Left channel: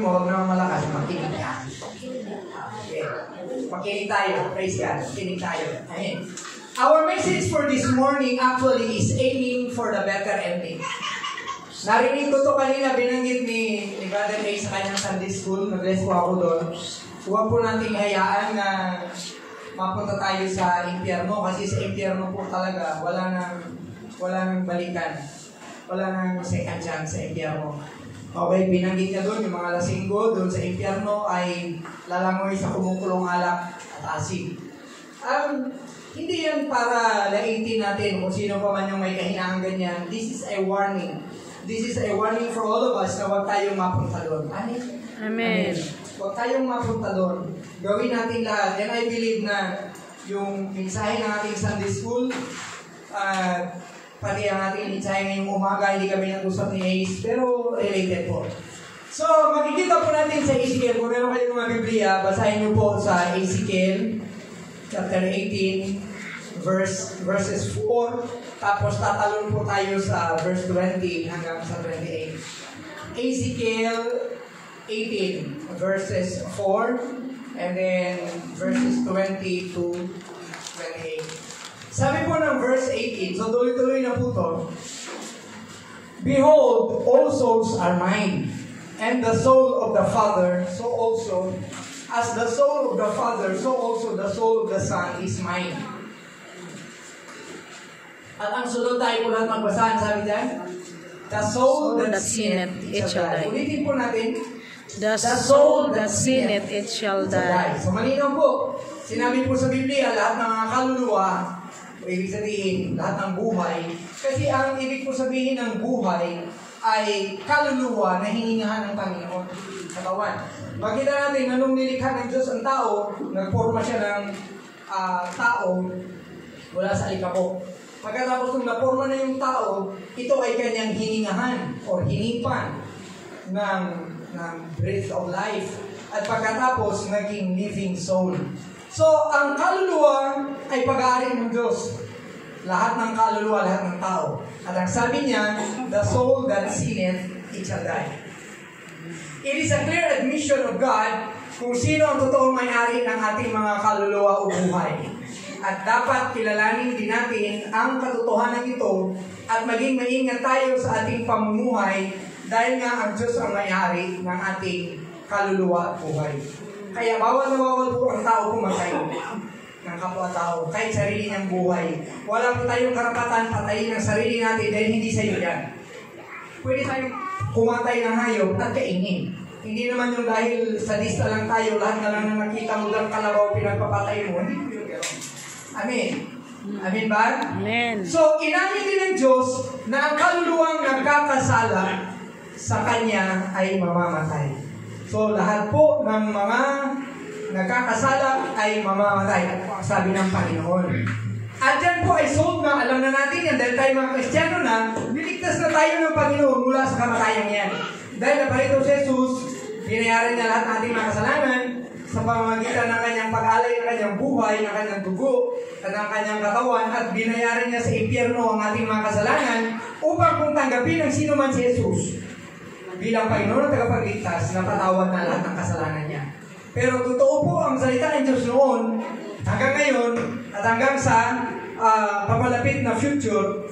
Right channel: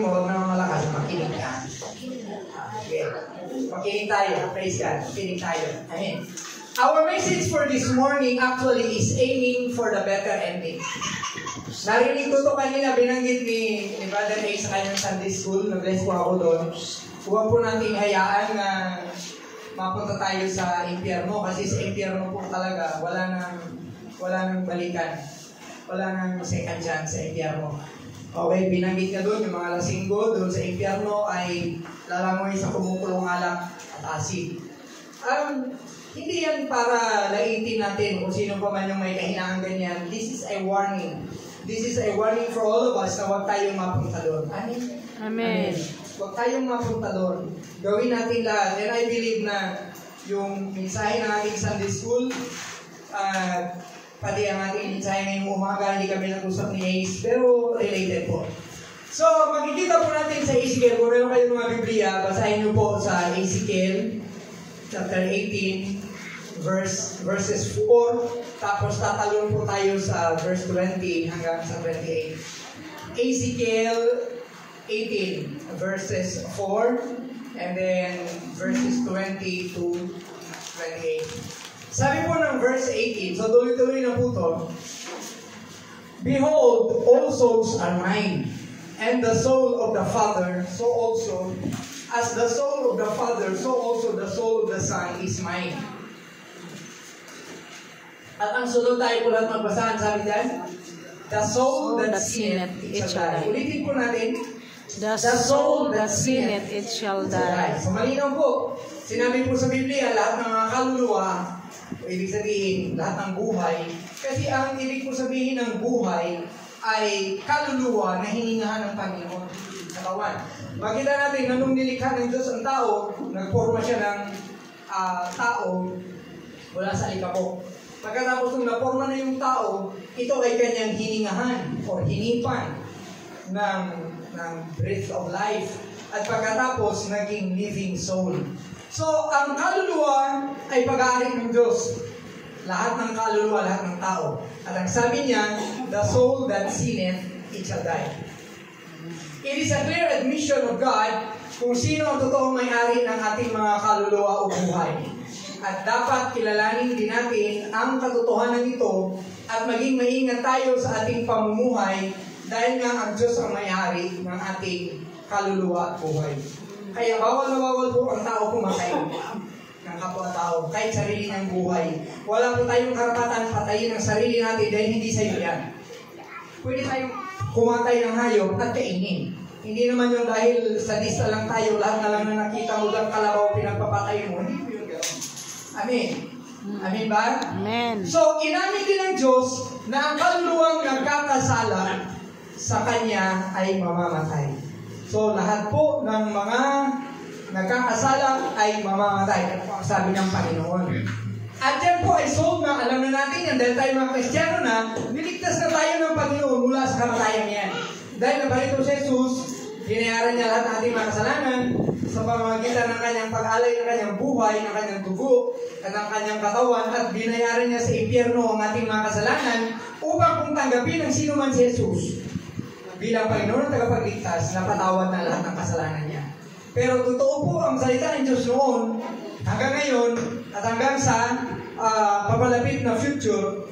katabi mo, huwag naman malakas, makinig ka. Okay. Makinig tayo. Praise God. Makinig tayo. Amen. Our message for this morning actually is aiming for the better ending. Narinig ko to kanina, binanggit ni Brother A sa kanyang Sunday School. Nag-bless po ako doon. Huwag po nating hayaan na mapunta tayo sa impyerno kasi sa impyerno po talaga wala nang balikan. Wala nang second chance sa impyerno. Okay, binanggit niya doon yung mga lasinggo doon sa impyerno ay lalangoy sa kumukulong alak at asin. Hindi yan para laitin natin kung sino pa man yung may kahinaan ganyan. This is a warning. This is a warning for all of us na huwag tayong mapunta doon. Amen? Amen. Huwag tayong mapunta doon. Gawin natin lahat. And I believe na yung mensahe ng ating Sunday School, pati ang ating mensahe ngayong umaga, hindi kami nag-usap ni Ace, pero related po. So, makikita po natin sa Ezekiel, kung meron kayong mga Biblia, basahin niyo po sa Ezekiel, chapter 18, verses 4, tapos tatalon po tayo sa verse 20 hanggang sa 28. Ezekiel 18, verses 4, and then verses 20 to 28. Sabi po ng verse 18, so tuloy-tuloy na po to, Behold, all souls are mine, and the soul of the Father, so also, as the soul of the Father, so also the soul of the Son is mine. At ang sunod tayo po lahat magbasahan, sabi dyan, the soul that sinneth, it shall die. Ulitin po natin, the soul that sinneth, it shall die. So malinaw po, sinabi po sa Biblia, lahat ng mga kaluluwa, ibig sabihin, lahat ng buhay, kasi ang ibig po sabihin ng buhay ay kaluluwa na hiningahan ng Panginoon sa kawan. Makita natin na nung nilikha ng Diyos ang tao, nagporma siya ng tao mula sa alikabok. Pagkatapos nung naporma na yung tao, ito ay kanyang hiningahan o hinipan ng breath of life. At pagkatapos, naging living soul. So, ang kaluluwa ay pag-aari ng Diyos. Lahat ng kaluluwa, lahat ng tao. At ang sabi niya, the soul that sinneth, it shall die. It is a clear admission of God kung sino ang totoong may-ari ng ating mga kaluluwa o buhay. At dapat kilalanin din natin ang katotohanan ito at maging maingat tayo sa ating pamumuhay dahil nga ang Diyos ang may-ari ng ating kaluluwa at buhay. Kaya bawal na bawal po ang tao pumatay ng kapwa-tao kahit sarili niyang buhay. Wala po tayong karapatan patayin ang sarili natin dahil hindi sa iyo yan. Pwede tayong kumatay ng hayop at kainin. Hindi naman yung dahil sadista lang tayo, lahat na lang na nakita mo ng kalabaw pinagpapatay mo. Hindi po yung gano'n. Amen. Amen ba? Amen. So, inamin din ng Diyos na ang kaluluwang nagkakasala sa Kanya ay mamamatay. So, lahat po ng mga nagkakasala ay mamamatay. Ang sabi ng Panginoon. At yan po ay sold na, alam na natin yan, dahil tayo mga Kristiyano na, niligtas na tayo ng Panginoon mula sa kamatayang yan. Dahil naparito si Jesus, binayaran niya lahat ng ating mga kasalanan sa pamamagitan ng kanyang pag-alay ng kanyang buhay, ng kanyang dugo, at ng kanyang katawan, at binayaran niya sa impyerno ang ating mga kasalanan upang kung tanggapin ng sino man si Jesus bilang Panginoon at tagapagligtas na patawad na lahat ng kasalanan niya. Pero totoo po ang salita ng Diyos noon, hanggang ngayon, at hanggang sa papalapit na future,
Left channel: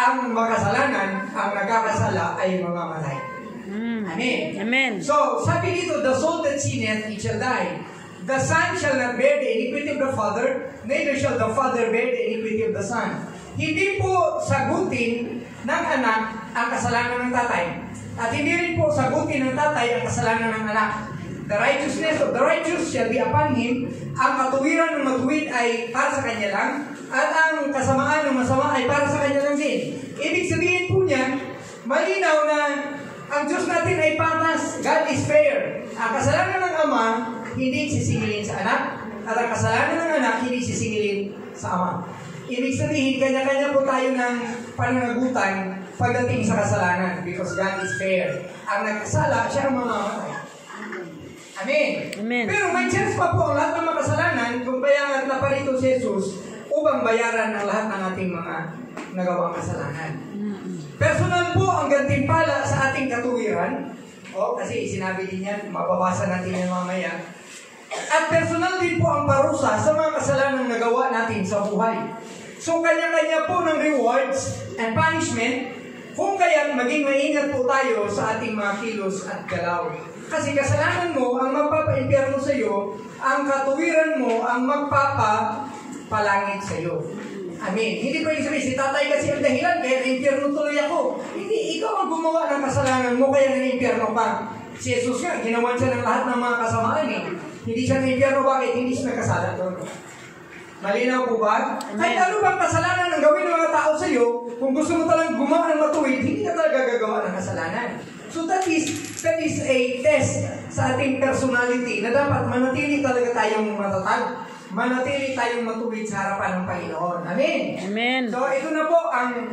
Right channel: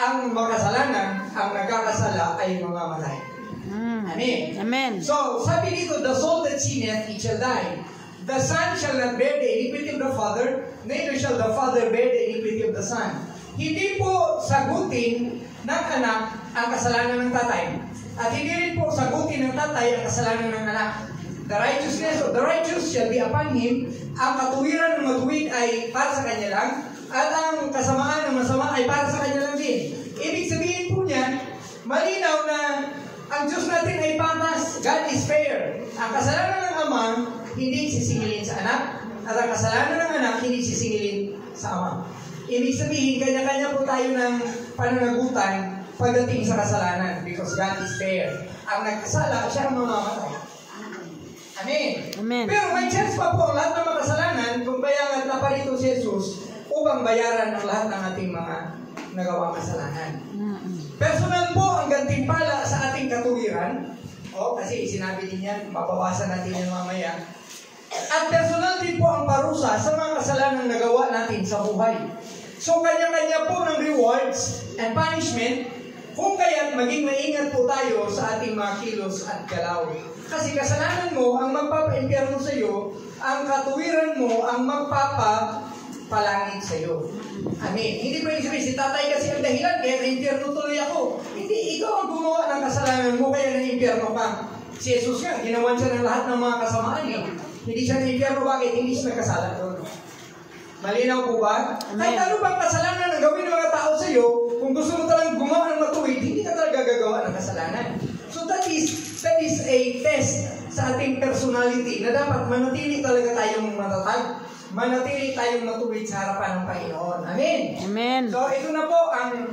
ang makasalanan, ang nagkakasala ay mamamatay. Amen. Amen. So, sabi dito, the soul that sinneth, it shall die. The Son shall not bear the iniquity of the Father, neither shall the Father bear the iniquity of the Son. Hindi po sagutin ng anak ang kasalanan ng tatay. At hindi rin po sagutin ng tatay ang kasalanan ng anak. The righteousness of the righteous shall be upon him. Ang katuwiran ng matuwid ay para sa kanya lang. At ang kasamaan ng masama ay para sa kanya lang din. Ibig sabihin po niya, malinaw na ang Diyos natin ay patas. God is fair. Ang kasalanan ng ama, hindi sisingilin sa anak. At ang kasalanan ng anak, hindi sisingilin sa ama. Ibig sabihin, kanya-kanya po tayo ng pananagutan pagdating sa kasalanan. Because God is fair. Ang nagkasala, siya ang mamamatay. Amen. Amen. Pero may chance pa po ang lahat ng mga kasalanan kung kaya nga naparito si Jesus upang bayaran ang lahat ng ating mga nagawang kasalanan. Personal po ang gantimpala sa ating katuwiran o Kasi sinabi din yan, mababasa natin yan mamaya. At personal din po ang parusa sa mga kasalanang nagawa natin sa buhay. So, kanya-kanya po ng rewards and punishment, kung kaya't maging maingat po tayo sa ating mga kilos at galaw. Kasi kasalanan mo ang magpapa-impyerno sa iyo, ang katuwiran mo ang magpapalangit sa iyo. Amen. Hindi pwede sabihin, si tatay kasi ang dahilan, kaya na-impyerno tuloy ako. Hindi, ikaw ang gumawa ng kasalanan mo, kaya na-impyerno ka. Si Jesus nga, ginawan siya ng lahat ng mga kasamaan. Hindi siya na-impyerno, bakit? Hindi siya nagkasala doon. Malinaw po ba? Kahit ano bang kasalanan ang gawin ng mga tao sa iyo, kung gusto mo talagang gumawa ng matuwid, hindi ka talaga gagawa ng kasalanan. So that is a test sa ating personality na dapat manatili talaga tayong matatag, manatili tayong matuwid sa harapan ng Panginoon. Amen? Amen. So ito na po ang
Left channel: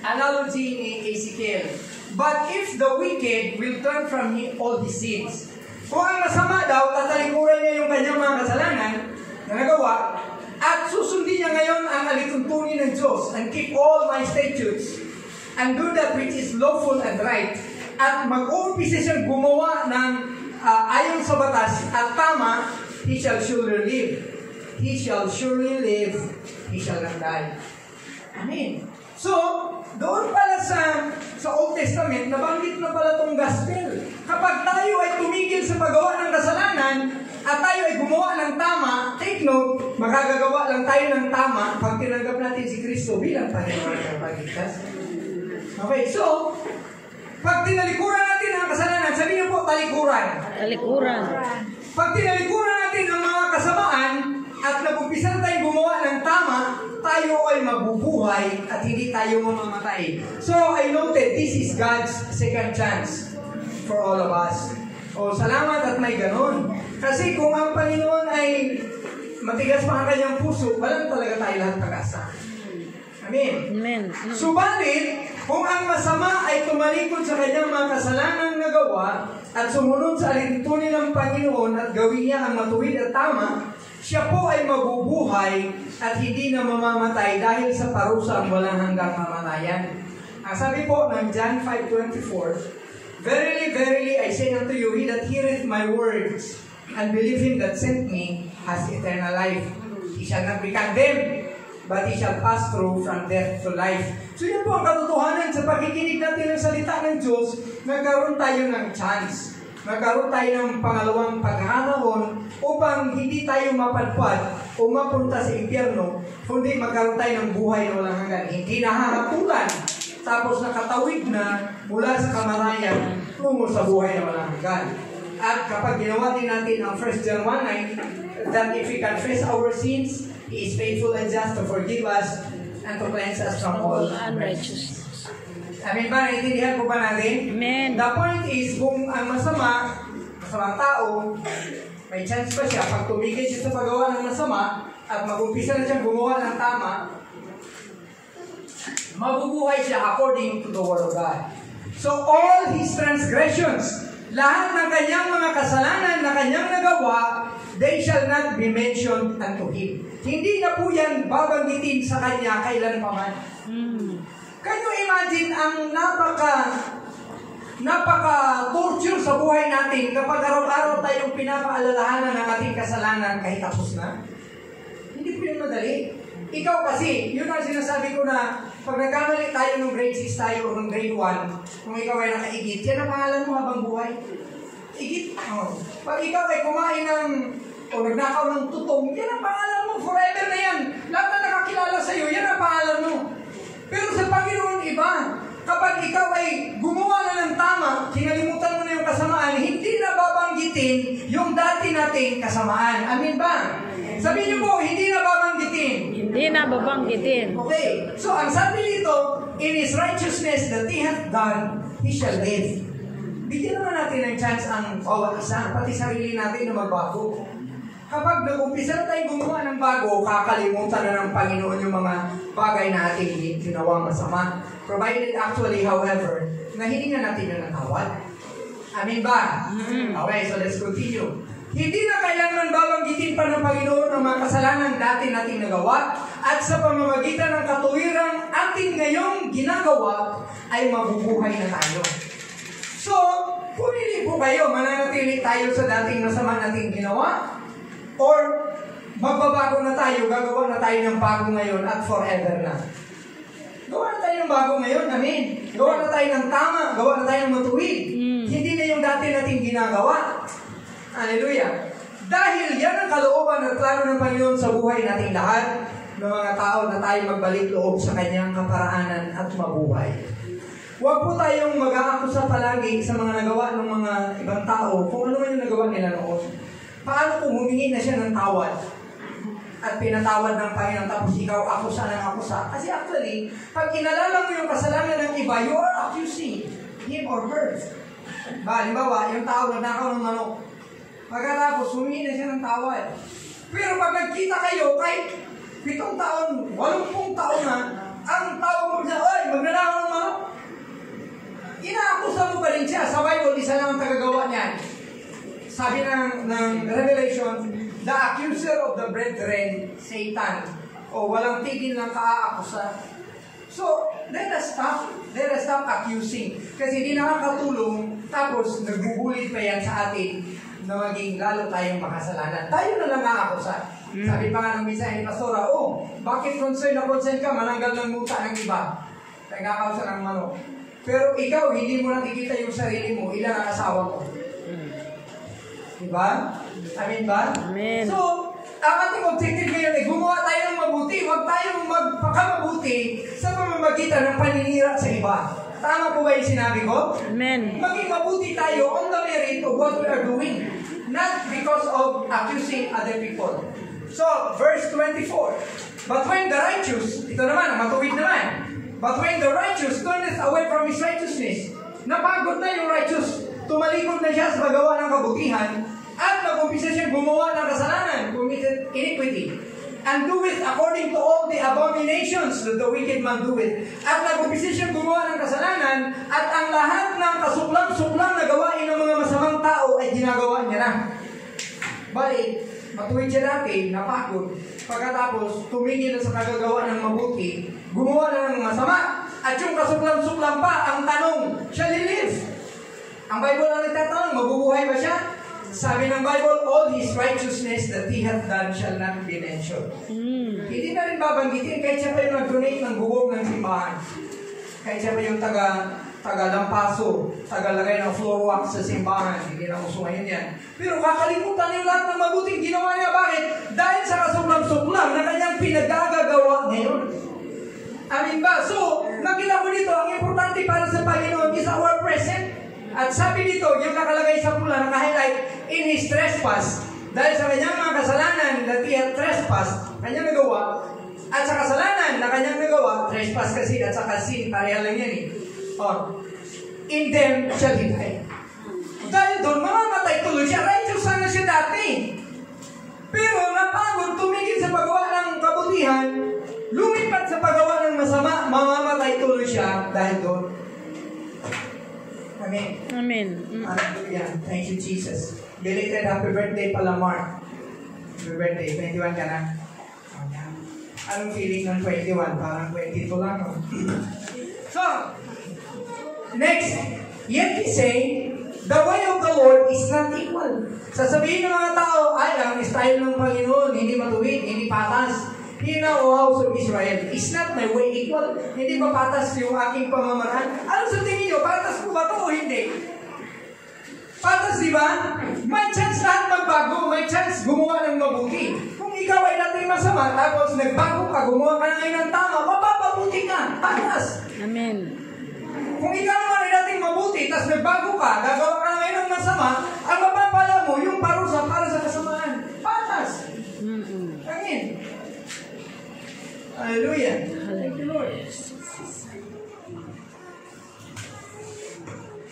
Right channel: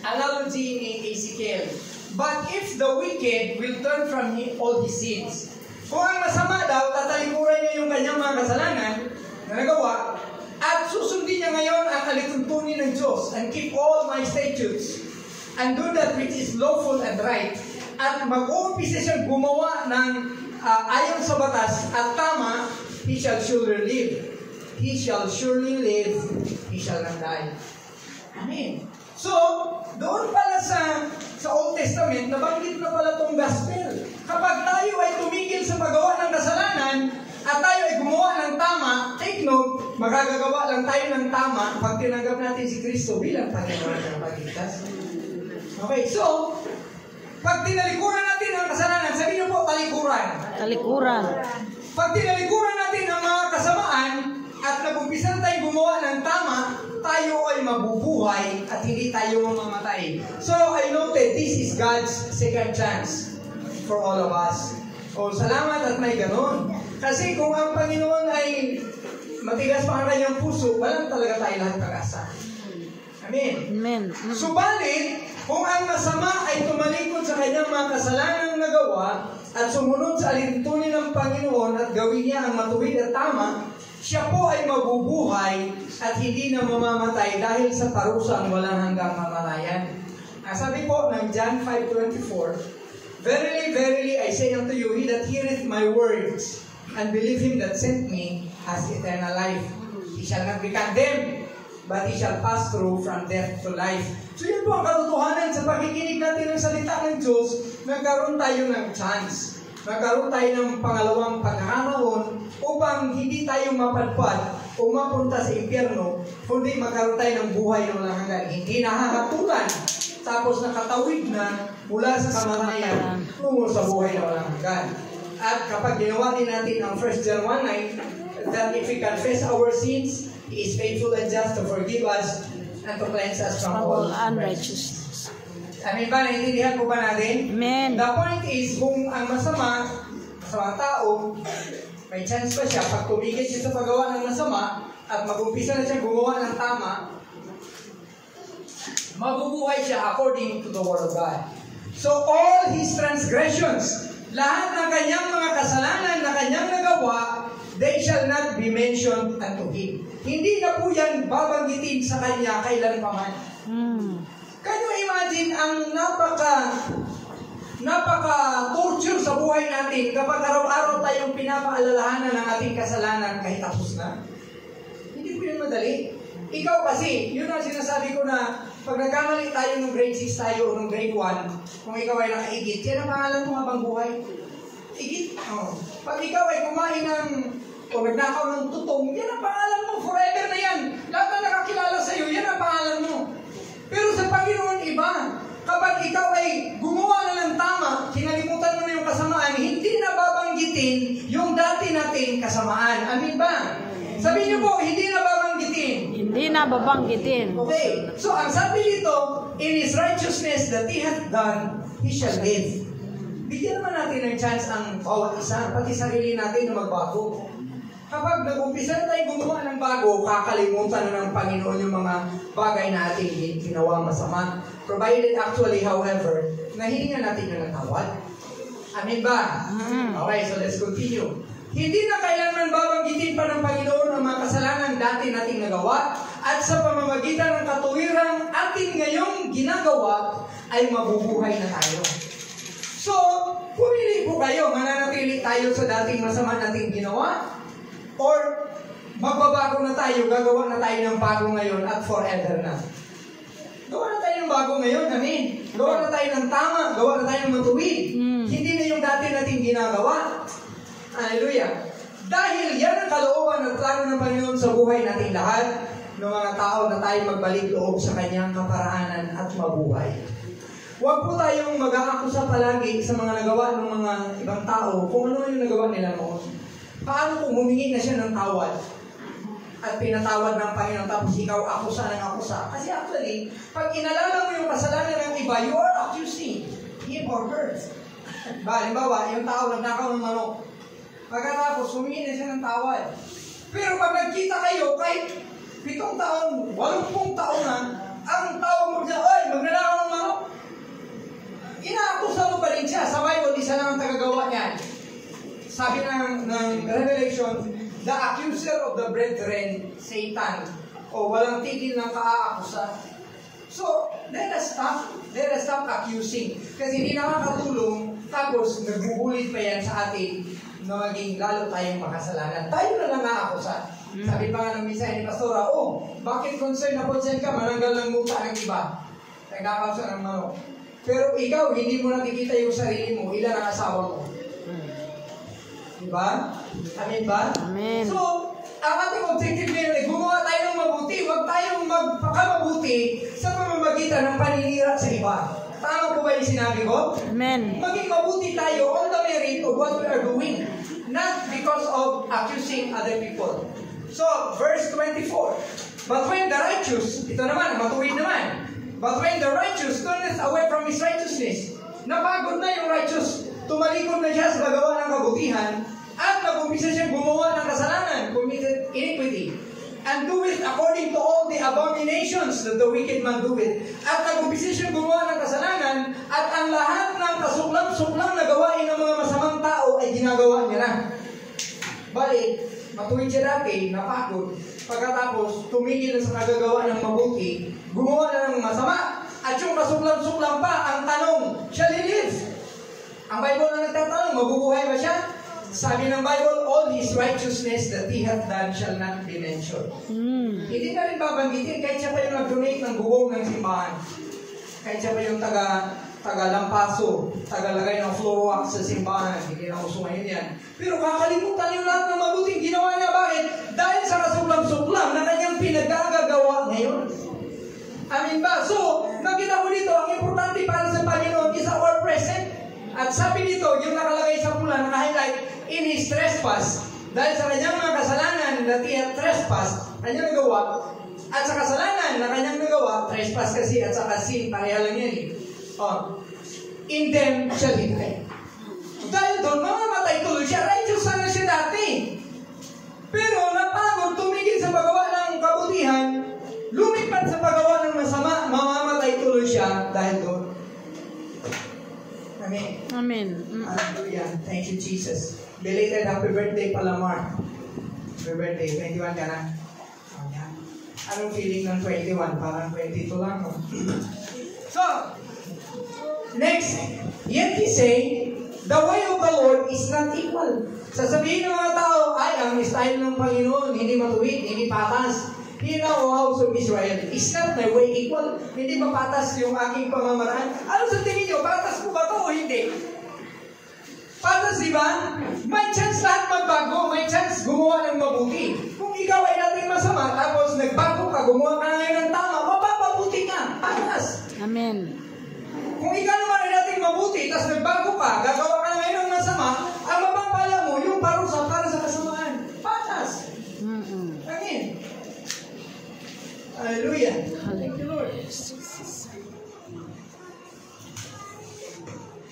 analogy ni Ezekiel. But if the wicked will turn from all his sins, kung ang masama daw, tatalikuran niya yung kanyang mga kasalanan na nagawa, at susundin niya ngayon ang alituntunin ng Diyos and keep all my statutes and do that which is lawful and right, at mag-uumpisa siyang gumawa ng ayon sa batas at tama, he shall surely live. He shall surely live. He shall not die. Amen. So, doon pala sa Old Testament, nabanggit na pala itong gospel. Kapag tayo ay tumigil sa paggawa ng kasalanan, at tayo ay gumawa ng tama, take note, magagagawa lang tayo ng tama pag tinanggap natin si Kristo bilang Panginoon at Tagapagligtas. Okay, so, pag tinalikuran natin ang kasalanan, sabihin niyo po, talikuran. Talikuran. Pag tinalikuran natin ang mga kasamaan, at nag-umpisa tayong gumawa ng tama, tayo ay mabubuhay at hindi tayo mamamatay. So, I noted, this is God's second chance for all of us. Salamat at may ganon. Kasi kung ang Panginoon ay matigas pa ang kanyang puso, walang talaga tayo lahat pag-asa. Amen. Amen. Subalit, kung ang masama ay tumalikod sa kanyang mga kasalanang nagawa at sumunod sa alituntunin ng Panginoon at gawin niya ang matuwid at tama, siya po ay mabubuhay at hindi na mamamatay dahil sa parusang walang hanggang kamatayan. Ang sabi po ng John 5:24, Verily, verily, I say unto you, he that heareth my words and believe him that sent me has eternal life. He shall not be condemned, but he shall pass through from death to life. So yun po ang katotohanan sa pakikinig natin ng salita ng Diyos, nagkaroon tayo ng chance. Nagkaroon tayo ng pangalawang pagkakataon upang hindi tayo mapadpad o mapunta sa impyerno, kundi magkaroon tayo ng buhay na walang hanggan. Hindi nahahatulan, tapos nakatawid na mula sa kamatayan tungo sa buhay na walang hanggan. At kapag ginawa din natin ang 1 John 1:9, that if we confess our sins, He is faithful and just to forgive us and to cleanse us from all unrighteousness. Amen ba? Naintindihan po ba natin? Amen. The point is, kung ang masamang tao, may chance pa siya, pag tumigil siya sa paggawa ng masama, at mag-umpisa na siya gumawa ng tama, mabubuhay siya according to the Word of God. So all his transgressions, lahat ng kanyang mga kasalanan na kanyang nagawa, they shall not be mentioned unto him. Hindi na po yan babanggitin sa kanya kailanpaman. Can you imagine ang napaka-torture sa buhay natin kapag araw-araw tayong pinapaalalahanan ng ating kasalanan kahit tapos na? Hindi po yun madali. Ikaw kasi, yun ang sinasabi ko na pag nagkamali tayo ng grade 6 tayo o ng grade 1, kung ikaw ay nakaigit, yan ang pangalan mo habang buhay. Igit. Pag ikaw ay kumain o nagnakaw ng tutong, yan ang pangalan mo. Forever na yan. Lahat na nakakilala sa'yo, yan ang pangalan mo. Pero sa Panginoon iba, kapag ikaw ay gumawa na ng tama, kinalimutan mo na yung kasamaan, hindi na babanggitin yung dati nating kasamaan. Amin ba? Sabihin niyo po, hindi na babanggitin. Hindi na babanggitin. Okay. So, ang sabi dito, in His righteousness that He hath done, He shall live. Bigyan naman natin ng chance ang bawat isa, pati sarili natin na magbago. Kapag nag-umpisa na tayong gumawa ng bago, kakalimutan na ng Panginoon yung mga bagay na ating ginawang masama. Provided actually, however, nahihingan natin yung natawad. Amin ba? Okay, so let's continue. Hindi na kailangan babanggitin pa ng Panginoon ang mga kasalanan dati nating nagawa at sa pamamagitan ng katuwirang ating ngayong ginagawa ay mabubuhay na tayo. kayo, mananatili tayo sa dating masama nating ginawa? Or magbabago na tayo, gagawa na tayo ng bago ngayon at forever na? Gawa na tayo ng bago ngayon, amen. Gawa na tayo ng tama, gawa na tayo ng matuwid. Hindi na yung dati nating ginagawa. Hallelujah. Dahil yan ang kalooban at plano ng Panginoon sa buhay nating lahat, ng mga tao na tayo magbalik loob sa kanyang kaparaanan at mabuhay. Huwag po tayong mag-aakusa palagi sa mga nagawa ng mga ibang tao kung ano man yung nagawa nila noon. Paano kung humingi na siya ng tawad at pinatawad ng Panginoon tapos ikaw akusa ng akusa? Kasi actually, pag inalala mo yung kasalanan ng iba, you are accusing him or her. Halimbawa, yung tao nagnakaw ng manok. Pagkatapos, humingi na siya ng tawad. Pero pag nagkita kayo, kahit 7 taon, 80 taon na, ang tawag mo niya, oy, magnanakaw ng manok. Inaakusa mo pa rin siya. Sa Bible, isa lang ang tagagawa niyan. Sabi ng Revelation, the accuser of the brethren, Satan. O walang tigil ng kaaakusa. So, let us stop accusing. Kasi hindi nakakatulong, tapos nagbubulit pa yan sa atin na maging lalo tayong makasalanan. Tayo na lang aakusa. Sabi pa nga ng misa ni Pastora, bakit concern ka, mananggal ng muta ng iba. Nagkakausa ng manok. Pero ikaw, hindi mo nakikita yung sarili mo, ilan ang asawa mo. Diba? Amen ba? Amen. So, ang ating objective ngayon ay gumawa tayo ng mabuti. Huwag tayong magpakamabuti sa pamamagitan ng paninira sa iba. Tama po ba yung sinabi ko? Amen. Maging mabuti tayo on the merit of what we are doing. Not because of accusing other people. So, verse 24. But when the righteous, ito naman, matuwid naman. But when the righteous turneth away from his righteousness, napagod na yung righteous, tumalikod na siya sa paggawa ng kabutihan, at nag-umpisa siyang gumawa ng kasalanan, committed iniquity, and doeth according to all the abominations that the wicked man doeth. At nag-umpisa siyang gumawa ng kasalanan, at ang lahat ng kasuklam-suklam na gawain ng mga masamang tao ay ginagawa niya na. Balik, matuwid siya dati, napagod. Pagkatapos, tumingin na sa kagagawa ng mabuti, gumawa na ng masama, at yung kasuklam-suklam pa, ang tanong, shall he live? Ang Bible ang nagtatanong, mabubuhay ba siya? Sabi ng Bible, all his righteousness that he hath done shall not be mentioned. Hindi na rin babanggitin, kahit siya pa yung nag-donate ng bubong ng simbahan. Kahit siya pa yung taga-lampaso, taga-lagay ng floor wax sa simbahan. Hindi na uso ngayon yan. Pero kakalimutan yung lahat ng mabuting ginawa niya. Bakit? Dahil sa kasuklam-suklam na kanyang pinagagagawa ngayon. Amin ba? So, nakita mo dito, ang importante para sa Panginoon is our present. At sabi dito, yung nakalagay sa pula, naka-highlight, in his trespass. Dahil sa kanyang mga kasalanan that he had trespass, kanyang nagawa, at sa kasalanan na kanyang nagawa, trespass kasi at sa sin, pareha lang yan in them shall he die. Dahil doon, mamamatay tuloy siya. Righteous sana siya dati. Pero napagod, tumigil sa paggawa ng kabutihan, lumipat sa paggawa ng masama, mamamatay tuloy siya dahil doon. Amen. Amen. Hallelujah. Thank you, Jesus. Belated happy birthday pala, Mark. Happy birthday. 21 ka na. Anong feeling ng 21? Parang 22 lang. So, next. Yet he say, the way of the Lord is not equal. Sasabihin ng mga tao, ay, ang style ng Panginoon, hindi matuwid, hindi patas. Here now, O house of Israel, is not my way equal? Hindi ba patas yung aking pamamaraan? Ano sa tingin nyo? Patas po ba ito o hindi? Patas, di ba? May chance lahat magbago. May chance gumawa ng mabuti. Kung ikaw ay natin masama, tapos nagbago ka, gumawa ka na ngayon ng tama, mapapabuti ka. Patas. Amen. Kung ikaw naman ay natin mabuti, tapos nagbago ka, gagawa ka na ngayon ng masama, ang mapapala mo, yung parusa para sa kasamaan. Patas. Amen. Hallelujah. Thank you, Lord.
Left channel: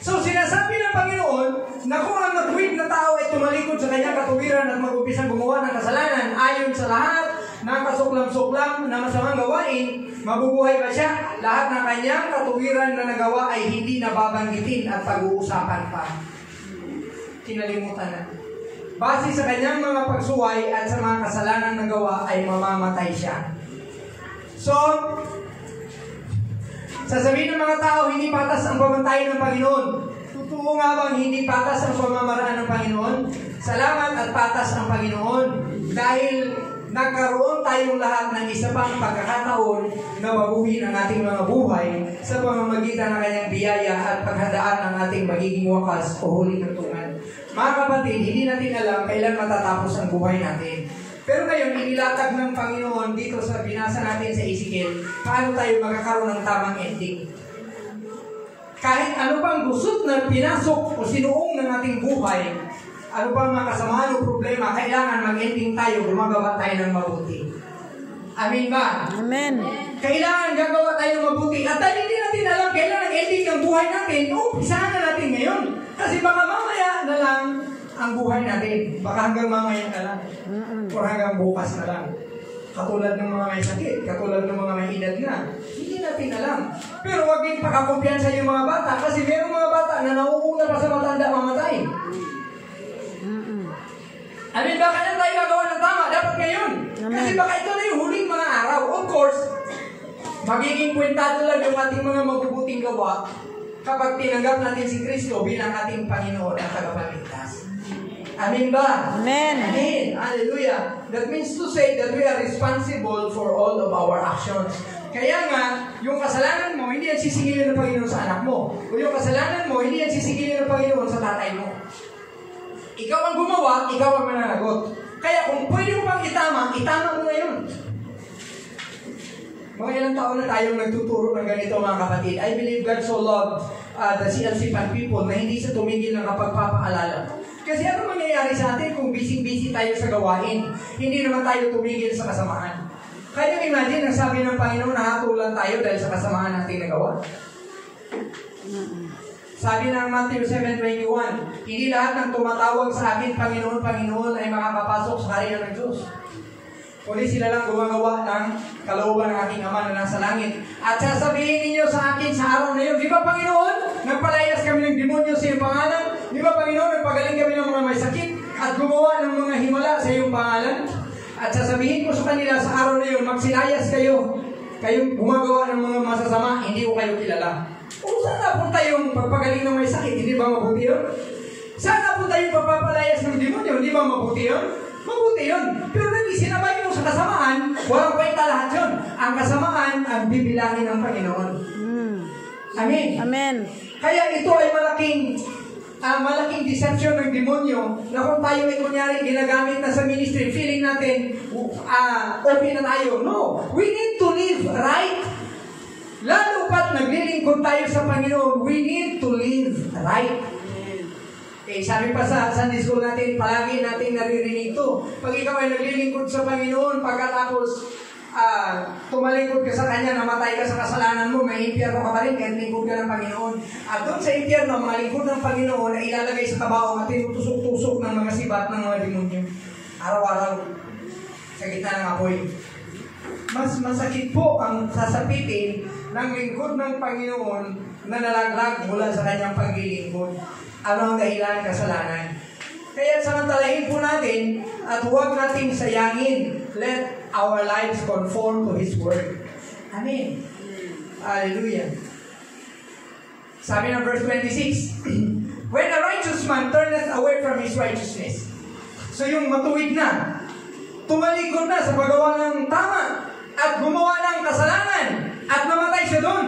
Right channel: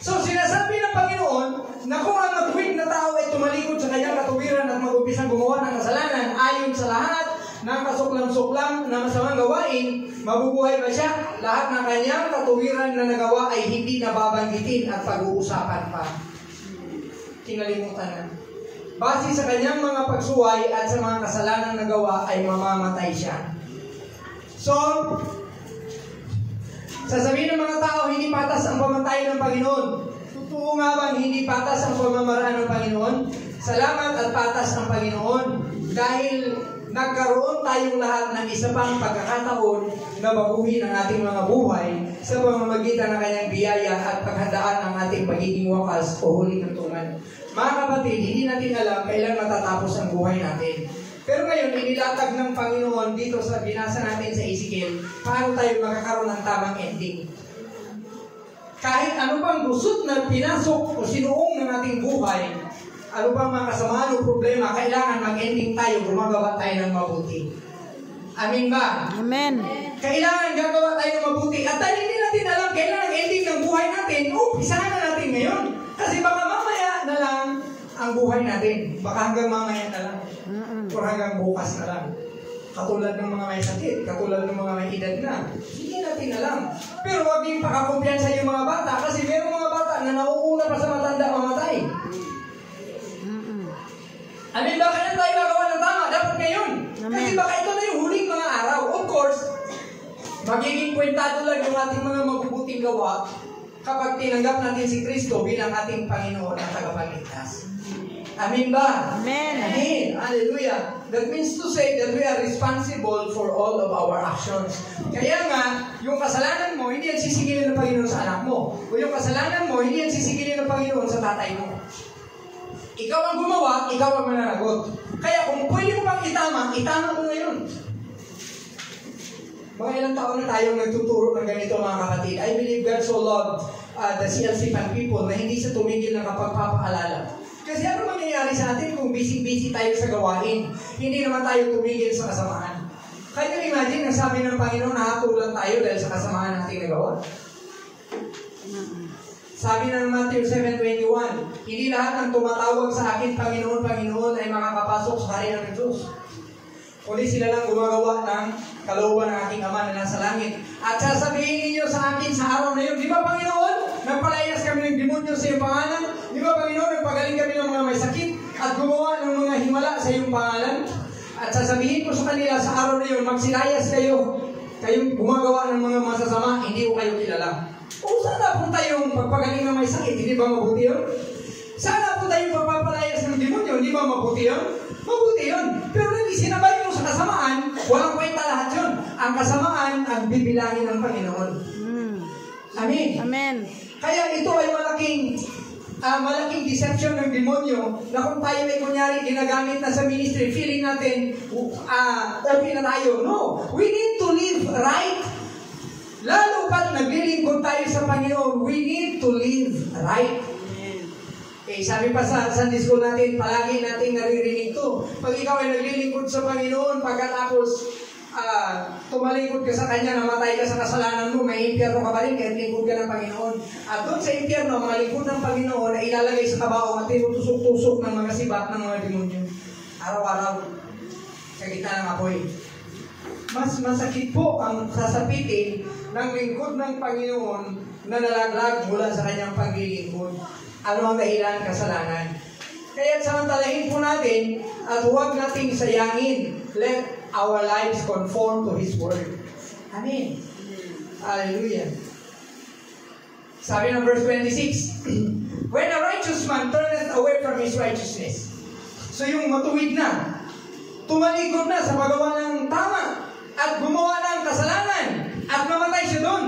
So, sinasabi ng Panginoon na kung ang matuwid na tao ay tumalikod sa kanyang katuwiran at mag-umpisang gumawa ng kasalanan ayon sa lahat ng kasuklam-suklam na masamang gawain, mabubuhay ba siya? Lahat ng kanyang katuwiran na nagawa ay hindi nababanggitin at pag-uusapan pa. Kinalimutan na. Base sa kanyang mga pagsuway at sa mga kasalanan na gawa ay mamamatay siya. So, sasabihin ng mga tao, hindi patas ang pamatay ng Panginoon. Totoo nga bang hindi patas ang pamamaraan ng Panginoon? Salamat at patas ang Panginoon dahil nagkaroon tayong lahat ng isa pang pagkakataon na mabuhin ang ating mga buhay sa pamamagitan ng kanyang biyaya at paghandaan ng ating magiging wakas o huling tuntunan. Mga kapatid, hindi natin alam kailan matatapos ang buhay natin. Pero ngayon, inilatag ng Panginoon dito sa binasa natin sa Ezekiel, paano tayo magkakaroon ng tamang ending. Kahit ano pang gusot na pinasok o sinuong ng ating buhay, ano pa mga kasamaan o problema, kailangan mag-ending tayo, gumagawa tayo ng mabuti. Amin ba? Amen. Kailangan gagawa tayo ng mabuti. At dahil hindi natin alam kailan ang ending ng buhay natin, umpisahan na natin ngayon. Kasi baka mamaya na lang ang buhay natin. Baka hanggang mamaya na lang. O hanggang bukas na lang. Katulad ng mga may sakit, katulad ng mga may edad na. Hindi natin alam. Pero huwag din pakakumpiyansa yung mga bata kasi mayroong mga bata na nauuna pa sa matanda mamatay. Amin ba? Kaya tayo gagawa ng tama? Dapat ngayon. Amen. Kasi baka ito na yung huling mga araw. Of course, magiging kwentado lang yung ating mga mabubuting gawa kapag tinanggap natin si Kristo bilang ating Panginoon at tagapagligtas. Amin ba? Amen. Amen. Hallelujah. That means to say that we are responsible for all of our actions. Kaya nga, yung kasalanan mo, hindi yan sisigilin ng Panginoon sa anak mo. O yung kasalanan mo, hindi yan sisigilin ng Panginoon sa tatay mo. Ikaw ang gumawa, ikaw ang mananagot. Kaya kung pwede mo pang itama mo ngayon. Mga ilang taon na tayong nagtuturo ng ganito mga kapatid. I believe God so loved the CLC Pan people na hindi sa tumigil ng kapagpapaalala. Kasi ano mangyayari sa atin kung busy-busy tayo sa gawain? Hindi naman tayo tumigil sa kasamaan. Kaya imagine, ang sabi ng Panginoon, nahatulan tayo dahil sa kasamaan natin na gawa. Sabi ng Matthew 7:21, hindi lahat ng tumatawag sa akin, Panginoon, Panginoon, ay makakapasok sa Kaharian ng Diyos. Kundi sila lang gumagawa ng kalooban ng aking Ama na nasa langit. At sasabihin ninyo sa akin sa araw na yun, di ba Panginoon, nagpalayas kami ng demonyo sa iyong pangalan? Di ba Panginoon, nagpagaling kami ng mga may sakit at gumawa ng mga himala sa iyong pangalan? At sasabihin ko sa kanila sa araw na yun, magsilayas kayo. Kayong gumagawa ng mga masasama, hindi ko kayo kilala. O sana po tayong pagpagaling ng may sakit, hindi ba mabuti yun? Sana po tayong pagpapalayas ng demonyo, hindi ba mabuti yun? Mabuti yun. Pero nang isinabay mo sa kasamaan, walang kwenta lahat yun. Ang kasamaan ang bibilangin ng Panginoon. Amen. Amen. Kaya ito ay malaking deception ng demonyo na kung tayo ay kunyari ginagamit na sa ministry, feeling natin okay na tayo. No. We need to live right. Lalo pat naglilingkod tayo sa Panginoon, we need to live right. Sabi pa sa Sunday school natin, palagi natin naririnig ito. Pag ikaw ay naglilingkod sa Panginoon, pagkatapos tumalingkod ka sa Kanya, namatay ka sa kasalanan mo, may impyerno ka pa rin, kahit lingkod ka ng Panginoon. At doon sa impyerno, malingkod ng Panginoon ay ilalagay sa kabaong at tinutusok-tusok ng mga sibat ng mga demonyo. Araw-araw, sa gitna ng apoy. Mas masakit po ang sasapitin ng lingkod ng Panginoon na nalaglag mula sa Kanyang paglilingkod. Ano ang dahilan? Kasalanan. Kaya samantalahin po natin at huwag nating sayangin. Let our lives conform to His Word. Amen. Hallelujah. Sabi ng verse 26, when a righteous man turneth away from his righteousness. So yung matuwid na, tumalikod na sa paggawa ng tama at gumawa ng kasalanan at namatay siya doon.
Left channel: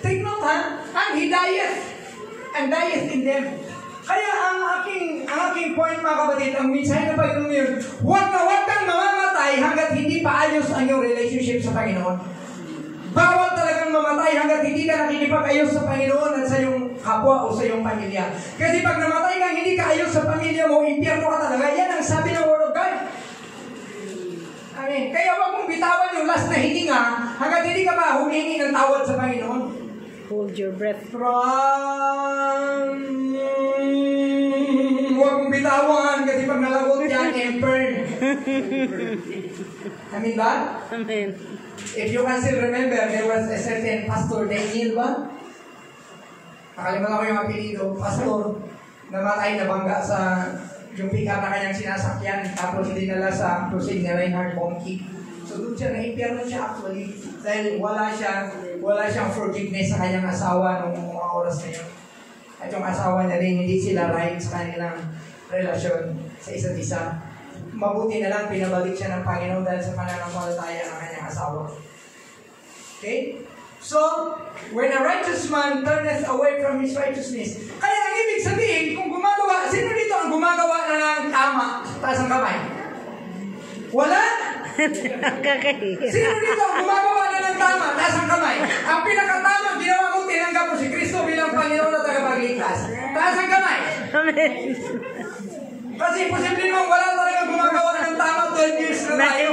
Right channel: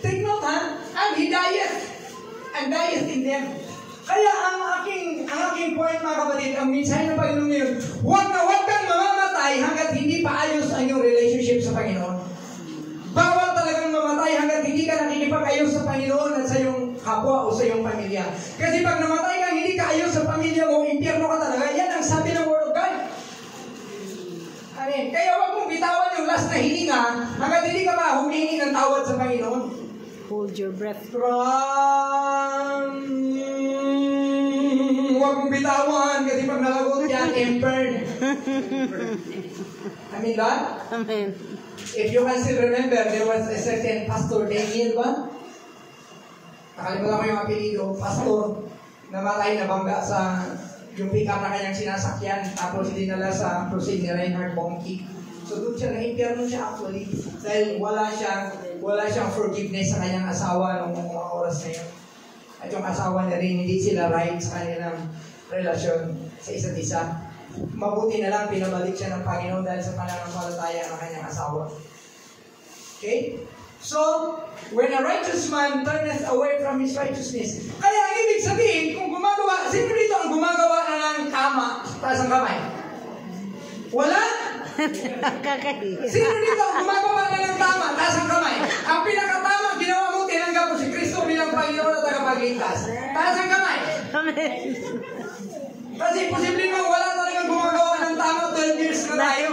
Take note ha, and he and dieth in them. Kaya ang aking point mga kapatid, ang mensahe ng Panginoon yun, huwag kang mamamatay hanggat hindi pa ayos ang iyong relationship sa Panginoon. Bawal talagang mamatay hanggat hindi ka nakikipag-ayos sa Panginoon at sa iyong kapwa o sa iyong pamilya. Kasi pag namatay kang hindi ka ayos sa pamilya mo, impyerno ka talaga. Yan ang sabi ng Word of God. Amen. Kaya huwag mong bitawan yung last na hininga hanggat hindi ka pa humingi ng tawad sa Panginoon. Hold your breath. Huwag mong bitawan kasi pag nalagot yan, emperor. Amen ba? Amen. If you can still remember, there was a certain Pastor Daniel ba? Nakalimutan ko yung apelido, pastor, namatay na bangga sa yung pick-up na kanyang sinasakyan, tapos dinala sa crusade ni Reinhard Bonnke. So doon siya, na-impyerno siya actually, dahil wala siyang forgiveness sa kanyang asawa noong mga oras na yun. at yung asawa niya rin, hindi sila right sa kanilang relasyon sa isa't isa. Mabuti na lang pinabalik siya ng Panginoon dahil sa pananampalataya ng kanyang asawa. Okay? So, when a righteous man turneth away from his righteousness, kaya ang ibig sabihin, kung gumagawa, sino dito ang gumagawa na ng tama? Taas ang kamay. Wala? Sino dito ang gumagawa na ng tama? Taas ang kamay. Ang pinakatama, ginawa mo, tinanggap mo si Kristo bilang Panginoon at tagapagligtas. Taas ang kamay. Amen. Kasi posible mong wala talagang gumagawa ng tama 12 years na tayo.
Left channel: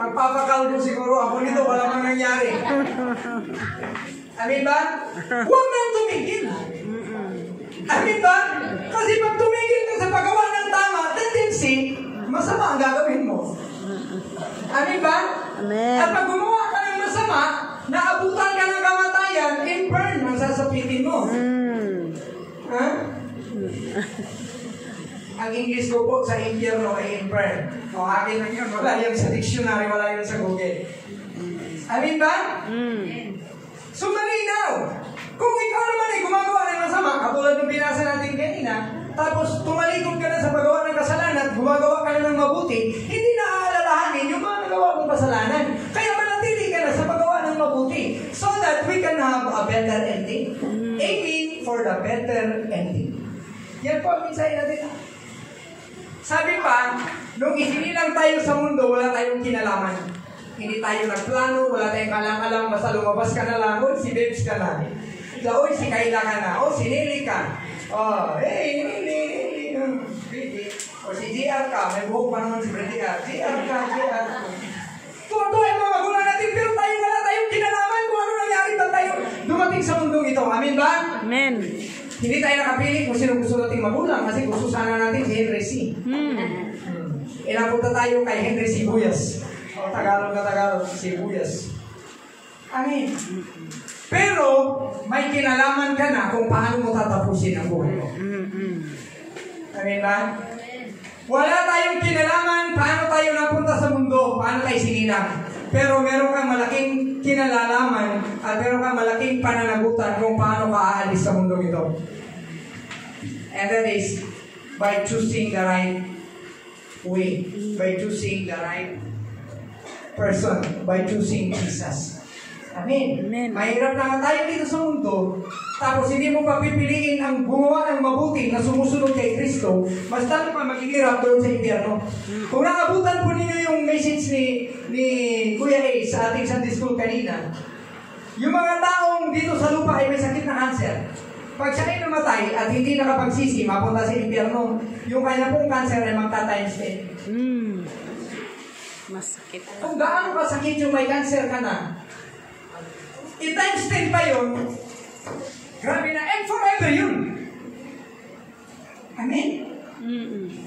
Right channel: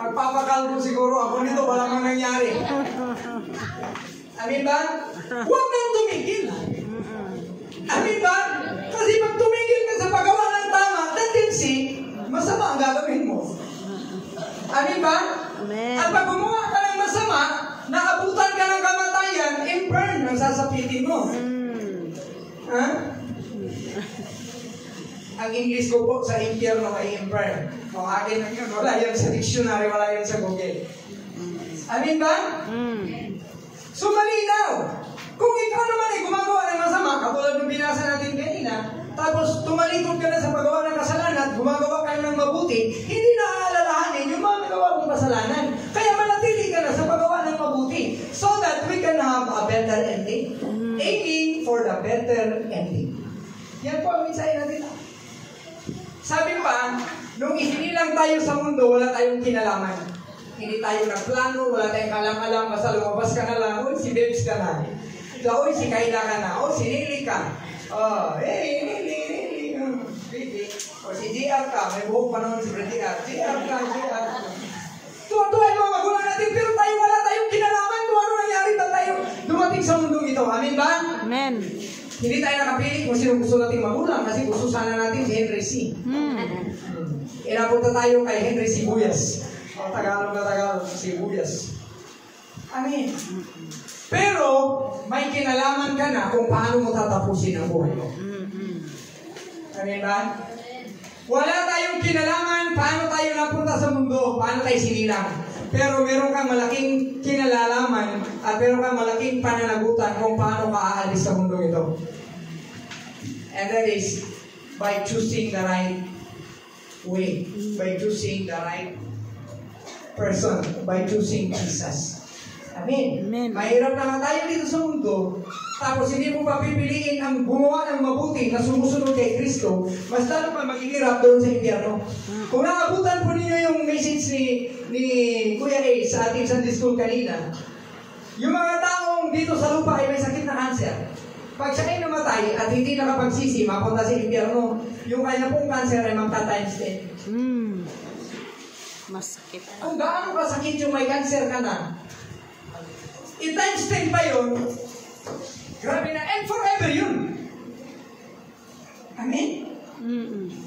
Magpapakalbo siguro ako nito, wala mang nangyari. Amin ba? Huwag nang tumigil. Amin ba? Kasi pag tumigil ka sa paggawa ng tama, tendency, masama ang gagawin mo. Amin ba? Amen. At pag gumawa ka ng masama, naabutan ka ng kamatayan, in burn ang sasapitin mo. Ha? Ang English ko po sa impyerno ay infern. O akin lang yun, wala yun sa dictionary, wala yun sa Google. Amin ba? So malinaw. Kung ikaw naman ay gumagawa ng masama, katulad ng binasa natin kanina, tapos tumalikod ka na sa paggawa ng kasalanan at gumagawa ka na ng mabuti, hindi na aalalahanin yung mga nagawa mong kasalanan. Kaya manatili ka na sa paggawa ng mabuti so that we can have a better ending. Aiming for the better ending. Yan po ang mensahe natin. Sabi pa, nung isinilang tayo sa mundo, wala tayong kinalaman. Hindi tayo nagplano, wala tayong kalang-alang, basta lumabas ka na lang, o si Babes ka na. Ikaw, si Kayla ka na, o si Nili ka. Nili, baby. O si JR ka, may buhok pa naman si JR. JR ka. Tuwa-tuwa yung mga magulang natin, pero tayo wala tayong kinalaman kung ano nangyari ba tayo dumating sa mundong ito. Amin ba? Amen. Hindi tayo nakapili kung sino gusto nating magulang kasi gusto sana natin si Henry C. Inapunta tayo kay Henry Sibuyas. O Tagalog na Tagalog, Sibuyas. Amin. Pero may kinalaman ka na kung paano mo tatapusin ang buhay mo. Amin ba? Wala tayong kinalaman paano tayo napunta sa mundo, paano tayo sinilang. Pero meron kang malaking kinalalaman at meron kang malaking pananagutan kung paano ka aalis sa mundo ito. And that is by choosing the right way, by choosing the right person, by choosing Jesus. Amen. Amen. Mahirap na tayo dito sa mundo, tapos hindi mo pa pipiliin ang gumawa ng mabuti na sumusunod kay Kristo, mas lalo pa maghihirap doon sa impyerno. Kung naabutan po ninyo yung message ni Kuya A sa ating Sunday School kanina, yung mga taong dito sa lupa ay may sakit na cancer. Pag siya ay namatay at hindi nakapagsisi, mapunta sa impyerno, yung kanya pong cancer ay magta-times 10. Masakit. Kung gaano kasakit yung may cancer ka na, i-times 10 pa yun, grabe na, and forever yun. Amen?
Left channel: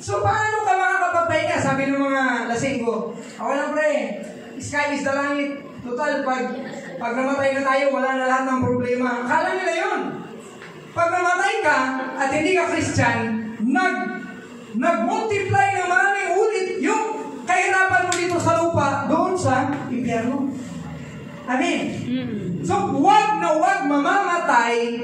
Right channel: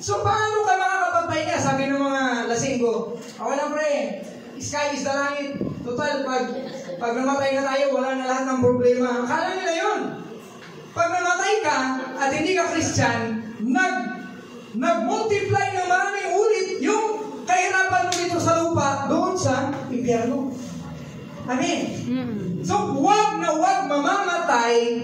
So, paano ka makakapagpahinga? Sabi ng mga lasinggo, wala pre, sky is the langit. Total, pag namatay na tayo, wala na lahat ng problema. Akala nila yun. Pag namatay ka, at hindi ka Christian, nag-multiply ng maraming ulit yung kahirapan mo dito sa lupa, doon sa impyerno. Amen? So, huwag na huwag mamamatay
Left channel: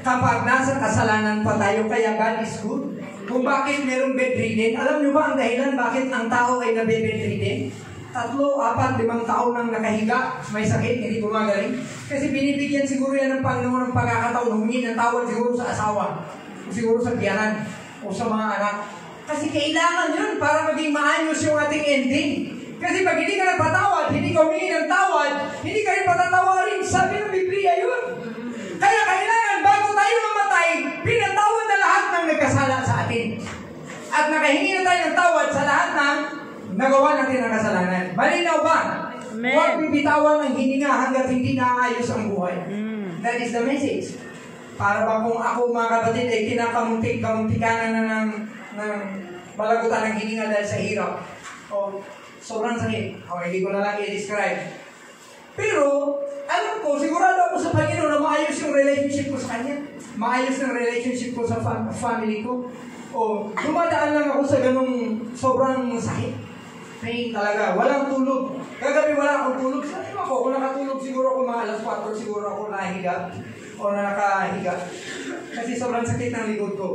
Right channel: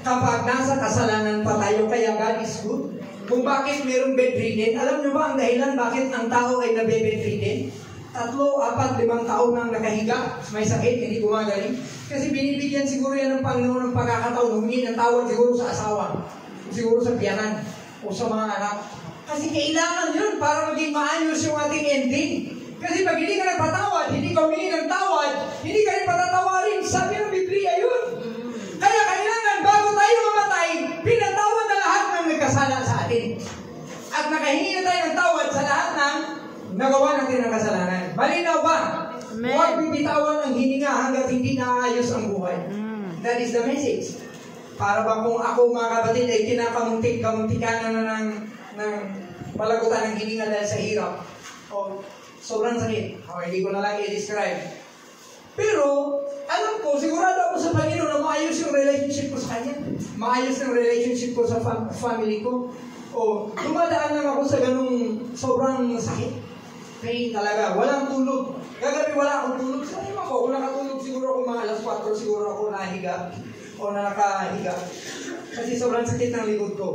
kapag nasa kasalanan pa tayo. Kaya God is good. Kung bakit merong bedridden, alam niyo ba ang dahilan bakit ang tao ay nabe-bedridden? 3, 4, 5 taon nang nakahiga, may sakit, hindi gumagaling. Kasi binibigyan siguro yan ng Panginoon ng pagkakataon, humingi ng tawad siguro sa asawa, siguro sa tiyanan, o sa mga anak. Kasi kailangan yun para maging maayos yung ating ending. Kasi pag hindi ka nagpatawad, hindi ka humingi ng tawad, hindi ka rin patatawarin. Sabi ng Biblia yun. Kaya kailangan bago tayo mamatay, pinatawad na lahat ng nagkasala sa atin. At nakahingi na tayo ng tawad sa lahat ng nagawa natin ng kasalanan. Malinaw ba? Amen. Huwag bibitawan ang hininga hanggat hindi naayos ang buhay. That is the message. Para ba kung ako mga kapatid ay kinakamuntik-kamuntikan na ng malagutan ng hininga dahil sa hirap. O sobrang sakit. O hindi ko na lang i-describe. Pero, alam ko, sigurado ako sa Panginoon na maayos yung relationship ko sa Kanya. Maayos yung relationship ko sa family ko. O, dumadaan lang ako sa ganung sobrang sakit. Pain talaga. Walang tulog. Kagabi wala akong tulog. Sabi mo ako, kung nakatulog siguro ako mga alas 4, siguro ako nahiga. O na nakahiga. Kasi sobrang sakit ng likod ko.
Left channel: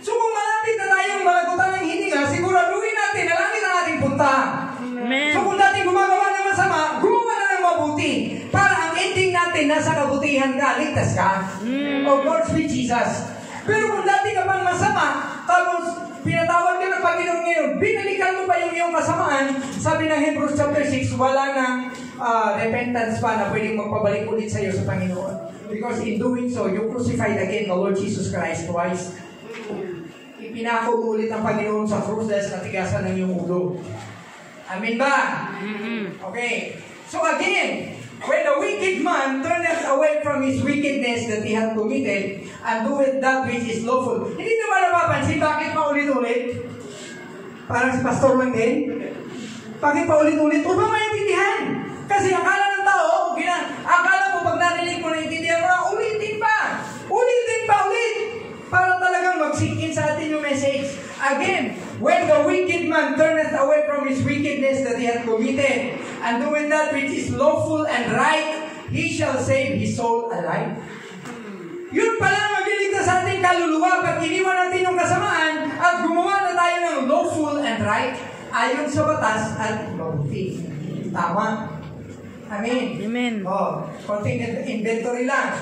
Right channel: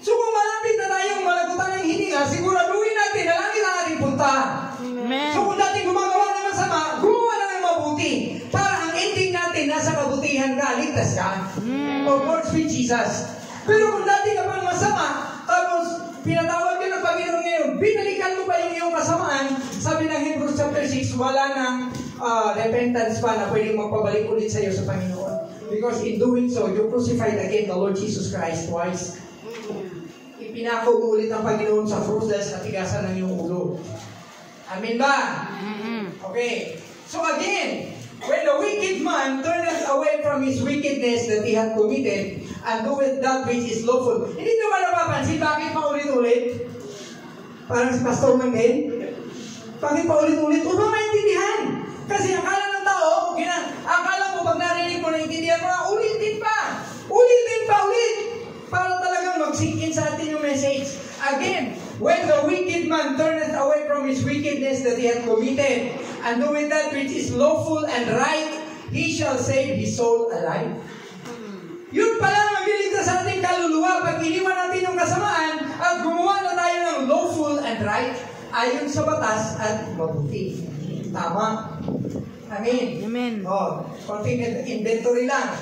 So kung malapit na tayong malagutan ng hininga, siguraduhin natin na langit ang ating punta. Amen. So kung dati gumagawa ng masama, gumawa na ng mabuti. Para ang ending natin, nasa kabutihan ka, ligtas ka. Oh, Lord sweet Jesus. Pero kung dati ka pang masama, tapos pinatawag ka ng Panginoon ngayon, binalikan mo ba yung iyong kasamaan? Sabi ng Hebrews chapter 6, wala nang repentance pa na pwedeng magpabalik ulit sa iyo sa Panginoon. Because in doing so, you crucified again the Lord Jesus Christ twice. Ipinako mo ulit ang Panginoon sa krus dahil sa katigasan ng iyong ulo. Amen ba? Okay. So again, when the wicked man turneth away from his wickedness that he had committed, and doeth that which is lawful. Hindi nyo ba napapansin bakit paulit-ulit? Parang si pastor lang din. Bakit paulit-ulit? Upang maintindihan. Kasi akala ng tao, akala mo pag narinig mo, naintindihan mo na, ulitin pa. Ulitin pa ulit. Para talagang mag-sink in sa atin yung message. Again, when the wicked man turneth away from his wickedness that he had committed, and doeth that which is lawful and right, he shall save his soul alive. Yun pala magliligtas sa ating kaluluwa pag iniwan natin yung kasamaan at gumawa na tayo ng lawful and right ayon sa batas at mabuti. Tama. Amen. Amen. Oh, konting inventory lang.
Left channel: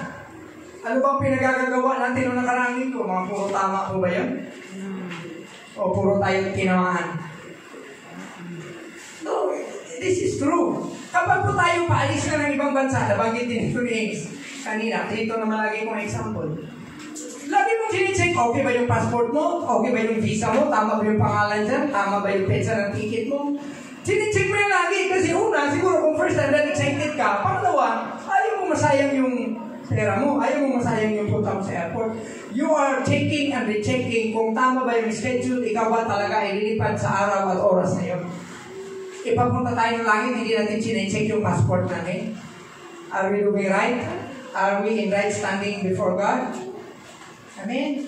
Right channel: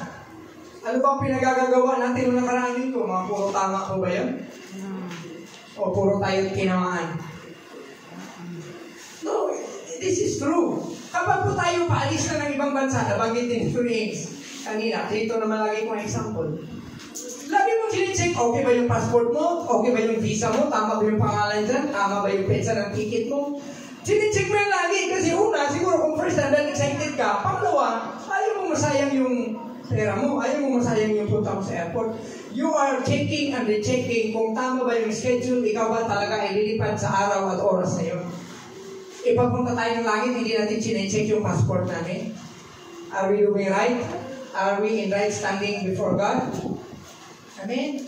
Ano bang pinagagagawa natin nung nakaraang ito? Mga puro tama po ba yun? O puro tayo tinamaan? No, this is true. Kapag po tayo paalis na ng ibang bansa, nabanggit din ito ni Ace kanina, dito naman lagi kong example. Lagi mong sinicheck, okay ba yung passport mo? Okay ba yung visa mo? Tama ba yung pangalan dyan? Tama ba yung petsa ng ticket mo? Sinicheck mo yan lagi. Kasi una, siguro kung first time dahil excited ka, pangalawa, ayaw mo masayang yung pera mo. Ayaw mo masayang yung punta mo sa airport. You are checking and rechecking kung tama ba yung schedule, ikaw ba talaga ay lilipad sa araw at oras na yun. Ipapunta tayo ng langit, hindi natin sinicheck yung passport namin. Are we doing right? Are we in right standing before God? Amen?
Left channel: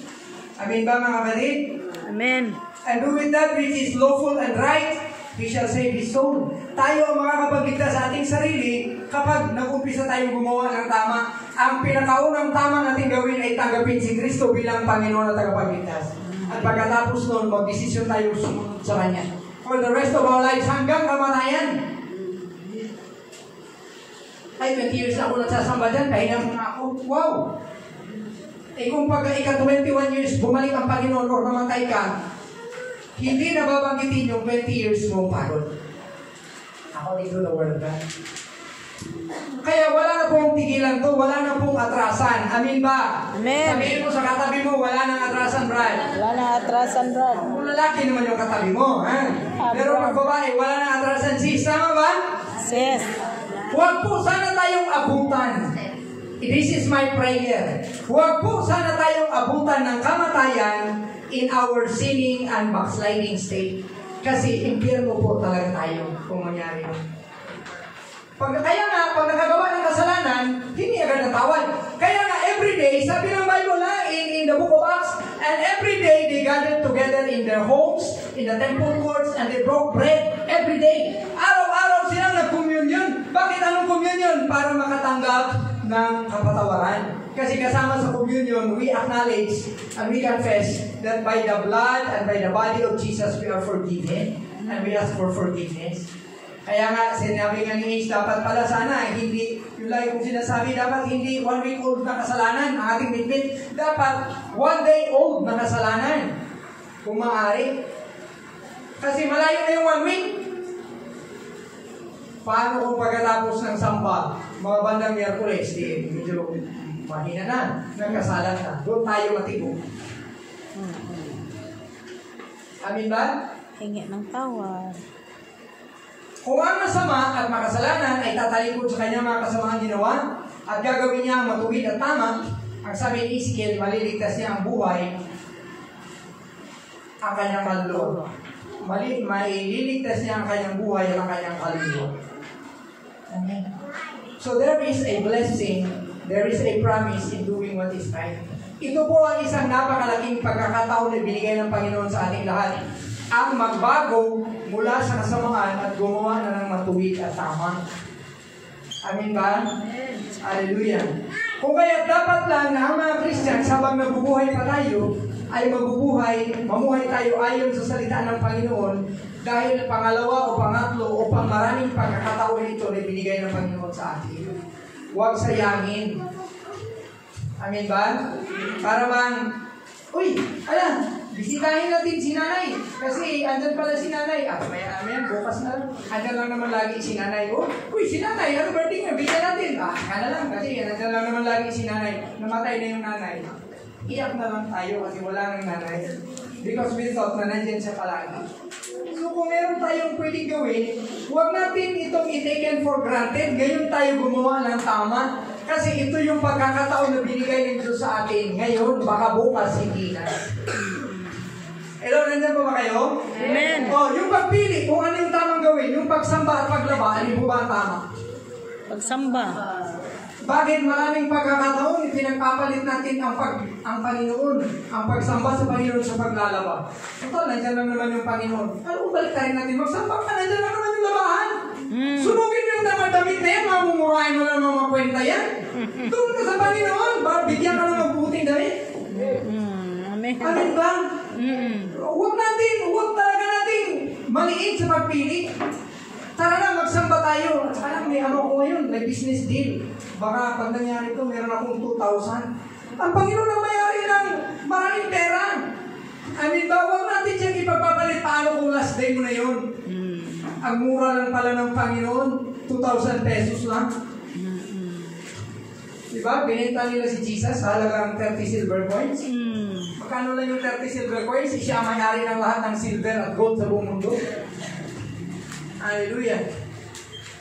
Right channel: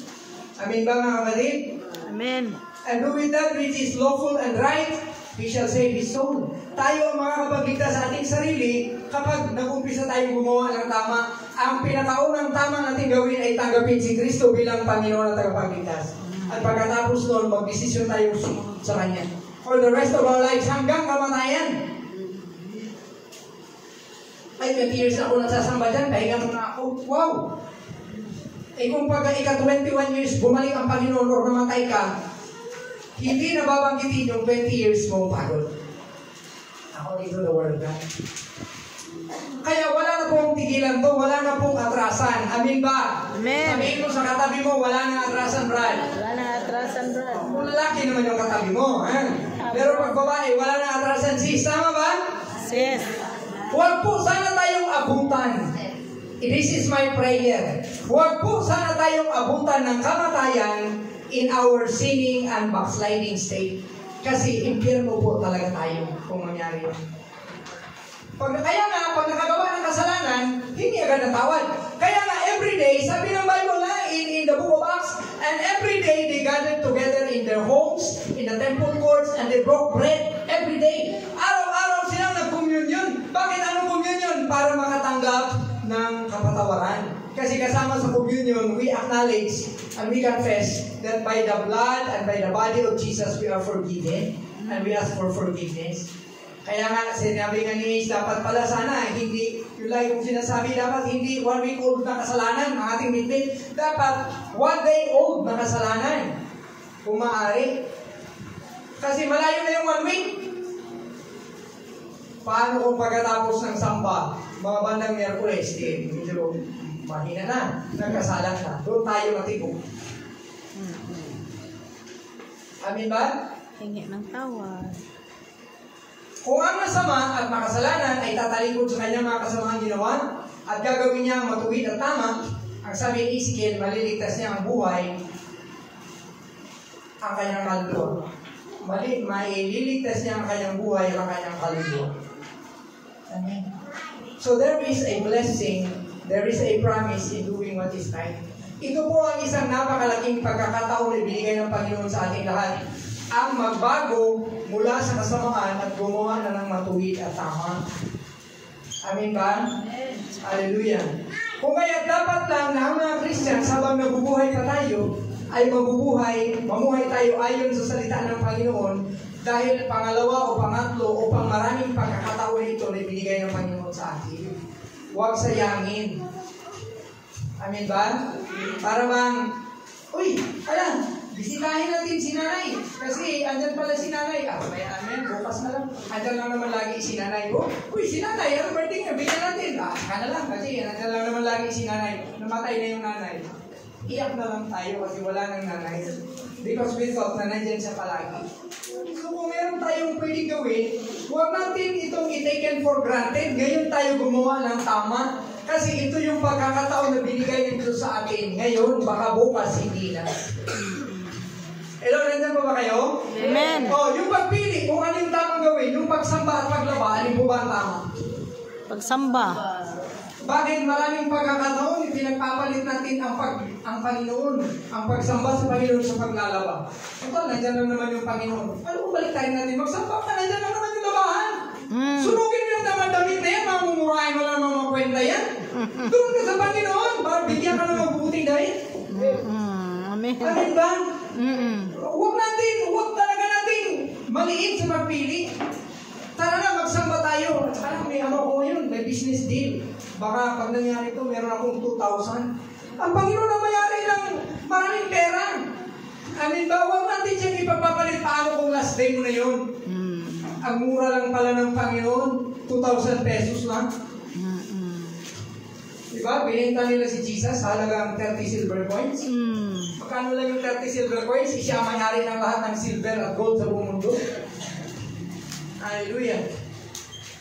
Amen ba mga kapatid? Amen. And do with that which is lawful and right, he shall save his soul. Tayo ang makakapagligtas sa ating sarili kapag nag-umpisa tayong gumawa ng tama. Ang pinakaunang tama natin gawin ay tanggapin si Kristo bilang Panginoon at tagapagligtas. At pagkatapos noon, magdesisyon tayo sa Kanya. For the rest of our lives, hanggang kamatayan. Ay, 20 years na ako nagsasamba dyan, pahinga mo na ako. Wow! Eh kung pag ika-21 years, bumalik ang Panginoon o namatay ka, hindi na babanggitin yung 20 years mo pagod. According to the Word of God. Kaya wala na pong tigilan to, wala na pong atrasan. Amin ba? Amen. Sabihin mo sa katabi mo, wala na atrasan, Brad. Wala na atrasan, Brad. Kung lalaki naman yung katabi mo, ha? Pero pag babae, wala na atrasan, sis. Tama ba? Sis. Huwag po sana tayong abutan. This is my prayer. Huwag po sana tayong abutan ng kamatayan in our sinning and backsliding state. Kasi impyerno po talaga tayo kung mangyari yun. Kaya nga, pag nakagawa ng kasalanan, hindi agad natawad. Kaya nga, everyday, sabi ng Bible na in the book of Acts, and everyday they gathered together in their homes, in the temple courts, and they broke bread every day. Araw-araw silang nag-communion. Bakit anong communion? Para makatanggap ng kapatawaran. Kasi kasama sa communion, we acknowledge and we confess that by the blood and by the body of Jesus, we are forgiven. And we ask for forgiveness. Kaya nga, sinabi nga ni Ace, dapat pala sana, hindi, yung lagi kong sinasabi, dapat hindi 1 week old na kasalanan ang ating bitbit. Dapat 1 day old na kasalanan. Kung maaari. Kasi malayo na yung 1 week. Paano kung pagkatapos ng samba, mga bandang Miyerkules, medyo mahina na, nagkasalan na. Doon tayo matibok. Amin ba? Hingi ng tawad. Kung ang masama at makasalanan ay tatalikod sa kanyang mga kasamang ginawa at gagawin niya ang matuwid at tama, ang sabi ni Ezekiel, maliligtas niya ang buhay ang kanyang kaluluwa. Maililigtas niya ang kanyang buhay ang kanyang kaluluwa. Amen. So there is a blessing, there is a promise in doing what is right. Ito po ang isang napakalaking pagkakataon na binigay ng Panginoon sa ating lahat. Ang magbago mula sa kasamaan at gumawa na ng matuwid at tama. Amen ba? Amen. Hallelujah. Kung kaya dapat lang na ang mga Christian, habang nabubuhay pa tayo, ay mamuhay tayo ayon sa salita ng Panginoon dahil pangalawa o pangatlo o pangmaraming pagkakataon ito na binigay ng Panginoon sa atin. Huwag sayangin. Amen ba? Para bang, bisitahin natin si nanay. Kasi andyan pala si nanay. Amen, bukas na lang. Andyan lang naman lagi si nanay. Si nanay, ano birthday nga? Bigyan natin. Kana lang kasi andyan lang naman lagi si nanay. Namatay na yung nanay. Iyak na lang tayo kasi wala nang nanay. Because we thought na nandyan siya palagi. So kung meron tayong pwedeng gawin, huwag natin itong i-taken for granted. Ngayon tayo gumawa ng tama. Kasi ito yung pagkakataon na binigay nito sa atin. Ngayon, baka bukas hindi na. Hello, nandiyan pa ba kayo? Amen. Yung pagpili, kung ano yung tamang gawin, yung pagsamba at paglaba, ano po ba ang tama? Pagsamba. Bakit maraming pagkakataon, pinagpapalit natin ang Panginoon, ang pagsamba sa Panginoon sa paglalaba. Nandiyan lang naman yung Panginoon. Ano, balik tayo natin, magsamba ka, nandiyan lang naman yung labahan. Sunugin mo yung damit na yan, mamumurahin mo lang mga kwenta yan. Doon ka sa Panginoon, bigyan ka ng mabuting damit. Amen. Amen ba? Huwag talaga natin maliit sa pagpili. Tara na, magsamba tayo. At saka lang, may ano ko ngayon, may business deal. Baka pag nangyari ito, meron akong 2,000. Ang Panginoon na mayari ng maraming pera. Amen ba? Huwag natin siya ipapapalit paano kung last day mo na yun. Ang mura lang pala ng Panginoon, 2,000 pesos lang. Diba? Binenta nila si Jesus halagang 30 silver coins. Magkano lang yung 30 silver coins? Siya ang mayari ng lahat ng silver at gold sa buong mundo. Hallelujah.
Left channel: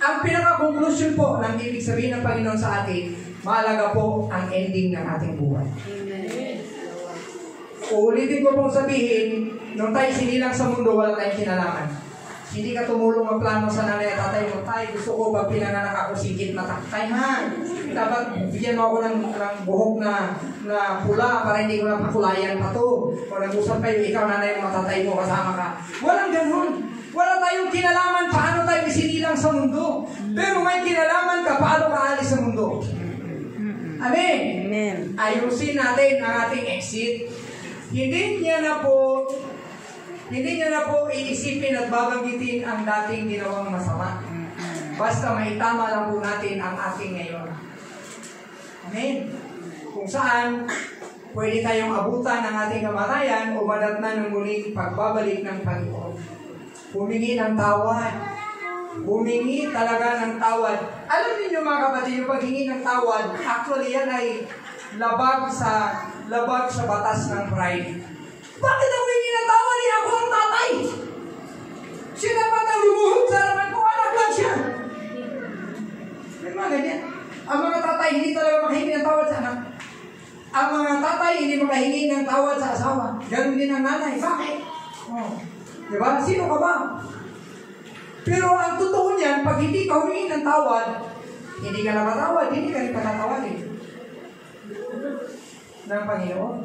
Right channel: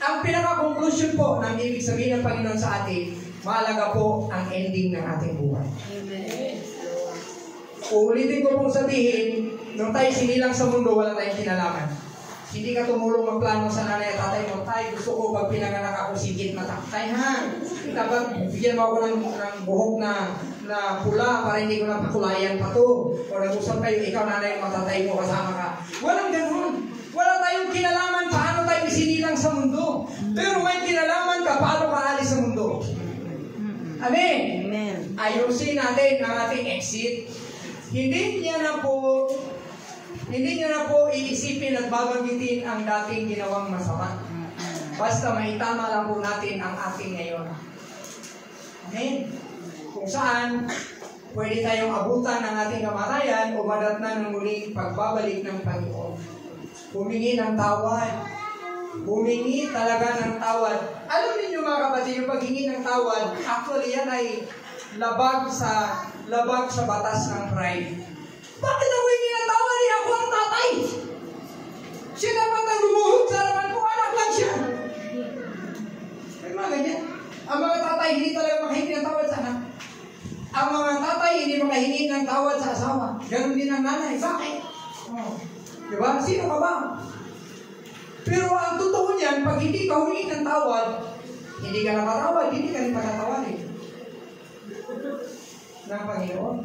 Ang pinaka-conclusion po ng ibig sabihin ng Panginoon sa atin, mahalaga po ang ending ng ating buhay. Uulitin ko pong sabihin, nung tayo sinilang sa mundo, wala tayong kinalaman. Hindi ka tumulong ang plano sa nanay at tatay mo. Tay, gusto ko pag pinanganak ako sigit matakay ha. Dapat bigyan mo ako ng buhok na pula para hindi ko na pakulayan pa to. O nag-usap kayo, ikaw nanay mo, tatay mo, kasama ka. Walang ganun. Wala tayong kinalaman paano tayo isinilang sa mundo. Pero may kinalaman ka paano ka alis sa mundo. Amen. Amen. Ayusin natin ang ating exit. Hindi niya na po iisipin at babanggitin ang dating ginawang masama. Basta maitama lang po natin ang ating ngayon. Amen. Kung saan, pwede tayong abutan ng ating kamatayan o madatnan ng muling pagbabalik ng Panginoon. Humingi ng tawad. Humingi talaga ng tawad. Alam niyo mga kapatid, yung paghingi ng tawad, actually yan ay labag sa batas ng pride. Bakit ako hingi ng tawad? Ako ang tatay. Siya dapat ang lumuhod sa harapan ko. Anak lang siya. May mga ganyan. Ang mga tatay hindi talaga makahingi ng tawad sa anak. Ang mga tatay hindi makahingi ng tawad sa asawa. Ganun din ang nanay. Bakit? Diba? Sino ka ba? Pero ang totoo niyan, pag hindi ka humingi ng tawad, hindi ka na matawad, hindi ka rin patatawarin ng Panginoon.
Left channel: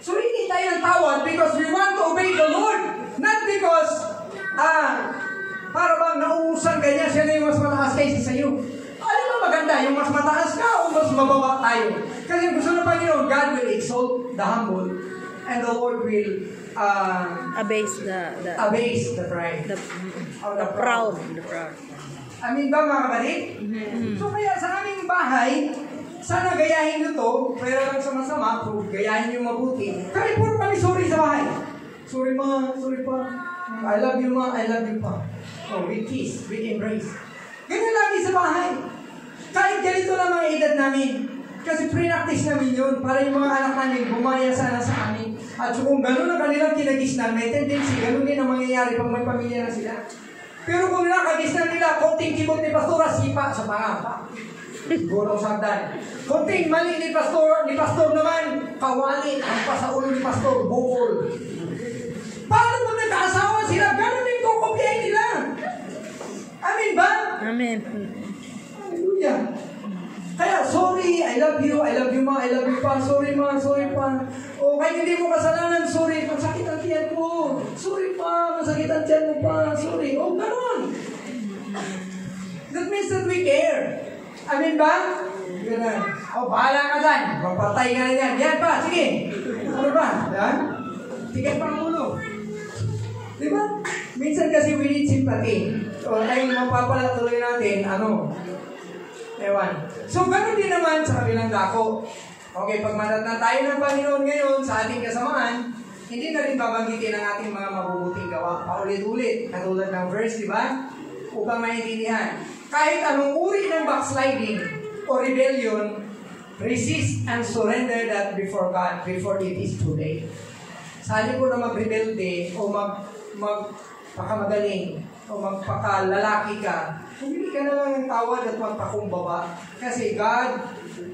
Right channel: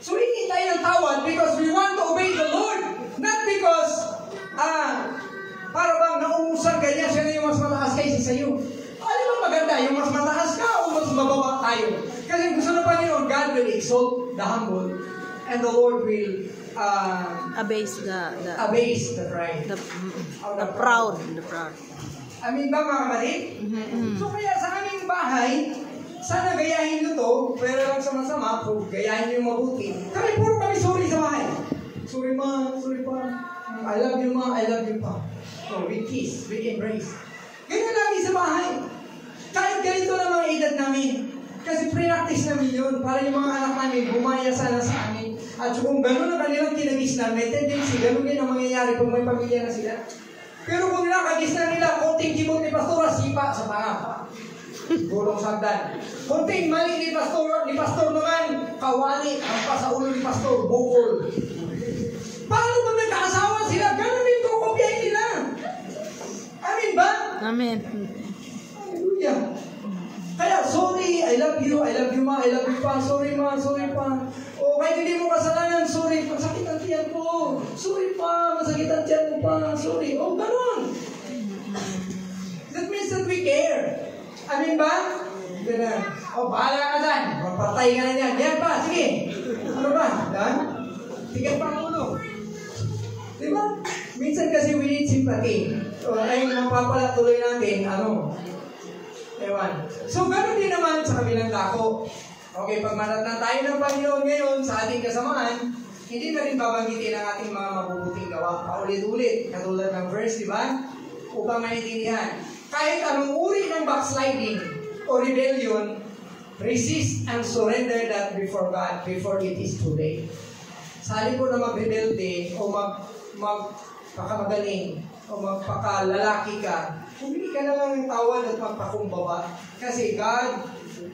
So, hindi tayo ng tawad because we want to obey the Lord. Not because, para bang nauusan ka niya, siya na yung mas mataas kaysa sa iyo. Ano ba maganda? Yung mas mataas ka o mas mababa tayo? Kasi gusto ng Panginoon, God will exalt the humble and the Lord will Abase the pride. The proud. Amin ba mga kapatid? So kaya sa aming bahay, sana gayahin nyo to, pero lang sa masama, kung gayahin nyo mabuti. Kaya puro kami sorry sa bahay. Sorry ma, sorry pa. I love you ma, I love you pa. We kiss, we embrace. Ganyan lagi sa bahay. Kahit ganito lang mga edad namin. Kasi pre-practice namin yun para yung mga anak namin bumaya sana sa amin. At kung gano'n ang kanilang kinagisnan, may tendency, gano'n din ang mangyayari pag may pamilya na sila. Pero kung nakagisnan nila, konting kibot ni Pastora, sipa sa pangapa. Gulong sagdan. Konting mali ni Pastor naman, kawali, ang pa sa ulo ni Pastor, bukol. Paano pag nagkaasawa sila, gano'n din kukopyahin nila. Amen ba? Amen. Hallelujah. Kaya, sorry, I love you ma, I love you pa, sorry ma, sorry pa. O kahit hindi mo kasalanan, sorry, masakit ang tiyan mo. Sorry pa, masakit ang tiyan mo pa, sorry. O, gano'n. That means that we care. Amen ba? Ito na. Bahala ka dyan. Magpatay ka na dyan. Yan pa, sige. Ano ba? Yan? Tigat pa ang ulo. Diba? Minsan kasi we need sympathy. Ay, mapapalatuloy natin, ewan. So, ganoon din naman sa kabilang dako. Okay, pag manatnan tayo ng Panginoon ngayon sa ating kasamaan, hindi na rin babanggitin ang ating mga mabubuting gawa. Paulit-ulit, katulad ng verse, di ba? Upang maintindihan. Kahit anong uri ng backsliding o rebellion, resist and surrender that before God before it is too late. Sa halip po na magrebelde o magpakamagaling o magpakalalaki ka, hindi ka na lang ng tawad at magpakumbaba. Kasi God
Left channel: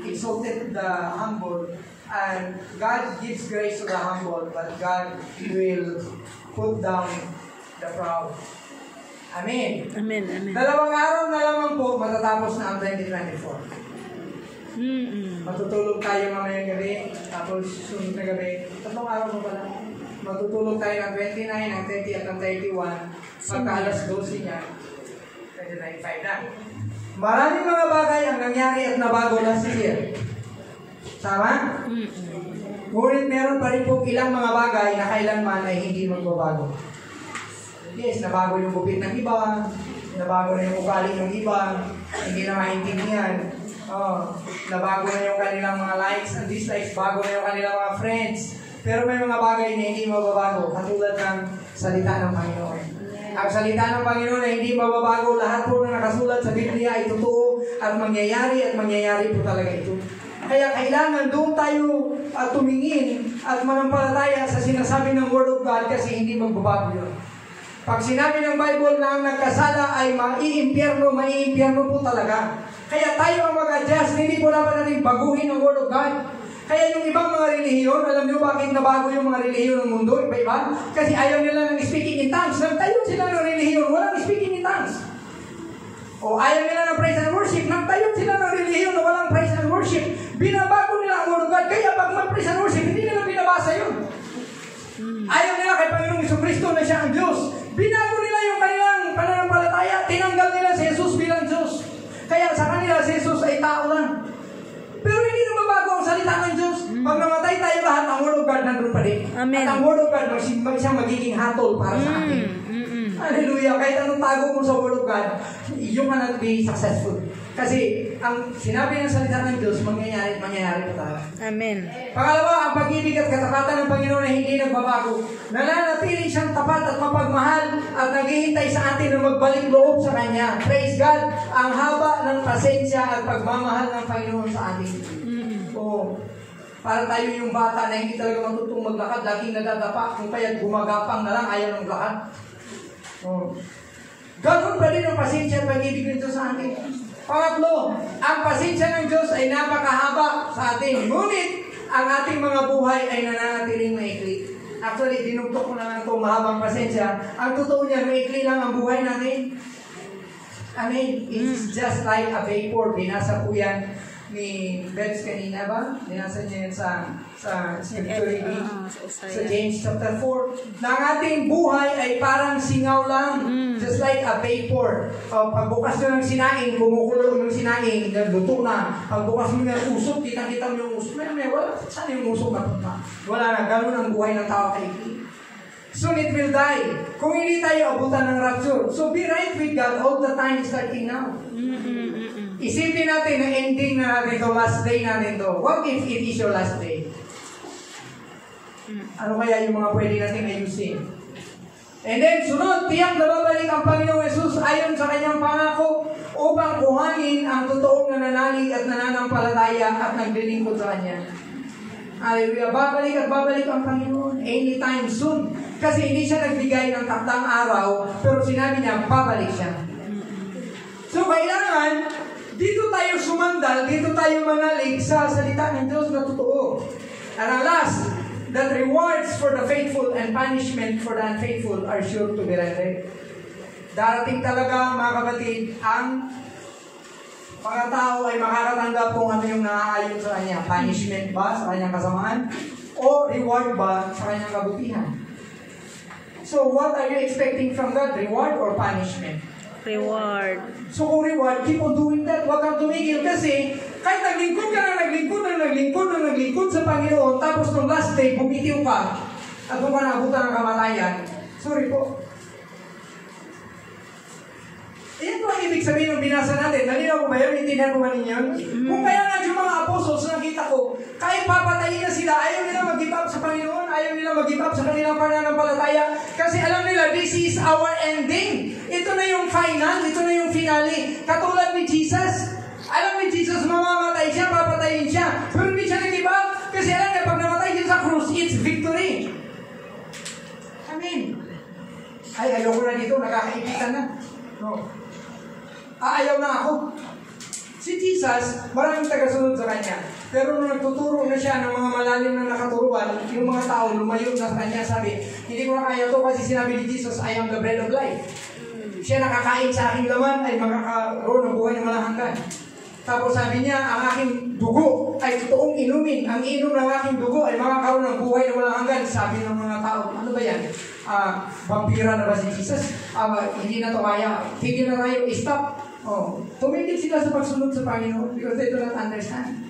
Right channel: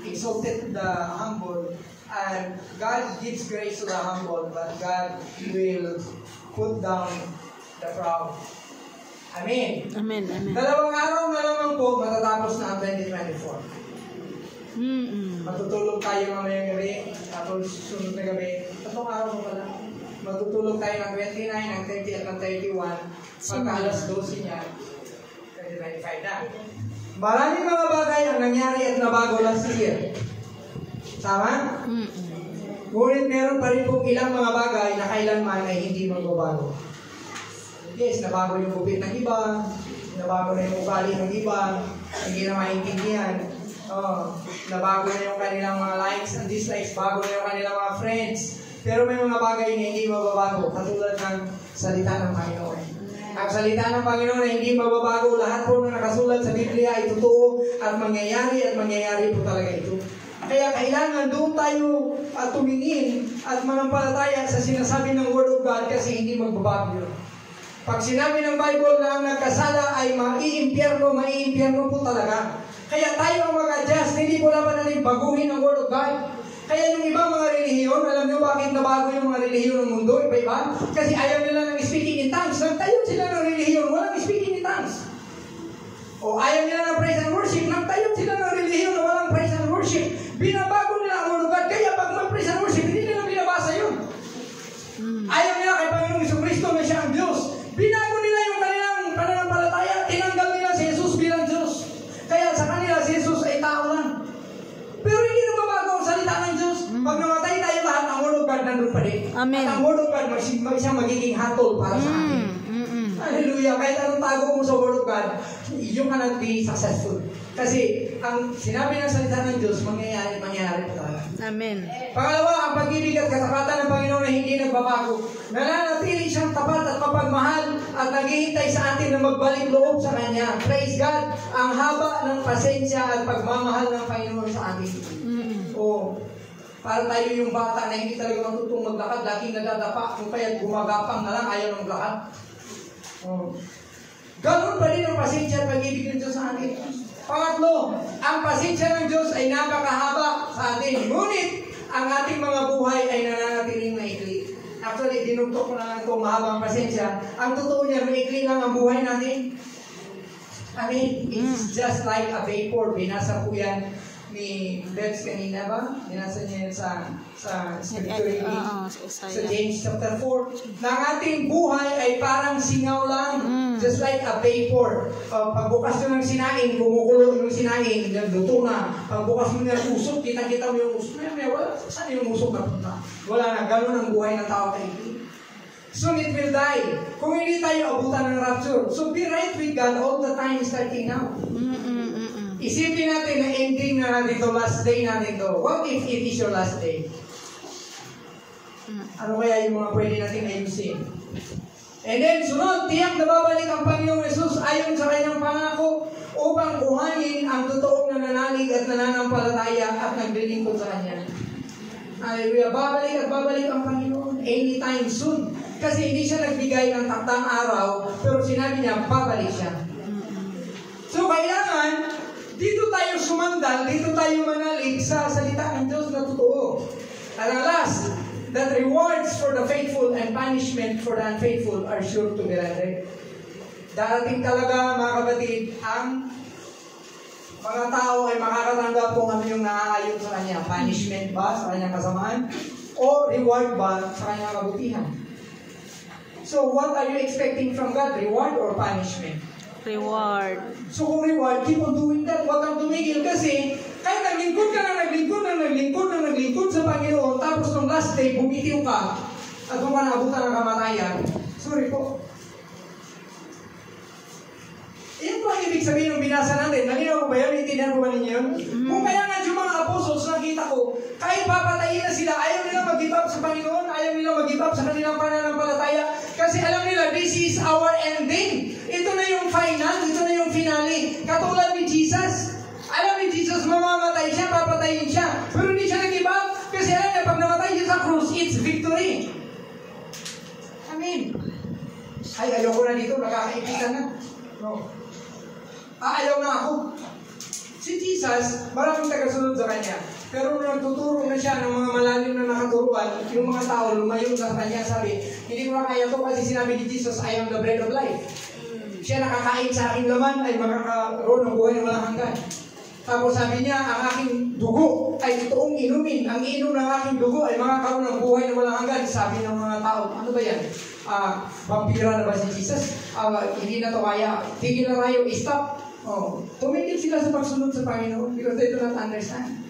exalted the humble and God gives grace to the humble, but God will put down the proud. Amen. Amen. Amen. 2 araw na lamang po matatapos na ang 2024. Matutulog tayo mamayang gabi, tapos sunod na gabi. 3 araw mo pala. Matutulog tayo ng 29, ng 30 at ng 31. Pagka alas 12 niya, 2025 na. Maraming mga bagay ang nangyari at nabago last year. Tama? Ngunit meron pa rin po ilang mga bagay na kailanman ay hindi magbabago. Yes, nabago yung gupit ng iba, nabago na yung ugali ng iba, hindi na maintindihan. Nabago na yung kanilang mga likes and dislikes, bago na yung kanilang mga friends. Pero may mga bagay na hindi mababago, katulad ng salita ng Panginoon. Ang salita ng Panginoon na hindi mababago, lahat po na nakasulat sa Biblia ay totoo at mangyayari po talaga ito. Kaya kailangan doon tayo tumingin at manampalataya sa sinasabi ng Word of God kasi hindi magbabago yun. Pag sinabi ng Bible na ang nagkasala ay maiimpyerno po talaga. Kaya tayo ang mag-adjust, hindi po dapat natin baguhin ang Word of God. Kaya yung ibang mga relihiyon, alam nyo bakit nabago yung mga relihiyon ng mundo, iba-iba? Kasi ayaw nila ng speaking in tongues. Nagtayo sila ng relihiyon, walang speaking in tongues. O ayaw nila ng praise and worship, nagtayo sila ng relihiyon, walang praise and worship. Binabago nila ang Word of God, kaya pag mag-praise and worship, hindi nila binabasa yun. Ayaw nila kay Panginoong Jesucristo na siya ang Diyos. Binago nila yung kanilang pananampalataya, tinanggal nila si Jesus bilang Diyos. Kaya sa kanila si Jesus ay tao lang. Pero hindi na mabago ang salita ng Diyos. Pag namatay tayo lahat, ang Word of God nandun pa rin. Amen. At ang Word of God siyang magiging hatol para sa atin. Hallelujah. Kahit anong tago mo sa Word of God, you cannot be successful. Kasi ang sinabi ng salita ng Diyos, mangyayari pa talaga. Amen. Pangalawa, ang pag-ibig at katapatan ng Panginoon na hindi nagbabago. Nananatili siyang tapat at mapagmahal at naghihintay sa atin na magbalik loob sa Kanya. Praise God, ang haba ng pasensya at pagmamahal ng Panginoon sa atin. Para tayo yung bata na hindi talaga matutong maglakad, laging nadadapa, kung kaya gumagapang na lang, ayaw na maglakad. Ganoon pa rin ang pasensya at pag-ibig ng Diyos sa atin. Pangatlo, ang pasensya ng Diyos ay napakahaba sa atin. Ngunit, ang ating mga buhay ay nananatiling maikli. Actually, dinugtok ko na lang itong mahabang pasensya. Ang totoo niya, maikli lang ang buhay natin. I mean, it's just like a vapor. Binasa po yan ni Bets kanina ba? Binasa niya yan sa scripture sa James chapter 4. Na ang ating buhay ay parang singaw lang. Just like a vapor. Pagbukas nyo ng sinaing, kumukulo yung sinaing, luto na. Pagbukas mo ng usok, kita-kita mo yung usok. Wala, saan yung usok na? Wala na, gano'n ang buhay ng tao kay Soon it will die. Kung hindi tayo abutan ng rapture. So be right with God all the time starting now. Isipin natin na ending na natin ito, last day natin ito. What if it is your last day? Ano kaya yung mga pwede natin ayusin? And then, sunod, tiyak na babalik ang Panginoong Jesus ayon sa kanyang pangako upang kuhanin ang totoong nananalig at nananampalataya at naglilingkod sa Kanya. Hallelujah. Babalik ang Panginoon anytime soon. Kasi hindi siya nagbigay ng taktang araw, pero sinabi niya, babalik siya. So, kailangan, dito tayo sumandal, dito tayo manalig sa salita ng Diyos na totoo. And ang last, that rewards for the faithful and punishment for the unfaithful are sure to be rendered. Darating talaga, mga kapatid, ang mga tao ay makakatanggap kung ano yung naaayon sa kanya. Punishment ba sa kanyang kasamaan? O reward ba sa kanyang kabutihan? So, what are you expecting from God? Reward or punishment? Reward. So, kung reward, keep on doing that. Huwag kang tumigil kasi Kahit naglingkod ka na naglingkod sa Panginoon, tapos nung last day, bumitiw ka, at kung ka naabutan ng kamatayan, sorry po. Yan po ang ibig sabihin ng binasa natin. Nalinaw ko ba yun? Intindihan ko ba ninyo? Kung kaya nga yung mga apostles, nakita ko, kahit papatayin na sila, ayaw nila mag-give up sa Panginoon, ayaw nila mag-give up sa kanilang pananampalataya, kasi alam nila, this is our ending. Ito na yung final, ito na yung finale. Katulad ni Jesus. Alam ni Jesus, mamamatay siya, papatayin siya. Pero hindi siya nag-give up, kasi alam niya, pag namatay siya sa krus, it's victory. Amen. Ay, ayoko na dito, nakakaibitan na. No. Ayaw na ako. Si Jesus, maraming tagasunod sa kanya. Pero nung nagtuturo na siya ng mga malalim na nakaturuan, yung mga tao lumayo na sa kanya, sabi, hindi ko na kaya to kasi sinabi ni Jesus, I am the bread of life. Siya nakakain sa aking laman ay makakaroon ng buhay na walang hanggan. Tapos sabi niya, ang aking dugo ay totoong inumin. Ang inom ng aking dugo ay makakaroon ng buhay na walang hanggan. Sabi ng mga tao, ano ba yan? Vampira na ba si Jesus? Hindi na to kaya. Tigil na tayo, stop. Tumigil sila sa pagsunod sa Panginoon because they do not understand.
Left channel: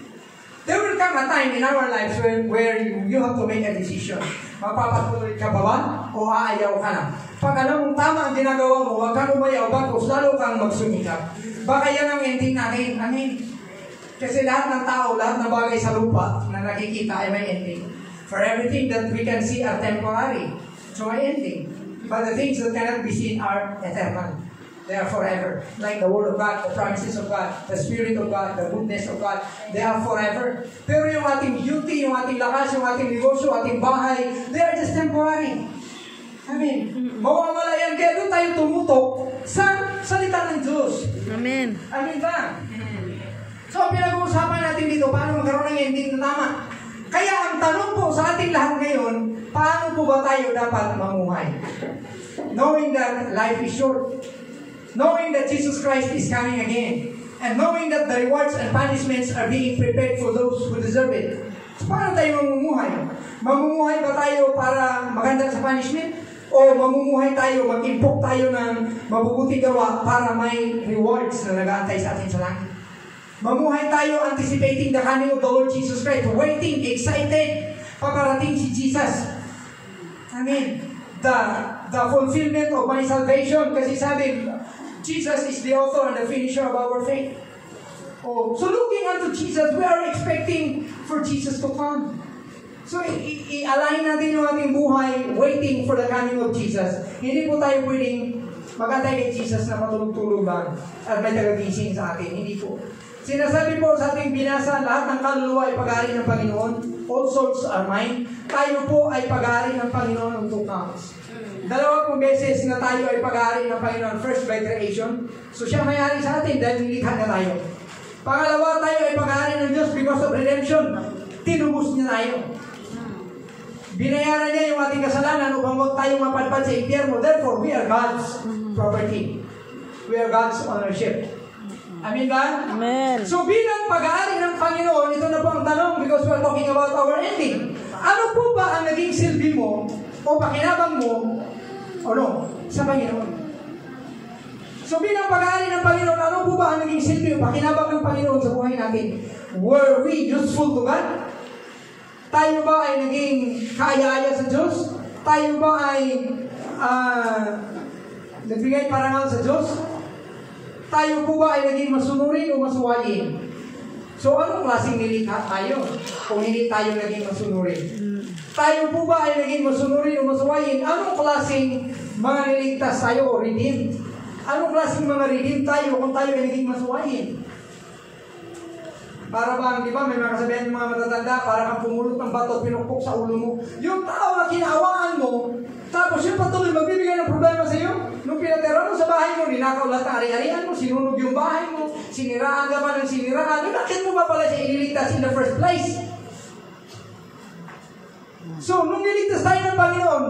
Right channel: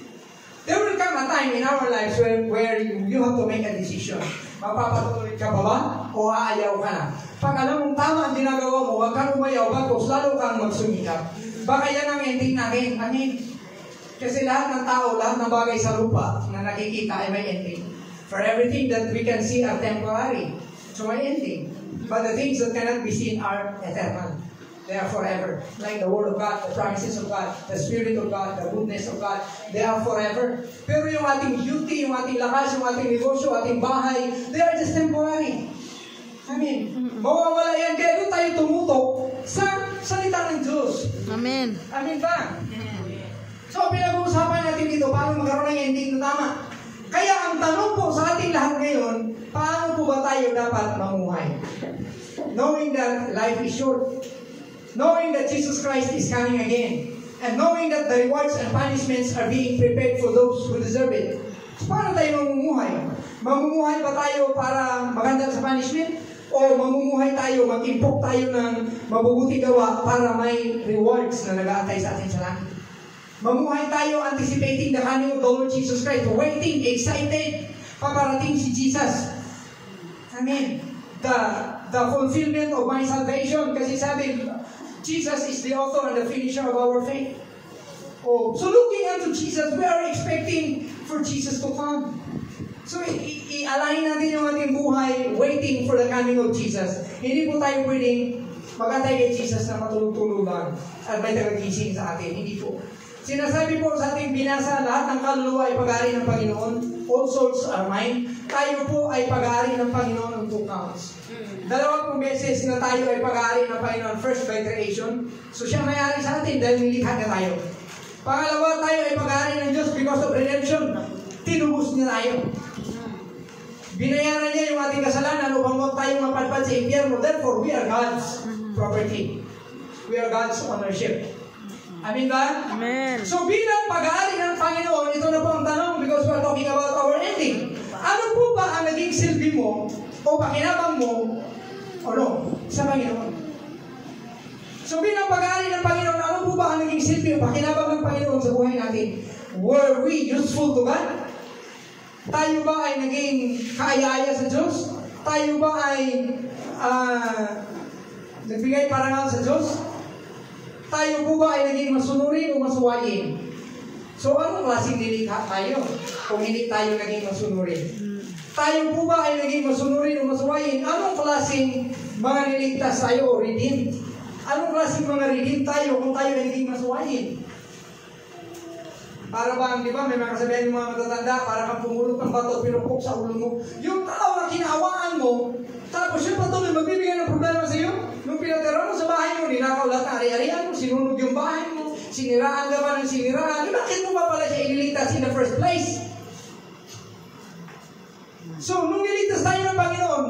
There will come a time in our lives where you have to make a decision. Magpapatuloy ka ba ba o aayaw ka na? Pag alam mong tama ang ginagawa mo, huwag kang umayaw bagos, lalo kang magsumikap. Baka yan ang ending natin. Amen. Kasi lahat ng tao, lahat ng bagay sa lupa na nakikita ay may ending. For everything that we can see are temporary. So may ending. But the things that cannot be seen are eternal. They are forever. Like the Word of God, the promises of God, the Spirit of God, the goodness of God, they are forever. Pero yung ating beauty, yung ating lakas, yung ating negosyo, ating bahay, they are just temporary. Amen. Mawawala yan. Kaya doon tayo tumutok sa salita ng Diyos. Amen. Amen ba? So, pinag-uusapan natin dito, paano magkaroon ng ending na tama. Kaya ang tanong po sa ating lahat ngayon, paano po ba tayo dapat mamuhay? Knowing that life is short. Knowing that Jesus Christ is coming again. And knowing that the rewards and punishments are being prepared for those who deserve it. So, paano tayo mamumuhay? Mamumuhay ba tayo para maganda sa punishment? O mamumuhay tayo, mag-impok tayo ng mabubuti gawa para may rewards na nag-aantay sa atin sa langit? Mamuhay tayo anticipating the coming of the Lord Jesus Christ, waiting, excited, paparating si Jesus. Amen. The fulfillment of my salvation, kasi sabi, Jesus is the author and the finisher of our faith. So looking unto Jesus, we are expecting for Jesus to come. So i-align natin yung ating buhay, waiting for the coming of Jesus. Hindi po tayo pwedeng magantay kay Jesus na matulog-tulog lang at may tagagising sa atin. Hindi po. Sinasabi po sa ating binasa, lahat ng kaluluwa ay pag-aari ng Panginoon. All souls are mine. Tayo po ay pag-aari ng Panginoon on two counts. Dalawang beses na tayo ay pag-aari ng Panginoon. First, by creation. So siya may-ari sa atin dahil nilikha na tayo. Pangalawa, tayo ay pag-aari ng Diyos because of redemption. Tinubos niya tayo. Binayaran niya yung ating kasalanan upang huwag tayong mapadpad sa impyerno. Therefore, we are God's property. We are God's ownership. Amen ba? Amen. So bilang pag-aari ng Panginoon, ito na po ang tanong because we're talking about our ending. Ano po ba ang naging silbi mo o pakinabang mo sa Panginoon? So bilang pag-aari ng Panginoon, ano po ba ang naging silbi o pakinabang ng Panginoon sa buhay natin? Were we useful to God? Tayo ba ay naging kaaya-aya sa Diyos? Tayo ba ay nagbigay parangal sa Diyos? Tayo po ba ay naging masunurin o masuwayin? So, anong klaseng nilikha tayo kung hindi tayo naging masunurin? Tayo po ba ay naging masunurin o masuwayin? Anong klaseng mga niligtas tayo o redeemed? Anong klaseng mga redeemed tayo kung tayo ay naging masuwayin? Para bang, di ba, may mga kasabihan ng mga matatanda, para kang pumulot ng bato, pinupok sa ulo mo. Yung tao na kinaawangan mo, tapos yung patuloy magbibigay ng problema sa iyo. Nung pinatera mo sa bahay mo, ninakaw lahat ng ari-arian mo, sinunog yung bahay mo, siniraan ka pa ng siniraan. Bakit mo ba pala siya ililigtas in the first place? So, nung niligtas tayo ng Panginoon,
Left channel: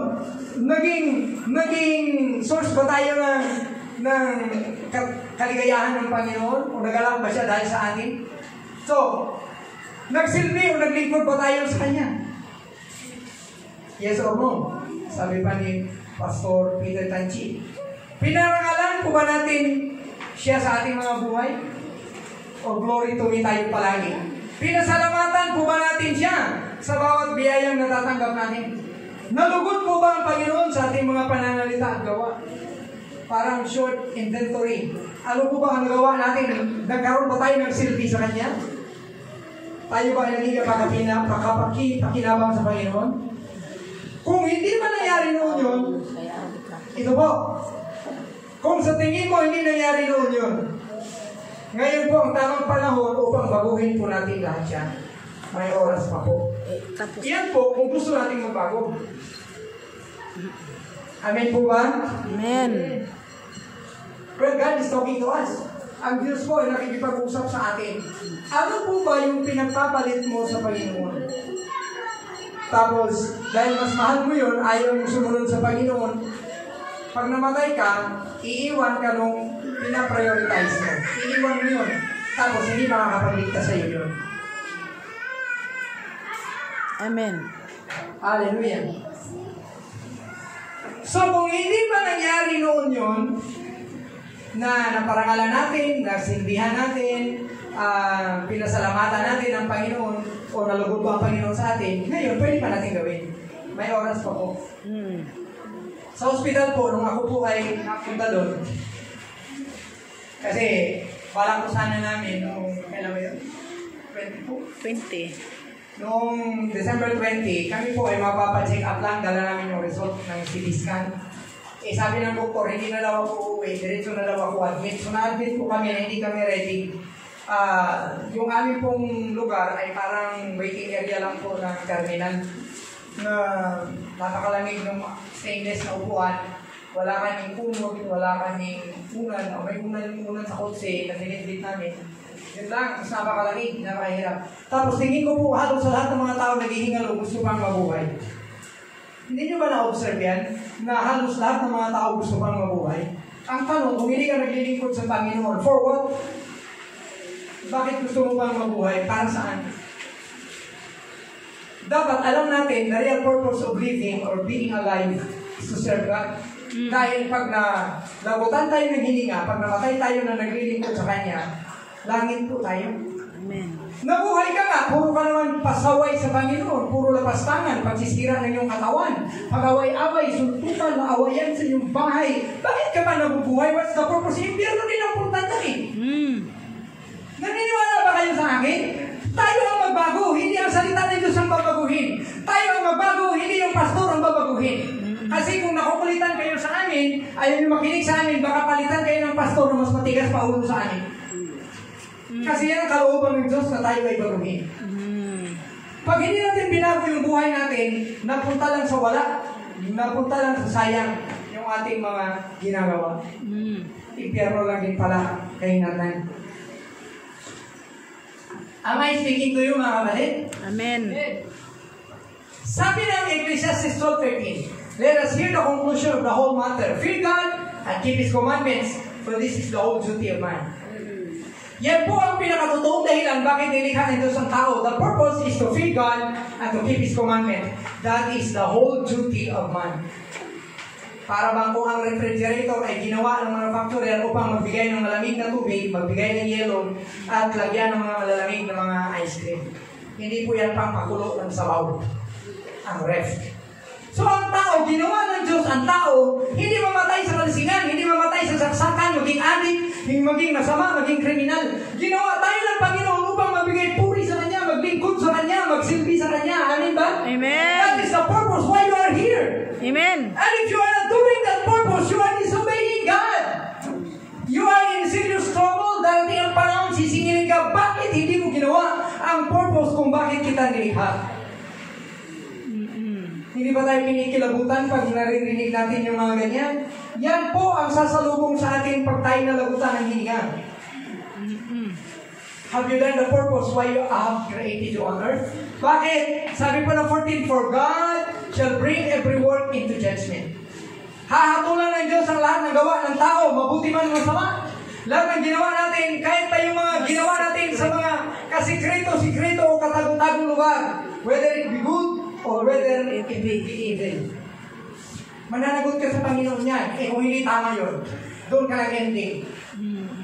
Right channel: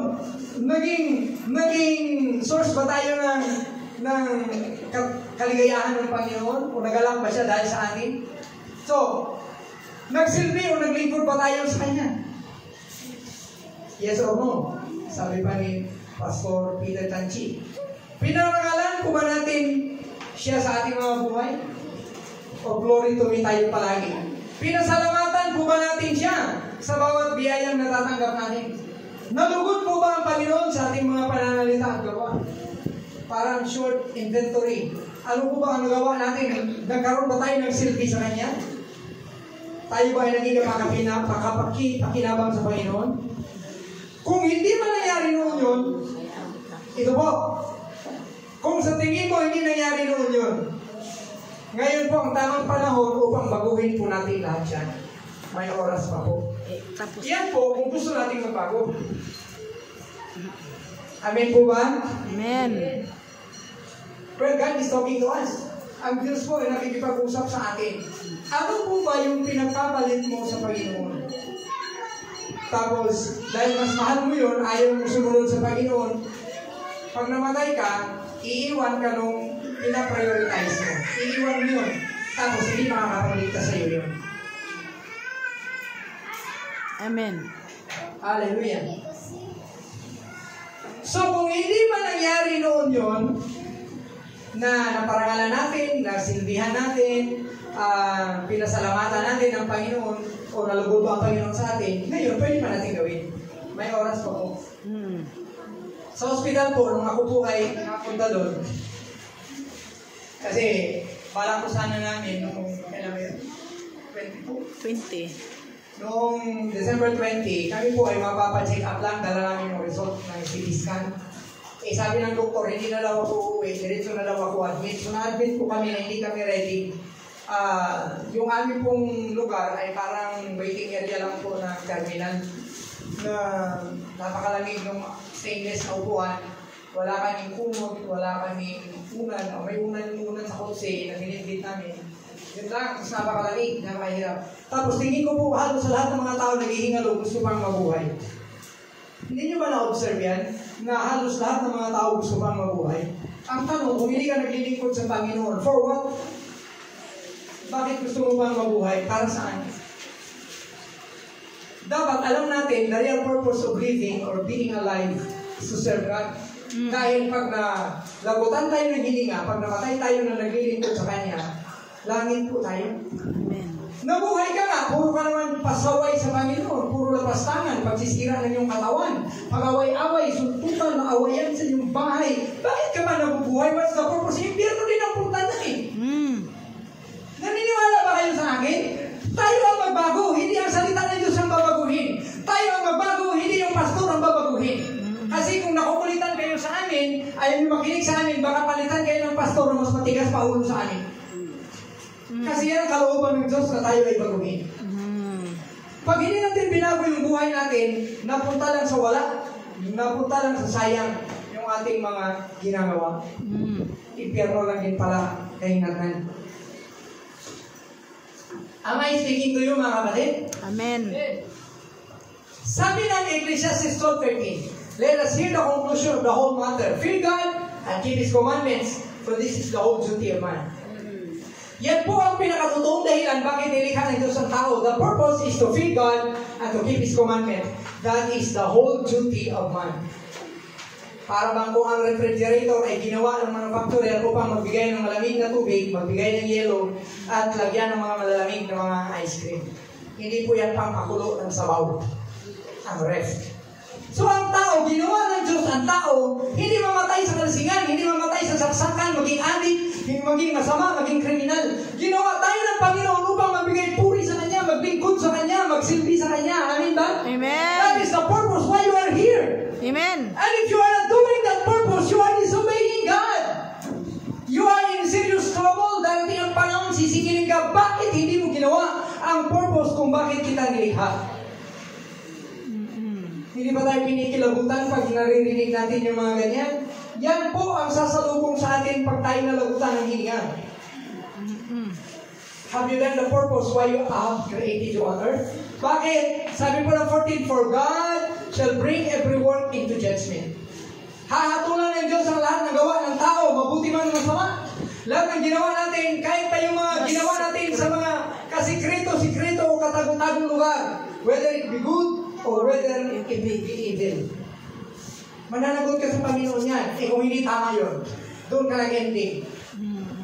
naging source ba tayo ng kaligayahan ng Panginoon? O nagalak ba siya dahil sa atin? So, nagsilbi o naglingkod ba tayo sa Kanya? Yes or no? Sabi pa ni Pastor Peter Tanchi. Pinarangalan po ba natin siya sa ating mga buhay? O O glory to me tayo palagi. Pinasalamatan po ba natin siya sa bawat biyayang natatanggap natin? Nalugod po ba ang Panginoon sa ating mga pananalita at gawa? Parang short inventory. Ano po ba ang gawa natin? Nagkaroon ba tayo ng silbi sa Kanya? Tayo ba ay naging pakinabang sa Panginoon? Kung hindi man nangyari noon yun, ito po, kung sa tingin mo hindi nangyari noon yun, ngayon po ang tamang panahon upang baguhin po natin lahat yan. May oras pa po. Yan po kung gusto natin magbago. Amen po ba? Amen. Well, God is talking to us. Ang Diyos po ay nakikipag-usap sa atin. Ano po ba yung pinagpapalit mo sa Panginoon? Tapos, dahil mas mahal mo yun, ayaw mo sumunod sa Panginoon, pag namatay ka, iiwan ka nung pinaprioritize mo. Iiwan mo yun. Tapos, hindi makakapagligtas sa'yo yun. Amen. Hallelujah. So, kung hindi ba nangyari noon yun, na naparangalan natin, nasindihan natin, pinasalamatan natin ang Panginoon, o nalugod ba ang Panginoon sa atin, ngayon, pwede pa natin gawin. May oras pa po. Sa hospital po, nung ako po ay napunta doon, kasi balak ko sana namin nung, kailan ba yun? 20. Noong December 20, kami po ay mapapacheck up lang, dala namin yung result ng CT scan. Eh sabi ng doktor, hindi na daw ako uuwi, diretso na daw ako admit. So na-admit po kami na hindi kami ready. Yung aming pong lugar ay parang waiting area lang po ng terminal na napakalamig ng stainless na upuan. Wala kaming kumot, wala kaming unan. May unan sa kotse na binibit namin. Yun lang, tapos napakalamig, napakahirap. Tapos tingin ko po halos sa lahat ng mga tao naghihingalo, gusto pang mabuhay. Hindi nyo ba na-observe yan? Na halos lahat ng mga tao gusto pang mabuhay? Ang tanong, kung hindi ka naglilingkod sa Panginoon, for what? Bakit gusto mo pang mabuhay? Para saan? Dapat alam natin, the real purpose of living or being alive is to serve God. Dahil pag lagutan tayo ng hininga, pag namatay tayo na naglilingkod sa Kanya, langit po tayo. Amen. Nabuhay ka nga, puro ka naman pasaway sa Panginoon, puro lapastangan, pagsisira ng iyong katawan, pag-away-away, suntukan, awayan sa iyong bahay. Bakit ka ba nabubuhay? What's the purpose? Impyerno din ang punta niya eh. Naniniwala ba kayo sa akin? Tayo ang magbago, hindi ang salita ng Diyos ang babaguhin. Tayo ang magbago, hindi yung pastor ang babaguhin. Kasi kung nakukulitan kayo sa amin, ayaw nyo makinig sa amin, baka palitan kayo ng pastor na mas matigas pa ulo sa amin. Kasi yan ang kalooban ng Diyos na tayo ay baguhin. Pag hindi natin binago yung buhay natin, napunta lang sa wala, napunta lang sa sayang yung ating mga ginagawa. Impyerno lang din pala kaingatan. Am I speaking to you, mga kapatid? Amen. Sabi ng Ecclesiastes 12:13, let us hear the conclusion of the whole matter. Fear God and keep His commandments, for this is the whole duty of man. Yan po ang pinakatotoong dahilan bakit nilikha ng Diyos ang tao. The purpose is to fear God and to keep His commandment. That is the whole duty of man. Para bang kung ang refrigerator ay ginawa ng manufacturer upang magbigay ng malamig na tubig, magbigay ng yelo, at lagyan ng mga malalamig na mga ice cream. Hindi po yan pang pakulo ng sabaw. Ang ref. So ang tao, ginawa ng Diyos ang tao, hindi mamatay sa kalasingan, hindi mamatay sa saksakan, maging adik, maging masama, maging kriminal. Ginawa tayo ng Panginoon upang magbigay puri sa Kanya, maglingkod sa Kanya, magsilbi sa Kanya. Amen ba? Amen. That is the purpose why you are here. Amen. And if you are not doing that purpose, you are disobeying God. You are in serious trouble. Darating ang panahon, sisingilin ka, bakit hindi mo ginawa ang purpose kung bakit kita nilikha? Hindi ba tayo pinikilabutan pag naririnig natin yung mga ganyan? Yan po ang sasalubong sa atin pag tayo nalagutan ng hininga. Have you done the purpose why you have created you on earth? Bakit? Sabi po ng 14, for God shall bring every work into judgment. Hahatulan ng Diyos ang lahat ng gawa ng tao, mabuti man o masama. Lahat ng ginawa natin, kahit pa yung mga ginawa natin sa mga kasikreto o katagong-tagong lugar, whether it be good, or whether it be evil. Mananagot ka sa Panginoon yan. Eh kung hindi tama yun, doon ka nag-ending.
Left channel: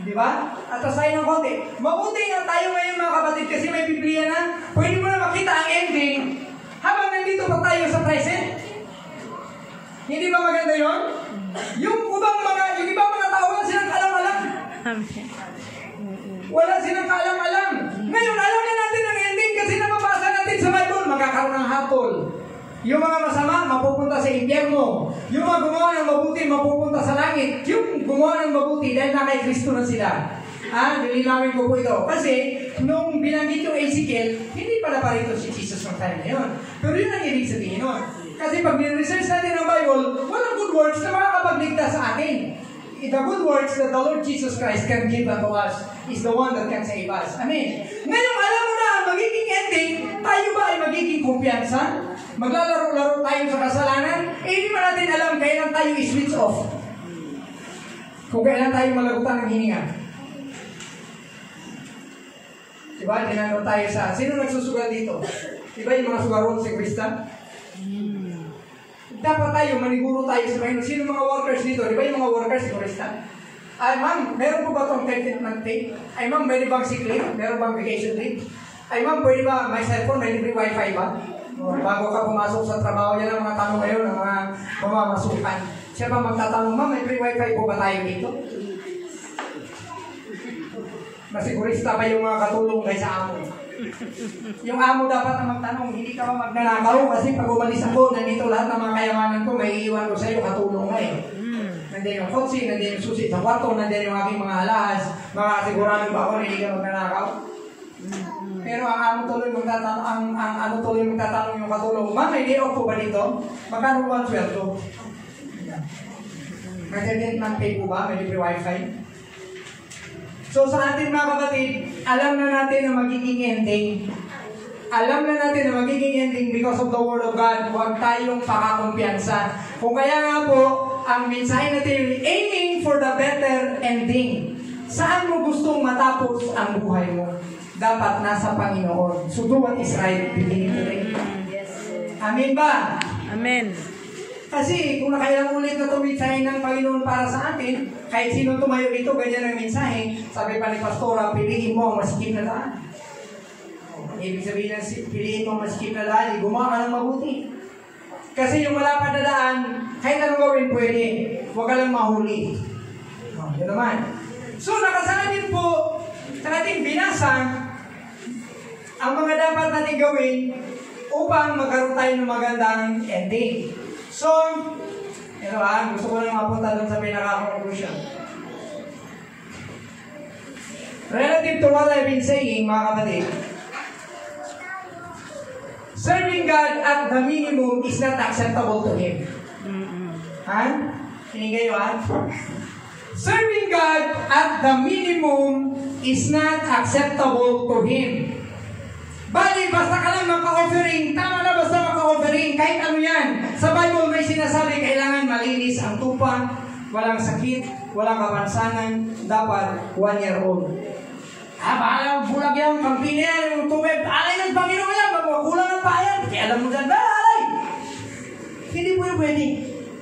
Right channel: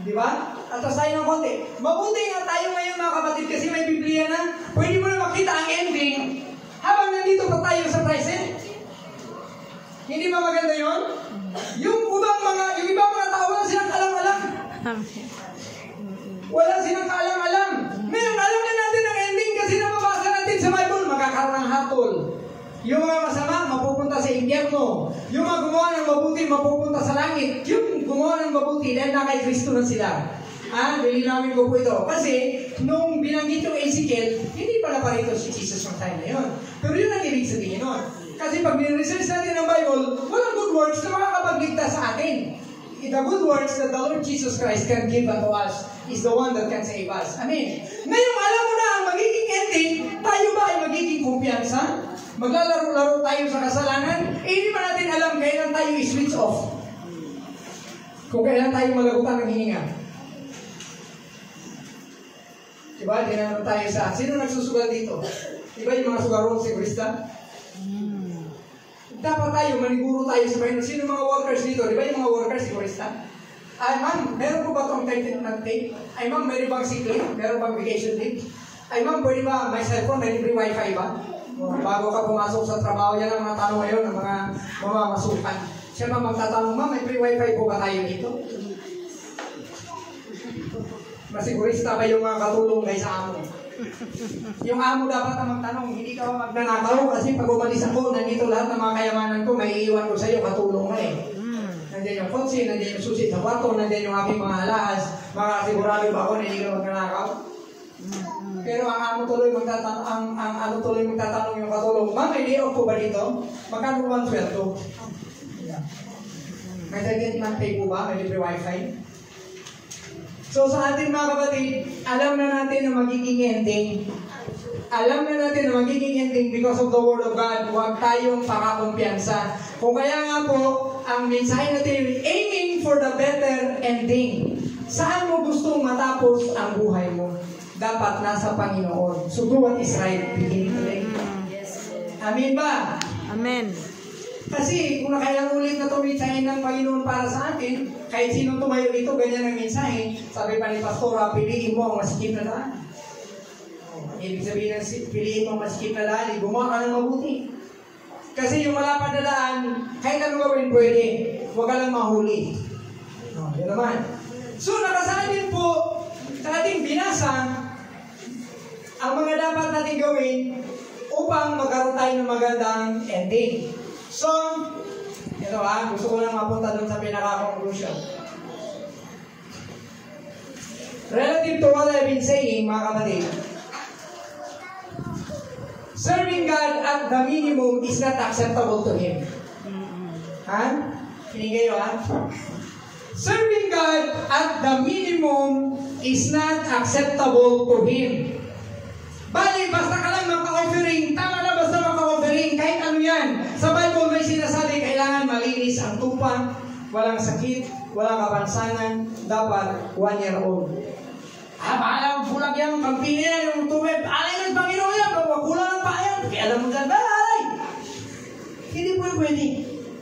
Di ba? Atas tayo ng konti. Mabuti nga tayo ngayon mga kapatid kasi may Biblia na pwede mo na makita ang ending habang nandito pa tayo sa present. Hindi ba maganda yun? Yung ibang mga tao wala silang alam-alam. Wala silang kaalam-alam. Ngayon, alam na natin ang ending kasi nababasa natin sa Bible, magkakaroon ng hatol. Yung mga masama, mapupunta sa impyerno. Yung mga gumawa ng mabuti, mapupunta sa langit. Yung gumawa ng mabuti, dahil na kay Kristo na sila. Lilinawin ko po ito. Kasi, nung binanggit yung Ezekiel, hindi pala parito si Jesus ng time na yun. Pero yun ang ibig sabihin nun. Kasi pag niresearch natin ang Bible, walang good works na makakapagligtas sa atin. The good works that the Lord Jesus Christ can give unto us is the one that can save us. Amen. Ngayon, alam mo na ang magiging ending, tayo ba ay magiging kumpiyansa? Maglalaro-laro tayo sa kasalanan? Hindi ba natin alam kailan tayo i-switch off? Kung kailan tayo malagutan ng hininga? Diba? Tinanong tayo sa, sino nagsusugal dito? Diba yung mga sugarol si Krista? Dapat tayo, maniguro tayo sa Panginoon. Sino mga workers dito? Diba yung mga workers si Krista? Ay ma'am, meron po ba itong 10th month pay? Ay ma'am, meron bang sick leave? Meron bang vacation leave? Ay ma'am, pwede ba may cellphone? May libre wifi ba? Bago ka pumasok sa trabaho, yan ang mga tanong ngayon ng mga mamamasukan. Siya ba magtatanong, ma'am, may free wifi po ba tayo dito? Masigurista ba yung mga katulong kaysa amo? Yung amo dapat na magtanong, hindi ka ba magnanakaw? Kasi pag umalis ako, nandito lahat ng mga kayamanan ko, may iiwan ko sa iyo, katulong nga eh. Nandiyan yung kotse, nandiyan yung susi sa kwarto, nandiyan yung aking mga alahas, makasigurado ba ako na hindi ka magnanakaw? Pero ang amo tuloy magtatanong, ang ano tuloy magtatanong yung katulong, ma'am, may day off po ba dito? Magkano po ang sweldo? May 10th month pay po ba? May libre wifi? So sa ating mga kapatid, alam na natin na magiging ending. Alam na natin na magiging ending because of the Word of God. Huwag tayong pakakumpiyansa. Kung kaya nga po, ang mensahe natin, aiming for the better ending. Saan mo gustong matapos ang buhay mo? Dapat nasa Panginoon. So do what is right beginning today. Amen ba? Amen. Kasi kung nakailang ulit na tumitsahin ng Panginoon para sa atin, kahit sino tumayo ito, ganyan ang mensahe, sabi pa ni Pastora, piliin mo ang masikip na daan. Ibig sabihin ng piliin mo ang masikip na daan, gumawa ka ng mabuti. Kasi yung malapad na daan, kahit anong gawin pwede, huwag ka lang mahuli. Yun naman. So nakasaad din po sa ating binasa ang mga dapat natin gawin upang magkaroon tayo ng magandang ending. So, ito gusto ko lang mapunta doon sa pinaka-conclusion. Relative to what I've been saying, mga kapatid, serving God at the minimum is not acceptable to Him. Pinigay nyo Serving God at the minimum is not acceptable to Him. Bali, basta ka lang maka-offering, tama na basta maka-offering, kahit ano yan. Sa Bible may sinasabi, kailangan malinis ang tupa, walang sakit, walang kapansanan, dapat 1 year old. Bahala, bulag yan, pagpili yan, yung tubig, alay ng Panginoon yan, magkulang ng payan, kaya alam mo dyan, alay! Hindi po yung pwede.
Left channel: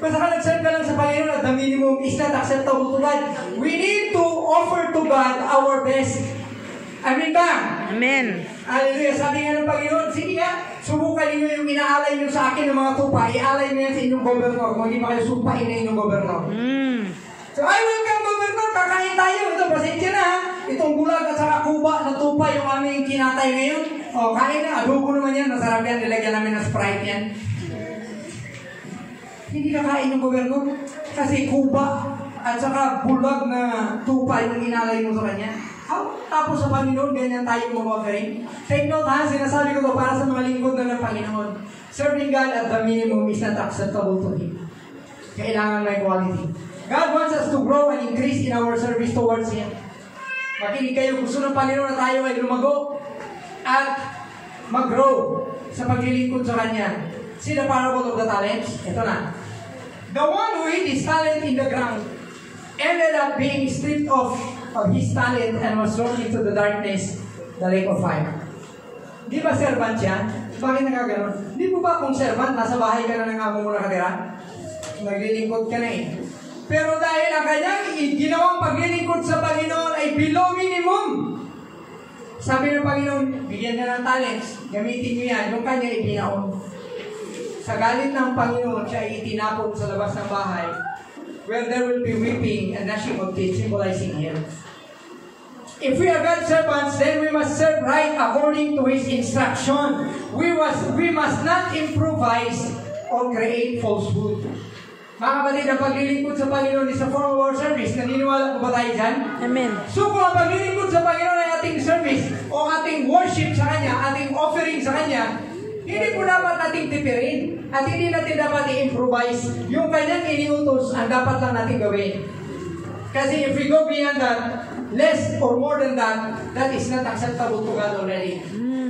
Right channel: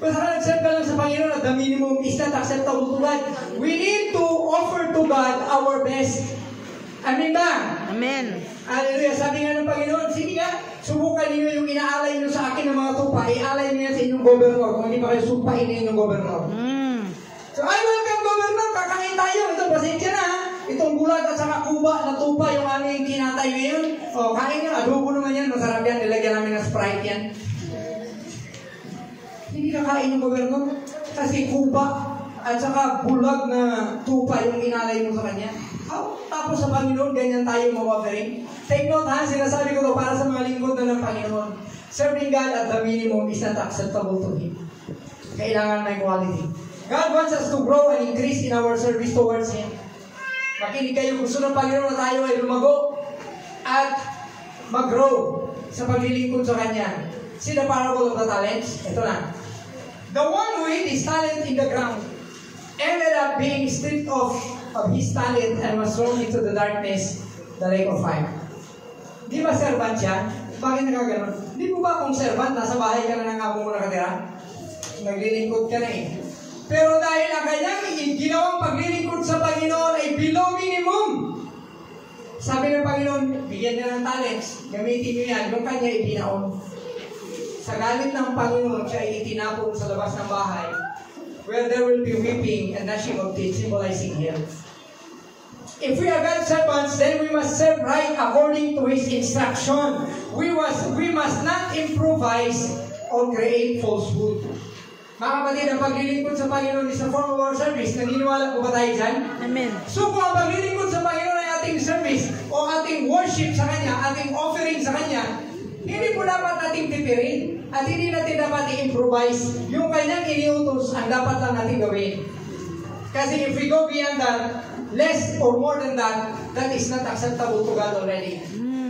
Basta ka nag-serve ka lang sa Panginoon at the minimum is not acceptable to God. We need to offer to God our best. Amen ba? Amen. Hallelujah. Sabi nga ng Panginoon, sige nga, subukan niyo yung inaalay niyo sa akin ng mga tupa, ialay niyo yan sa inyong gobernador. Kung hindi pa kayo sumpahin na inyong gobernador. So, ay, welcome gobernador, kakain tayo. Ito, pasensya na ha. Itong bulag at saka kuba na tupa yung aming kinatay ngayon. O, kain na, adobo naman yan, masarap yan, nilagyan namin ng Sprite yan. Hindi kakain yung gobernador kasi kuba at saka bulag na tupa yung inalay mo sa kanya. Tapos sa Panginoon, ganyan tayo mag-offering. Take note ha, sinasabi ko to para sa mga lingkod na ng Panginoon. Serving God at the minimum is not acceptable to Him. Kailangan may quality. God wants us to grow and increase in our service towards Him. Makinig kayo, gusto ng Panginoon na tayo ay lumago at mag-grow sa paglilingkod sa Kanya. See the parable of the talents? Ito na. The one who hid his talent in the ground ended up being stripped of his talent and was thrown into the darkness, the lake of fire. Di ba servant siya? Bakit nagkaganon? Di mo ba kung servant, nasa bahay ka na ng amo mo nakatira? Naglilingkod ka na eh. Pero dahil ang kanyang ginawang paglilingkod sa Panginoon ay below minimum. Sabi ng Panginoon, bigyan niya ng talents, gamitin niyo yan, yung kanya ibinaon. Sa galit ng Panginoon, siya itinapon sa labas ng bahay, where there will be weeping and gnashing of teeth, symbolizing here. If we are God's servants, then we must serve right according to His instruction. We must not improvise or create falsehood. Mga kapatid, ang paglilingkod sa Panginoon is a form of our service. Naniniwala po ba tayo dyan? Amen. So kung ang paglilingkod sa Panginoon ay ating service o ating worship sa Kanya, ating offering sa Kanya, hindi po dapat ating tipirin at hindi natin dapat i-improvise. Yung Kanyang iniutos ang dapat lang natin gawin. Kasi if we go beyond that, less or more than that, that is not acceptable to God already.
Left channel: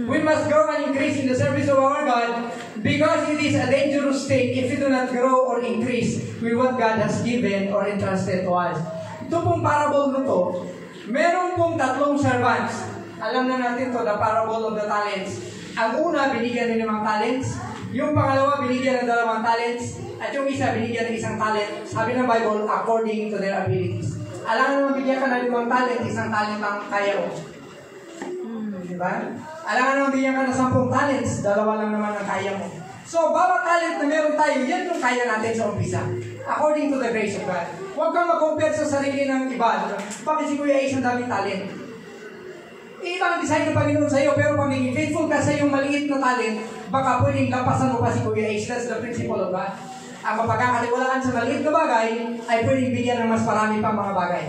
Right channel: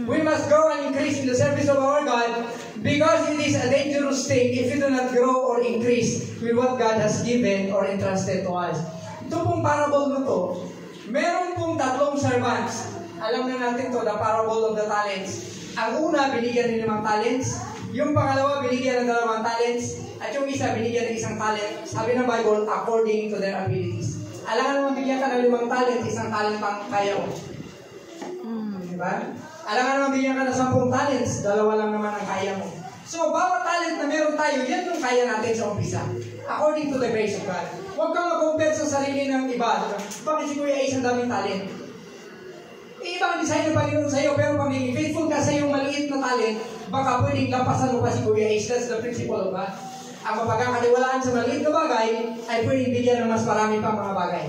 We must grow and increase in the service of our God because it is a dangerous thing if we do not grow or increase with what God has given or entrusted to us. Ito pong parable nito, meron pong 3 servants. Alam na natin to, the parable of the talents. Ang una, binigyan ng 5 talents. Yung pangalawa, binigyan ng 2 talents. At yung isa, binigyan ng 1 talent. Sabi ng Bible, according to their abilities. Alam naman, bigyan ka ng 5 talent, 1 talent ang kaya mo. Diba? Alam naman, bigyan ka ng 10 talents, 2 lang naman ang kaya mo. So, bawat talent na meron tayo, yan yung kaya natin sa umpisa. According to the grace of God. Huwag kang mag-compare sa sarili ng iba. Bakit si Kuya Ace ang daming talent? Ibang design ng Panginoon sa iyo, pero pag naging faithful ka sa iyong maliit na talent, baka pwedeng lampasan mo pa si Kuya Ace. That's the principle of God. Ang mapagkakatiwalaan sa maliit na bagay ay pwedeng bigyan ng mas marami pang mga bagay.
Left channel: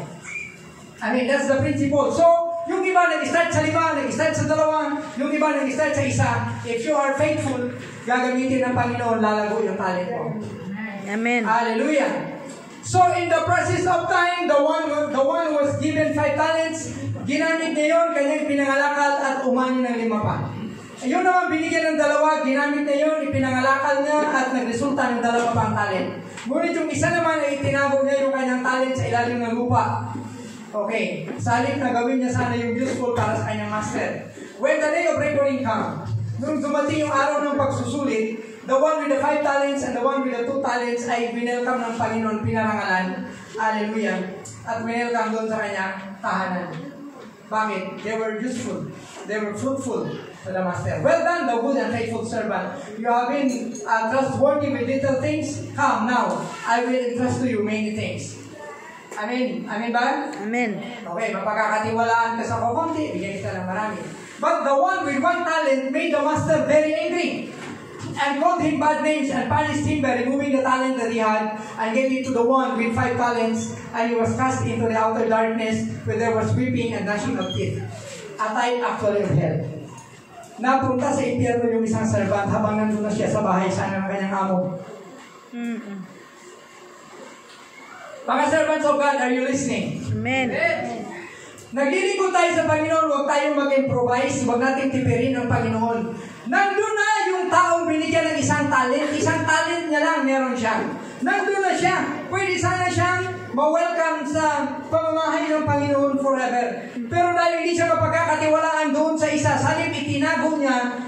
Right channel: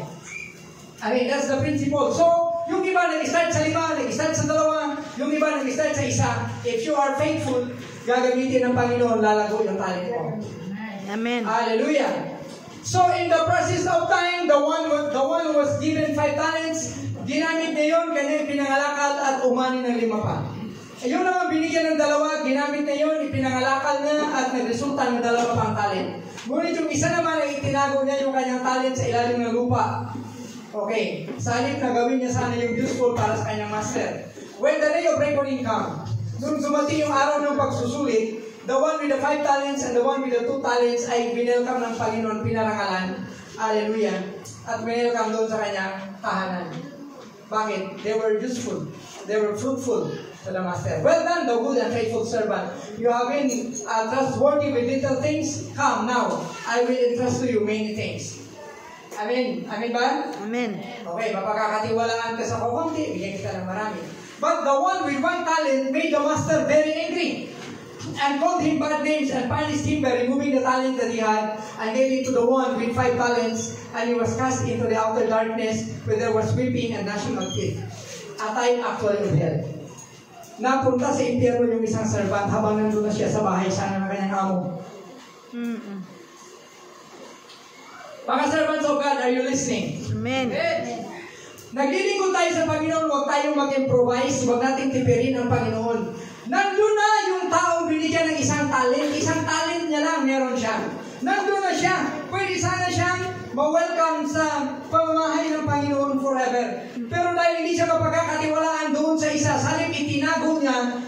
I mean, that's the principle. So, yung iba nag-start sa 5, nag-start sa 2, yung iba nag-start sa 1. If you are faithful, gagamitin ng Panginoon, lalago yung talent mo. Amen. Hallelujah. So, in the process of time, the one who was given 5 talents, ginamit niya yun, kanyang pinangalakal at umani ng 5 pa. Ayun naman, binigyan ng 2, ginamit na yun, ipinangalakal niya at nagresulta ng 2 pang talent. Ngunit yung isa naman ay itinago niya yung kanyang talent sa ilalim ng lupa. Okay, sa halip na gawin niya sana yung useful para sa kanyang master. When the day of reckoning come, nung dumating yung araw ng pagsusulit, the one with the 5 talents and the one with the 2 talents ay binelcome ng Panginoon, pinarangalan. Hallelujah. At binelcome doon sa kanyang tahanan. Bakit? They were useful. They were fruitful to the master. Well done, the good and faithful servant. You have been trustworthy with little things. Come now, I will entrust to you many things. Amen. Amen ba? Amen. Okay, mapagkakatiwalaan ka sa kukunti, bigyan kita ng marami. But the one with 1 talent made the master very angry and called him bad names and punished him by removing the talent that he had and gave it to the one with 5 talents, and he was cast into the outer darkness where there was weeping and gnashing of teeth. A time actually of hell. Napunta sa impyerno yung isang servant habang nandun na siya sa bahay sana ng kanyang amo. Mga servants of God, are you listening? Amen. Naglilingkod tayo sa Panginoon, huwag tayong mag-improvise, huwag natin tipirin ang Panginoon. Nandun na yung taong binigyan ng 1 talent, 1 talent niya lang meron siya. Nandun na siya, pwede sana siyang ma-welcome sa pamamahay ng Panginoon forever. Pero dahil hindi siya mapagkakatiwalaan doon sa isa, salip itinago niya,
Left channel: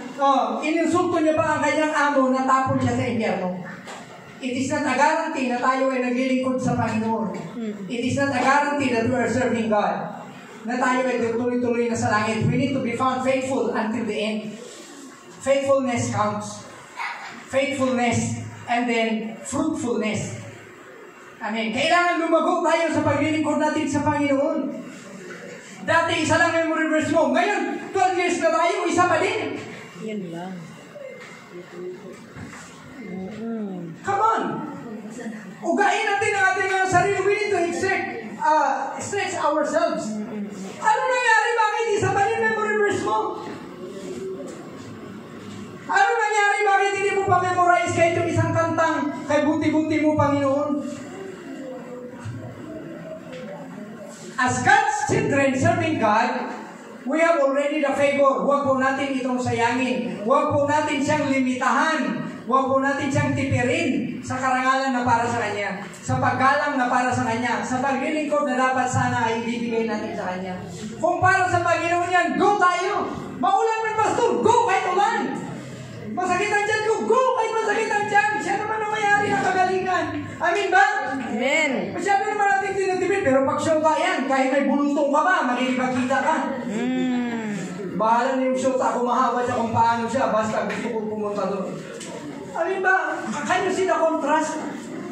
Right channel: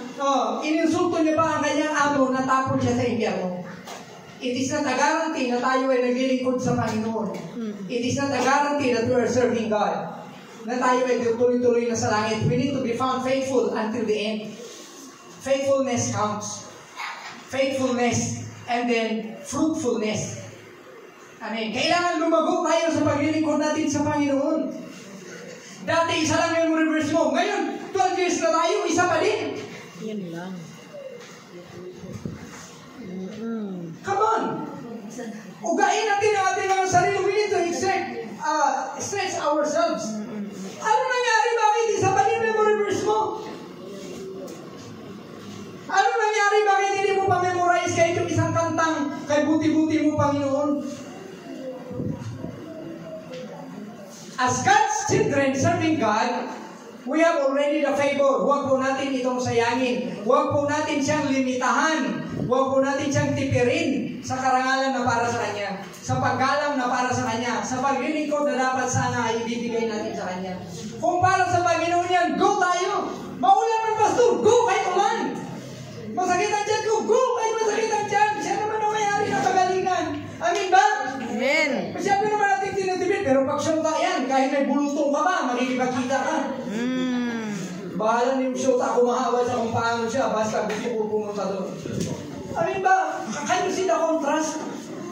ininsulto niya pa ang kanyang amo, natapon siya sa impyerno. It is not a guarantee na tayo ay naglilingkod sa Panginoon. It is not a guarantee that we are serving God. Na tayo ay tuloy-tuloy na sa langit. We need to be found faithful until the end. Faithfulness counts. Faithfulness and then fruitfulness. Amen. Kailangan lumago tayo sa paglilingkod natin sa Panginoon. Dati isa lang memory verse mo. Ngayon, 12 years na tayo, isa pa din. Yan lang. Come on! Ugain natin ang ating mga sarili. We need to stretch ourselves. Ano nangyari? Bakit isa pa din memory verse mo? Ano nangyari? Bakit hindi mo pa memorize kahit yung isang kantang kay buti-buti mo, Panginoon? As God's children serving God, we have already the favor. Huwag po natin itong sayangin. Huwag po natin siyang limitahan. Huwag po natin siyang tipirin sa karangalan na para sa Kanya, sa paggalang na para sa Kanya, sa paglilingkod na dapat sana ay ibibigay natin sa Kanya. Kung para sa Panginoon yan, go tayo! Maulan ng pastor, go kahit ulan! Masakit ang tiyan ko, go kahit masakit ang tiyan! Siya naman ang mayari ng kagalingan. Amin ba? Amen. Masyado makikipagkita ka. Bahala na yung shoot ako mahaba siya kung paano siya, basta gusto ko pumunta doon. Alin ba, can you see the contrast?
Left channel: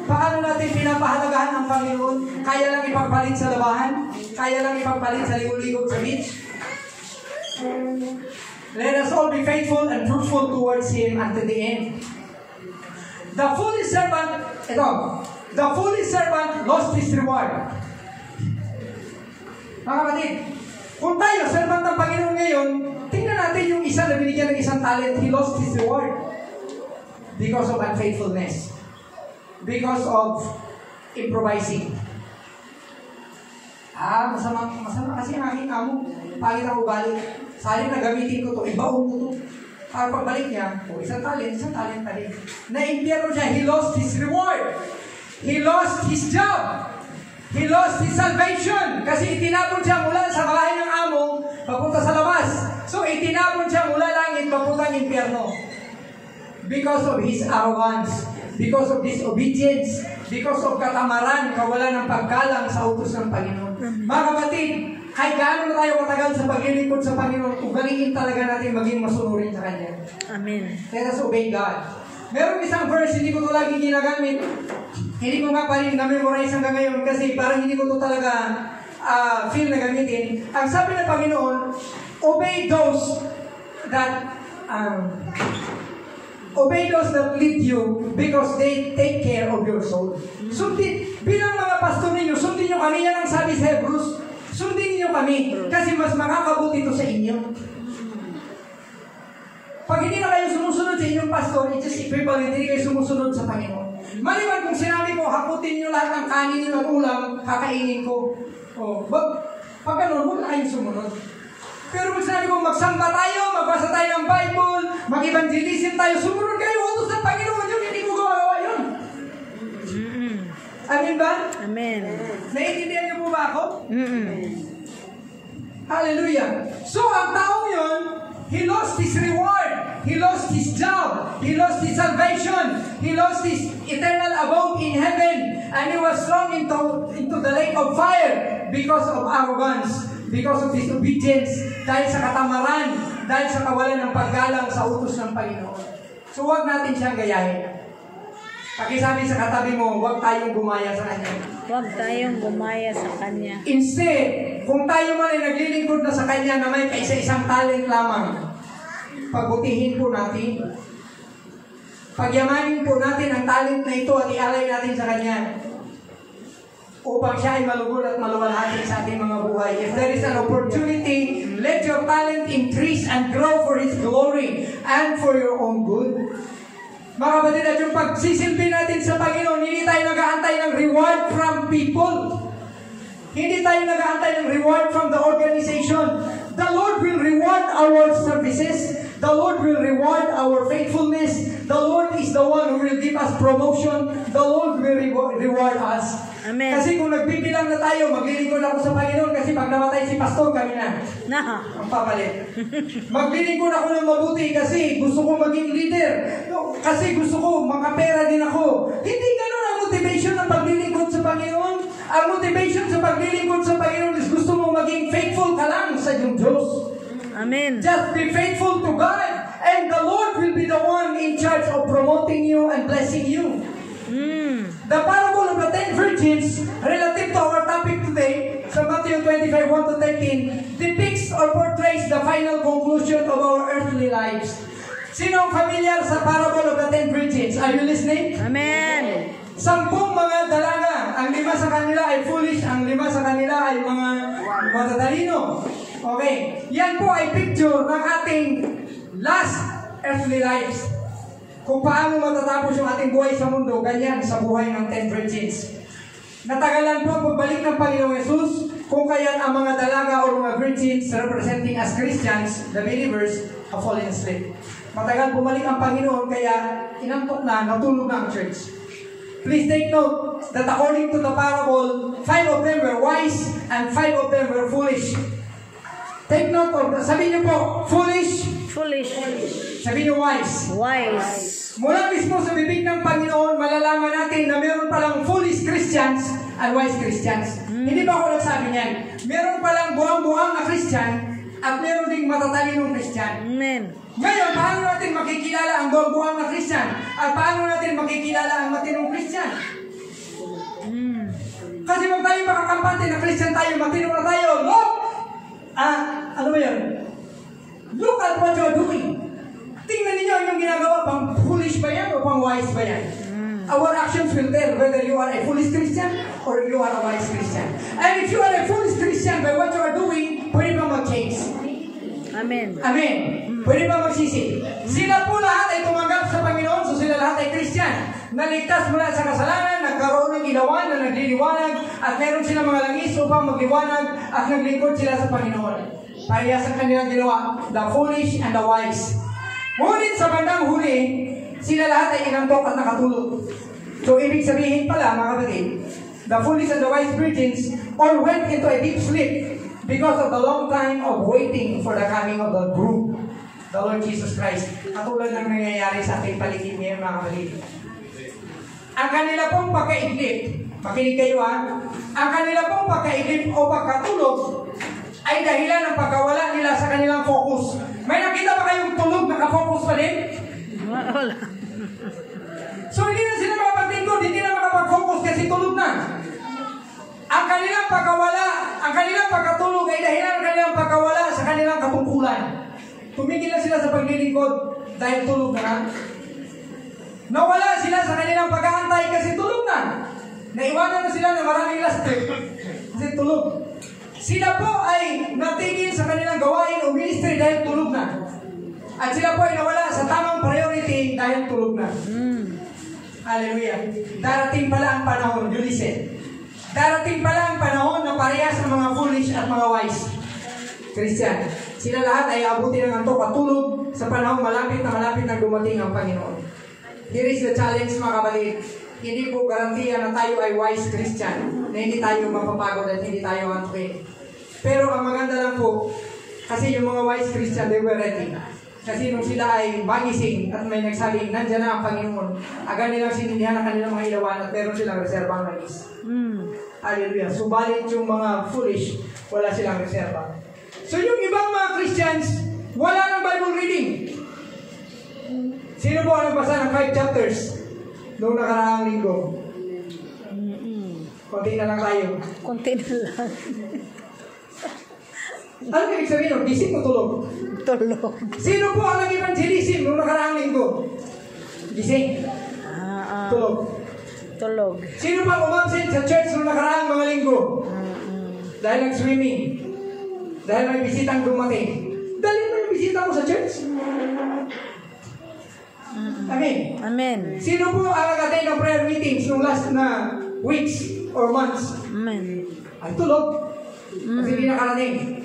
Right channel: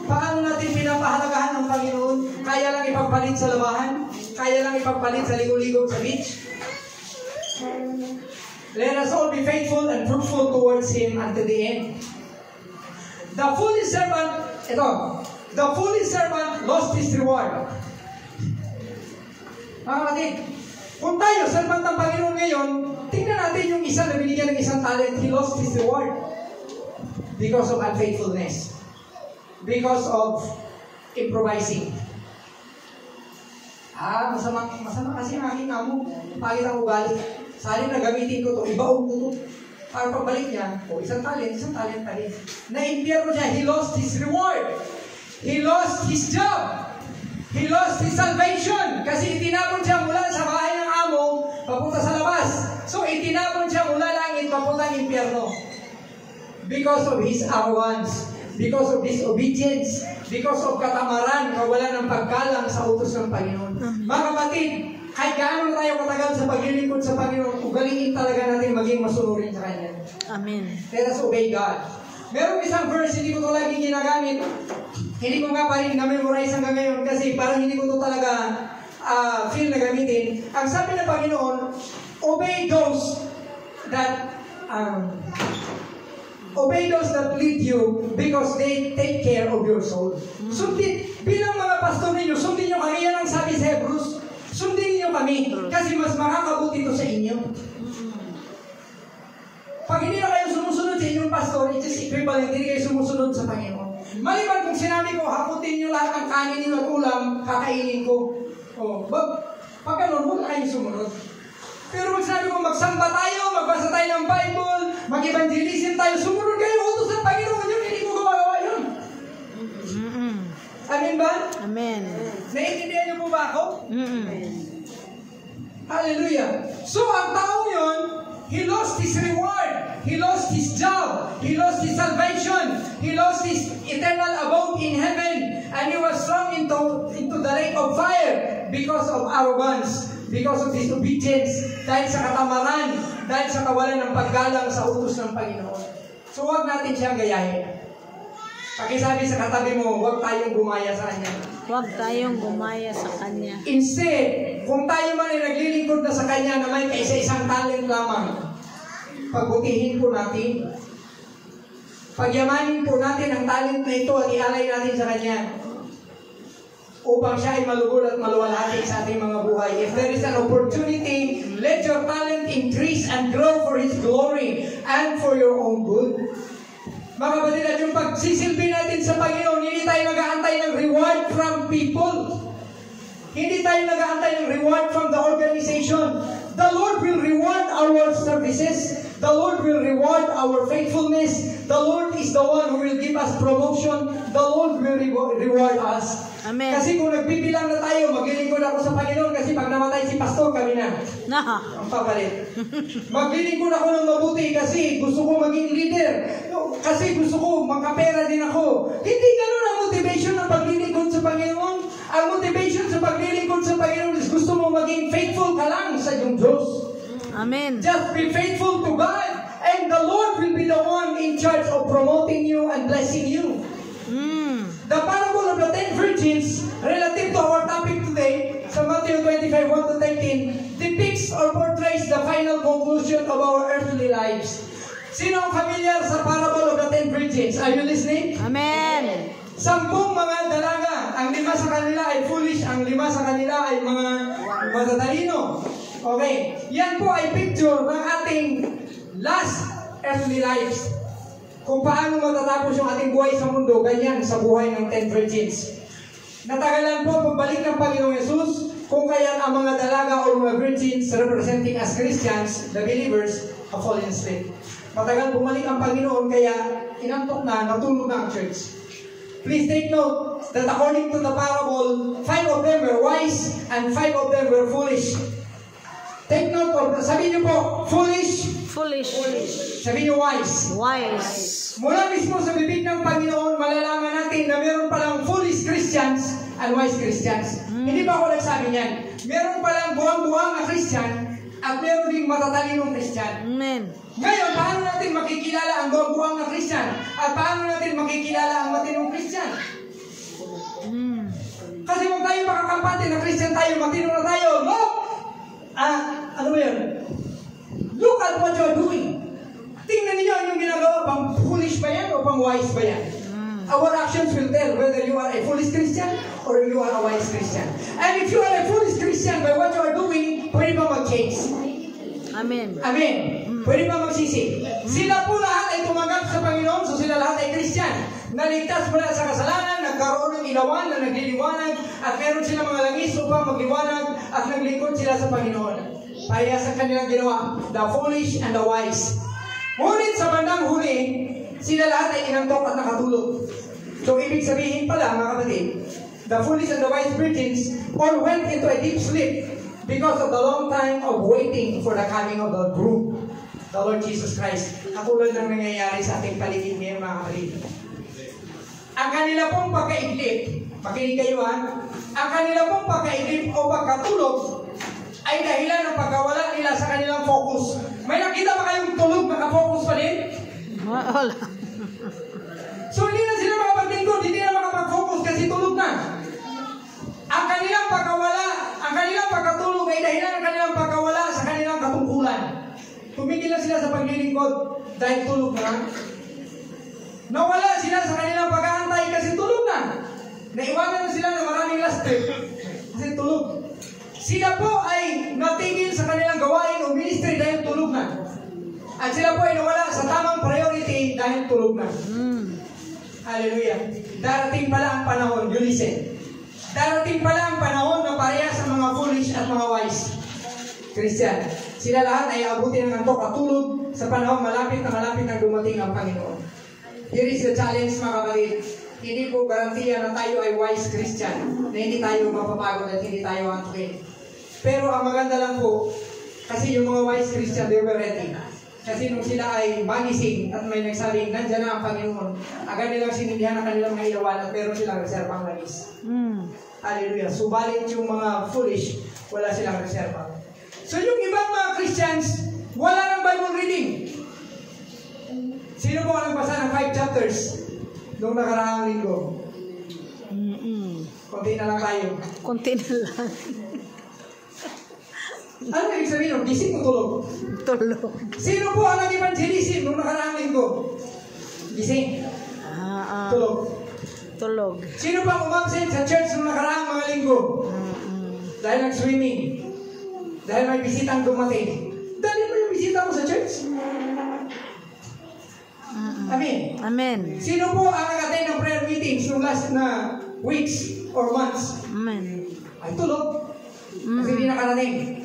Paano natin pinapahalagahan ang Panginoon? Kaya lang ipagpalit sa labahan? Kaya lang ipagpalit sa ligo-ligo sa beach? Let us all be faithful and fruitful towards Him until the end. The foolish servant lost his reward. Mga kapatid, kung tayo, servant ng Panginoon ngayon, tingnan natin yung isa na binigyan ng isang talent, he lost his reward. Because of unfaithfulness. Because of improvising. Masama kasi ang aking amo. Pangit ang ugali. Sali na gamitin ko to, ibaon ko to. Para pagbalik niya, isang talent pa rin. Na-impyerno siya, he lost his reward. He lost his job. He lost his salvation. Kasi itinapon siya mula sa bahay ng amo, papunta sa labas. So itinapon siya mula langit, papunta ng impyerno. Because of his arrogance. Because of disobedience. Because of katamaran, kawalan ng paggalang sa utos ng Panginoon. Mga kapatid, kahit gaano na tayo matagal sa paglilingkod sa Panginoon, ugaliin talaga natin maging masunurin sa Kanya. Amen. Let us obey God. Meron isang verse, hindi ko ito lagi ginagamit. Hindi ko nga pa rin na-memorize hanggang ngayon kasi parang hindi ko ito talaga feel na gamitin. Ang sabi ng Panginoon, obey those that lead you because they take care of your soul. Sundin, bilang mga pastor ninyo, sundin nyo kami. Yan ang sabi sa Hebrews. Sundin niyo kami kasi mas makakabuti ito sa inyo. Pag hindi na kayo sumusunod sa inyong pastor, it's just equivalent, hindi kayo sumusunod sa Panginoon. Maliban kung sinabi ko, hakutin niyo lahat ng kanin niyo at ulam, kakainin ko. Pag ganun, huwag na kayong sumunod. Pero pag sinabi ko, magsamba tayo, magbasa tayo ng Bible, mag-evangelism tayo, sumunod kayo, utos ng Panginoon yun, hindi mo gumagawa yun. Amen ba? Amen. Naiintindihan niyo po ba ako? Hallelujah. So, ang taong yun, he lost his reward. He lost his job. He lost his salvation. He lost his eternal abode in heaven. And he was thrown into the lake of fire because of arrogance, because of disobedience, dahil sa katamaran, dahil sa kawalan ng paggalang sa utos ng Panginoon. So, huwag natin siyang gayahin. Pakisabi sa katabi mo, huwag tayong gumaya sa Kanya. Huwag tayong gumaya sa Kanya. Instead, kung tayo man ay naglilingkod na sa Kanya na may kaisa-isang talent lamang, pagbutihin po natin. Pagyamanin po natin ang talent na ito at ialay natin sa Kanya upang siya ay malugod at maluwalhati sa ating mga buhay. If there is an opportunity, let your talent increase and grow for His glory and for your own good. Mga kapatid, at yung pagsisilbi natin sa Panginoon, hindi tayo nag-aantay ng reward from people. Hindi tayo nag-aantay ng reward from the organization. The Lord will reward our services. The Lord will reward our faithfulness. The Lord is the one who will give us promotion. The Lord will reward us. Amen. Kasi kung nagbibilang na tayo, maglilingkod ako sa Panginoon kasi pag namatay si pastor, kami na. Ang papalit. Maglilingkod ako ng mabuti kasi gusto ko maging leader. Kasi gusto ko, makapera din ako. Hindi ganun ang motivation ng paglilingkod sa Panginoon. Ang motivation sa paglilingkod sa Panginoon is gusto mo maging faithful ka lang sa iyong Diyos. Amen. Just be faithful to God and the Lord will be the one in charge of promoting you and blessing you. The parable of the 10 virgins, relative to our topic today, sa Matthew 25, 1-13, depicts or portrays the final conclusion of our earthly lives. Sino ang familiar sa parable of the 10 virgins? Are you listening? Amen. 10 mga dalaga, ang 5 sa kanila ay foolish, ang 5 sa kanila ay mga matatalino. Okay, yan po ay picture ng ating last earthly lives. Kung paano matatapos yung ating buhay sa mundo, ganyan sa buhay ng 10 virgins. Natagalan po pagbalik ng Panginoong Jesus, kung kaya ang mga dalaga o mga virgins representing as Christians, the believers, have fallen asleep. Matagal bumalik ang Panginoon, kaya inantok na, natulog na ang church. Please take note that according to the parable, 5 of them were wise and 5 of them were foolish. Take note of, sabihin niyo po, foolish. Foolish. Sabihin niyo wise. Wise. Mula mismo sa bibig ng Panginoon, malalaman natin na meron palang foolish Christians and wise Christians. Hindi ba ako nagsabi niyan? Meron palang buwang-buwang matatalinong Christian. Amen. Ngayon, paano natin makikilala ang gogoan na Christian? At paano natin makikilala ang matinong Christian? Kasi wag tayo makakampante na Christian tayo, matino na tayo. Look! Ano ba yan? Look at what you're doing. Tingnan niyo yung ginagawa. Pang foolish ba yan o pang wise ba yan? Our actions will tell whether you are a foolish Christian or you are a wise Christian. And if you are a foolish Christian by what you are doing, pwede ba mag-change? Amen. Amen. Pwede ba magsisi? Sila po lahat ay tumanggap sa Panginoon, so sila lahat ay Christian. Naligtas mula sa kasalanan, nagkaroon ng ilawan na nagliliwanag, at meron sila mga langis upang magliwanag, at naglingkod sila sa Panginoon. Parehas ang kanilang ginawa, the foolish and the wise. Ngunit sa bandang huli, sila lahat ay inantok at nakatulog. So, ibig sabihin pala, mga kapatid, the foolish and the wise virgins all went into a deep sleep because of the long time of waiting for the coming of the groom, the Lord Jesus Christ. Katulad ng nangyayari sa ating paligid ngayon, mga kapatid. Ang kanila pong pagkaiglip, makinig kayo ang kanila pong pagkaiglip o pagkatulog ay dahilan ng pagkawala nila sa kanilang focus. May nakita ba kayong tulog nakafocus pa din? Wala. So hindi na sila makapagtingkod, hindi na makapag-focus kasi tulog na. Ang kanilang pagkawala, ang kanilang pagkatulog ay dahilan ng kanilang pagkawala sa kanilang katungkulan. Tumigil na sila sa paglilingkod dahil tulog na. Nawala sila sa kanilang pag-aantay kasi tulog na. Naiwanan na sila ng maraming last trip kasi tulog. Sila po ay natigil sa kanilang gawain o ministry dahil tulog na. At sila po ay nawala sa tamang priority dahil tulog na. Hallelujah. Darating pala ang panahon, you listen. Darating pala ang panahon na parehas ang mga foolish at mga wise Christian. Sila lahat ay abutin ng antok at tulog sa panahon malapit na dumating ang Panginoon. Here is the challenge, mga kapatid. Hindi po garantiya na tayo ay wise Christian, na hindi tayo mapapagod at hindi tayo antukin. Pero ang maganda lang po, kasi yung mga wise Christian, they were ready. Kasi nung sila ay magising at may nagsabing, nandiyan na ang Panginoon, agad nilang sinindihan ang kanilang mga ilawan at meron silang reserbang langis. Hallelujah. Subalit yung mga foolish, wala silang reserba. So yung ibang mga Christians, wala ng Bible reading. Sino po ang nagbasa ng 5 chapters noong nakaraang linggo? Konti na lang tayo. Konti na lang. Ano ibig sabihin? Gising o tulog? Tulog. Sino po ang nag-evangelism noong nakaraang linggo? Gising. Tulog. Tulog. Sino pa umabsent sa church noong nakaraang mga linggo? Dahil nag-swimming. Dahil may bisitang dumating. Dahil mo yung bisita mo sa church? Amen. Amen. Sino po ang nag-attend ng prayer meetings noong last na weeks or months? Amen. Ay, tulog. Kasi hindi nakarating.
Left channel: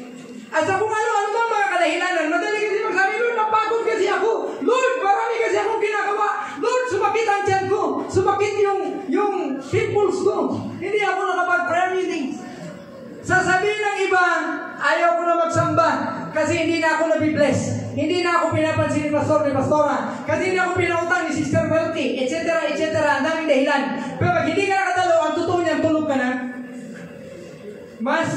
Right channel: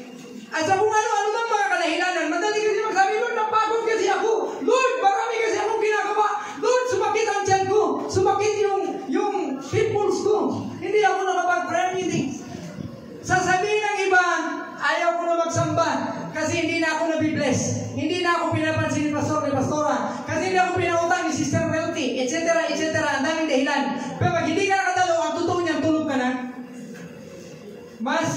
At sa kung ano-ano bang mga kadahilanan, madali kasi magsabi, Lord, napagod kasi ako. Lord, marami kasi akong ginagawa. Lord, sumakit ang tiyan ko. Sumakit yung pimples ko. Hindi ako nakapag-prayer meeting. Sasabihin ng iba, ayaw ko na magsamba kasi hindi na ako nabibless. Hindi na ako pinapansin ni pastor, ni pastora. Kasi hindi ako pinautang ni Sister Wealthy, etc., etc. Ang daming dahilan. Pero pag hindi ka nakadalo, ang totoo niyan, tulog ka na. Mas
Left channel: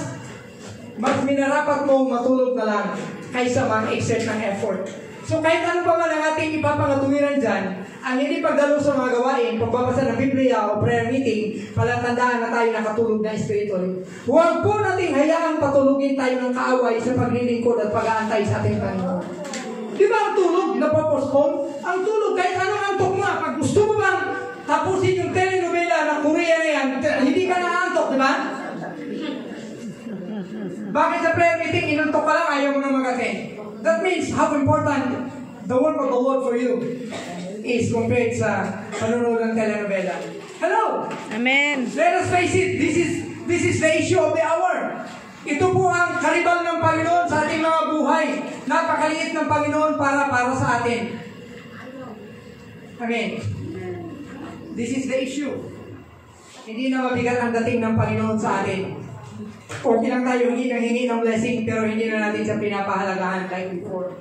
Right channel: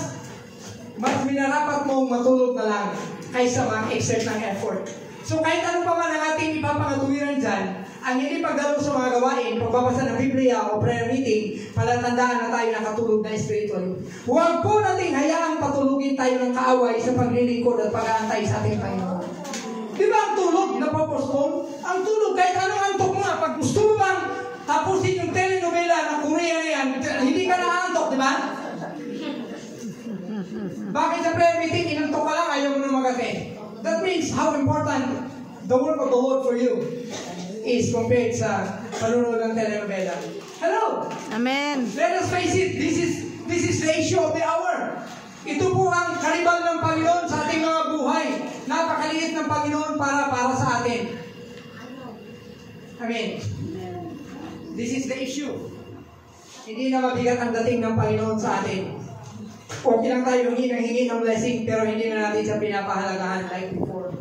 minarapat mong matulog na lang kaysa mag-exert ng effort. So kahit ano pa man ang ating ipapangatuwiran dyan, ang hindi pagdalo sa mga gawain, pagbabasa ng Biblia o prayer meeting, palatandaan na tayo nakatulog na spiritually. Huwag po nating hayaang patulugin tayo ng kaaway sa paglilingkod at pag-aantay sa ating Panginoon. Di ba ang tulog napopostpone? Ang tulog, kahit anong antok mo na, pag gusto mo bang tapusin yung telenovela ng Korea na yan, hindi ka na-antok, di ba? Bakit sa prayer meeting, inantok ka lang, ayaw mo na mag-attend? That means how important the work of the Lord for you is compared sa panunood ng telenovela. Hello? Amen. Let us face it, this is the issue of the hour. Ito po ang karibal ng Panginoon sa ating mga buhay. Napakaliit ng Panginoon para sa atin. Amen. This is the issue. Hindi na mabigat ang dating ng Panginoon sa atin. Okay lang tayo hingi ng blessing pero hindi na natin siya pinapahalagahan like before.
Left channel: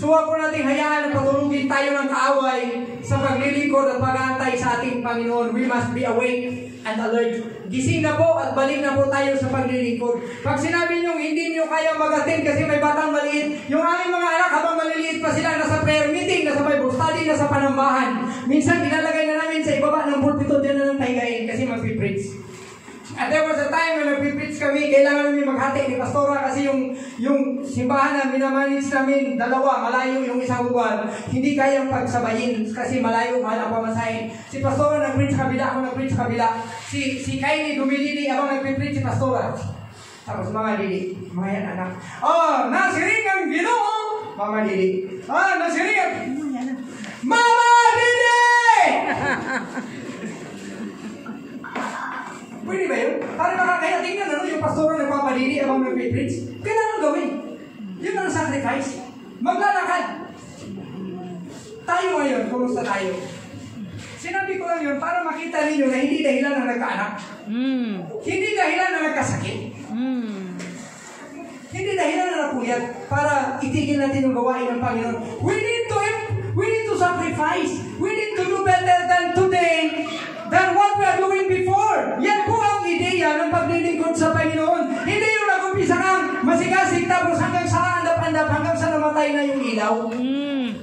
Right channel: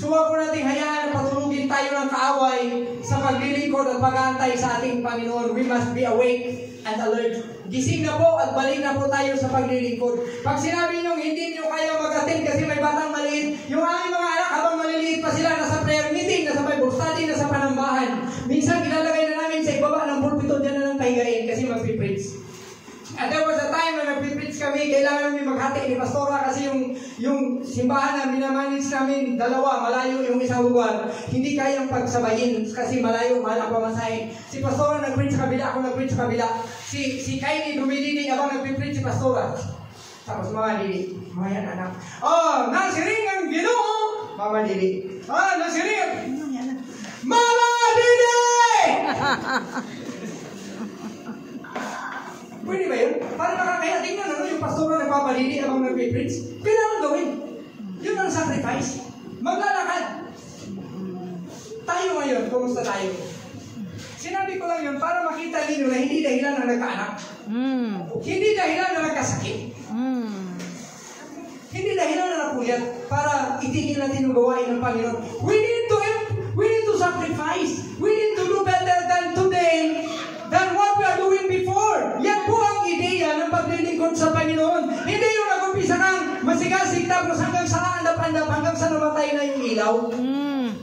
So huwag po nating hayaan na patulugin tayo ng kaaway sa paglilingkod at pag-aantay sa ating Panginoon. We must be awake and alert. Gising na po at balik na po tayo sa paglilingkod. Pag sinabi nyo hindi nyo kaya mag-attend kasi may batang maliit, yung aming mga anak habang maliliit pa sila, nasa prayer meeting, nasa Bible study, nasa panambahan. Minsan ilalagay na namin sa ibaba ng pulpito, dyan na lang pahigain kasi mag-preach. At there was a time when mag-preach kami, kailangan namin maghati ni Pastora kasi yung simbahan na minamanage namin, dalawa, malayo yung isang lugar. Hindi kayang pagsabayin kasi malayo, mahal ang pamasahin. Si Pastora nag-preach sa kabila, ako nag-preach sa kabila. Si Kylie dumidili, abang nag-preach si Pastora. Tapos Mama Lili, mga yan anak. Oh, nasiring ang Ginoo! Mama Lili. Ah, nasiring ang... Mama Lili! Pwede ba yun? Para makakaya tingnan yung pastor na nagpapadili abang nagpipreach. Kailangan gawin. Yun ang sacrifice. Maglalakad. Tayo ngayon, kumusta tayo? Sinabi ko lang yun para makita ninyo na hindi dahilan na nagkaanak. Hindi dahilan na nagkasakit. Hindi dahilan na napuyat para itigil natin yung gawain ng Panginoon. We need to sacrifice. We need to do better than today than what we are doing before. Yan po ang ideya ng paglilingkod sa Panginoon. Hindi yung nag-umpisa kang masigasig tapos hanggang sa andap-andap, hanggang sa namatay na yung ilaw.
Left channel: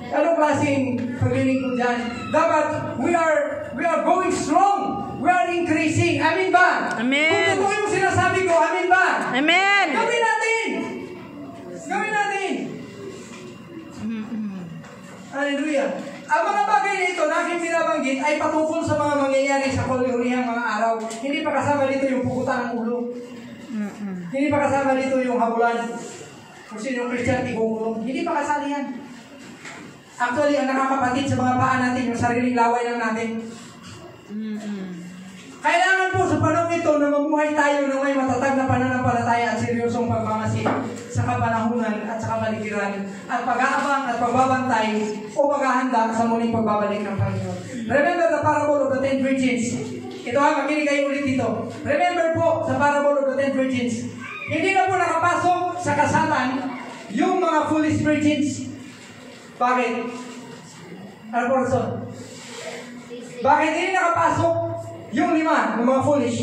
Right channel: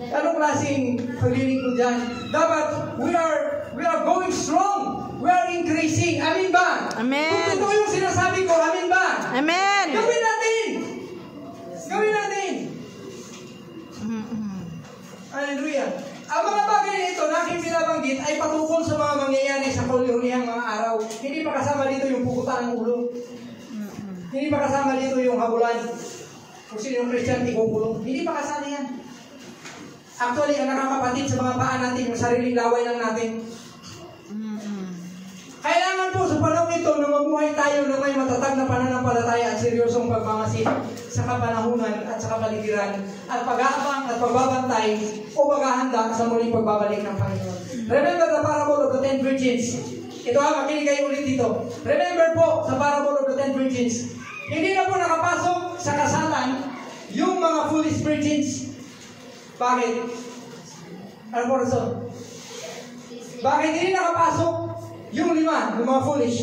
Anong klaseng paglilingkod yan? Dapat we are going strong. We are increasing. Amin ba? Amen. Kung totoo yung sinasabi ko, amin ba? Amen. Gawin natin. Gawin natin. Hallelujah. Ang mga bagay na ito na aking binabanggit ay patungkol sa mga mangyayari sa huli-hulihang mga araw. Hindi pa kasama dito yung pukutan ng ulo. Hindi pa kasama dito yung habulan. Kung sino yung Christian, ikukulong. Hindi pa kasali yan. Actually, ang nakakapatid sa mga paa natin, yung sariling laway lang natin. Kailangan po sa panahon ito na mabuhay tayo na may matatag na pananampalataya at seryosong pagmamasid sa kapanahunan at sa kapaligiran at pag-aabang at pagbabantay o paghahanda sa muling pagbabalik ng Panginoon. Remember the parable of the 10 virgins. Ito makinig kayo ulit dito. Remember po sa parable of the 10 virgins. Hindi na po nakapasok sa kasalan yung mga foolish virgins. Bakit? Ano po rason? Bakit hindi nakapasok yung 5, yung mga foolish?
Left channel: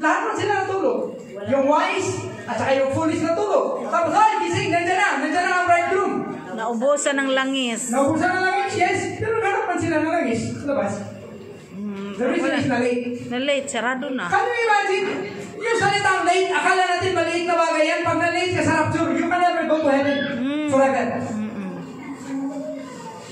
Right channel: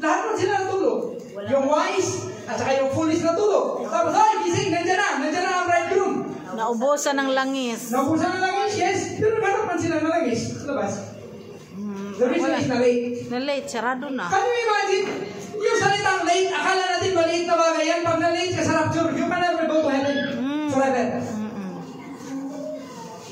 Lahat man sila natulog. Yung wise, at saka yung foolish natulog. Tapos, gising, nandiyan na ang bridegroom. Naubusan ng langis. Naubusan ng langis, yes. Pero gano'n man sila ng langis sa labas. The reason is na-late. Na-late, sarado na. Can you imagine? Yung salitang late, akala natin maliit na bagay yan. Pag na-late ka sa rapture, you can never go to heaven forever.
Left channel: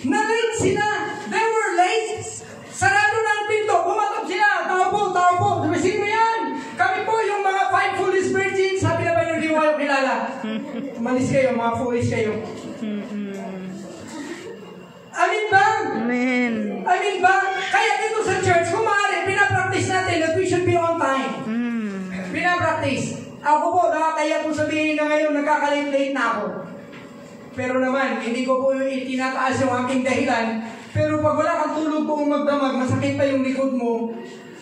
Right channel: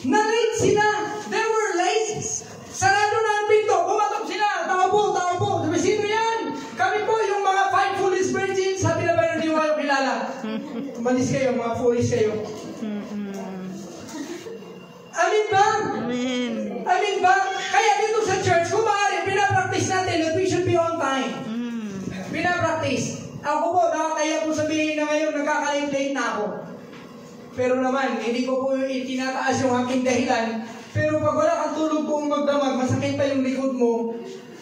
Na-late sila. They were late. Sarado na ang pinto. Bumatok sila. Tao po. Sabi, sino yan? Kami po yung mga 5 foolish virgins. Sabi na ba yung hindi mo kayo kilala? Umalis kayo, mga foolish kayo. Amin ba? Amen. Amin ba? Kaya dito sa church, kung maaari, pinapractice natin that we should be on time. Pinapractice. Ako po, nakakaya po sabihin na ngayon, nagkakalit-late na ako. Pero naman, hindi ko po itinataas yung aking dahilan. Pero pag wala kang tulog kung magdamag, masakit pa yung likod mo,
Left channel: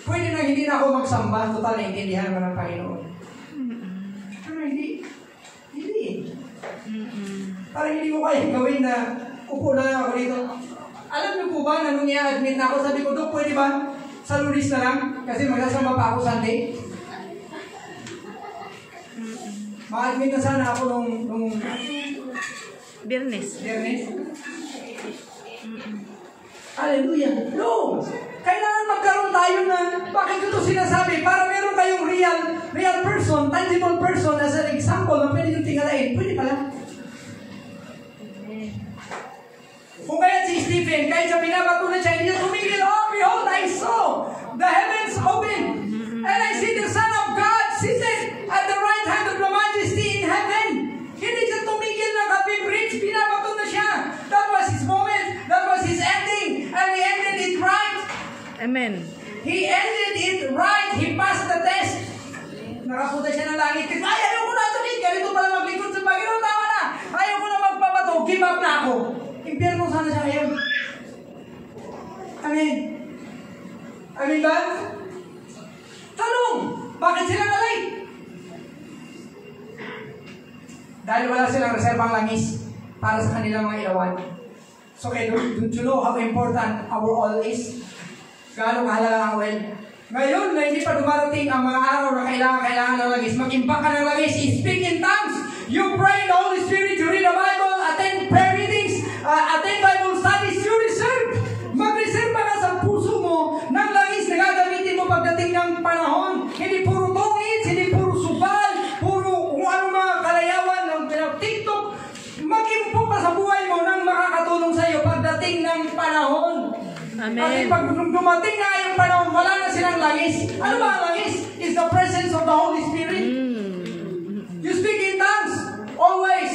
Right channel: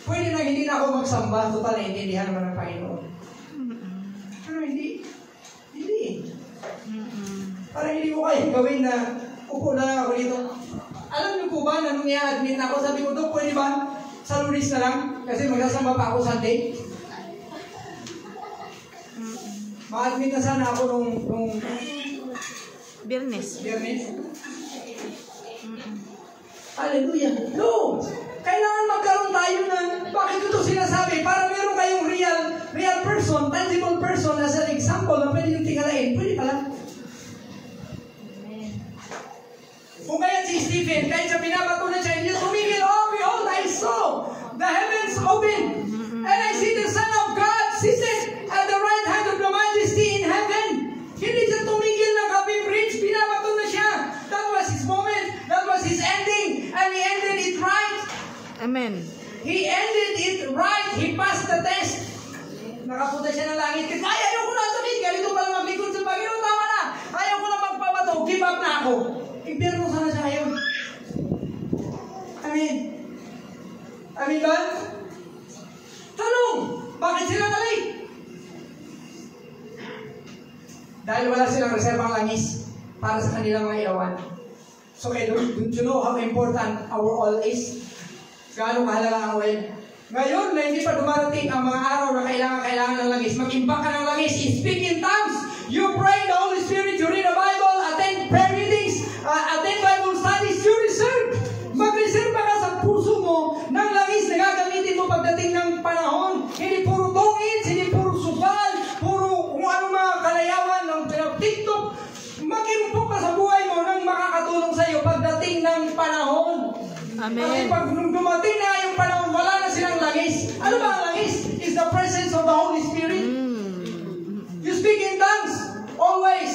pwede na hindi na ako magsamba. Total, naintindihan naman ng Panginoon. Hindi. Parang hindi ko kaya gawin na upo na ako dito. Alam niyo po ba na nung i-admit na ako, sabi ko, Dok, pwede ba sa Lunes na lang? Kasi magsasamba pa ako Sunday. Ma-admit na sana ako nung Biyernes. Hallelujah. No! Kailangan magkaroon tayo ng, bakit ito sinasabi? Para meron kayong real person, tangible person as an example na pwede yung tingalain. Pwede pala. Kung kaya si Stephen, kahit sa binabato na siya, hindi niya tumigil, oh, behold, I saw the heavens open, and I see the Son of God seated at the right hand of the Majesty in heaven. Hindi siya tumigil ng happy bridge, binabato na siya. That was his moment, that was his ending, and he ended it right. Amen. He ended it right, he passed the test. Nakapunta siya ng langit, kasi ayaw ko na sakit, ganito pala maglingkod sa Panginoon, tama na. Ayaw ko na magpabato, give up na ako. Impyerno sana siya ngayon. Amen. Amen ba? Tanong, bakit sila nalay? Dahil wala silang reserbang langis para sa kanilang mga ilawan. So, don't you know how important our oil is? Gaano kahalaga ang oil? Ngayon, na hindi pa dumarating ang mga araw na kailangan ng langis, mag-imbak ka ng langis, speak in tongues, you pray in the Holy Spirit, you read the Bible, attend prayer meetings, attend Bible studies, you reserve. Mag-reserve ka sa puso mo ng langis na gagamitin mo pagdating ng panahon. Hindi puro tongits, hindi puro subal, puro kung ano mga kalayawan ng TikTok. Mag-impok ka sa buhay mo nang makakatulong sa iyo pagdating ng panahon. Amen. Kasi pag dumating na yung panahon, wala na silang langis. Ano ba ang langis? It's the presence of the Holy Spirit. You speak in tongues, always.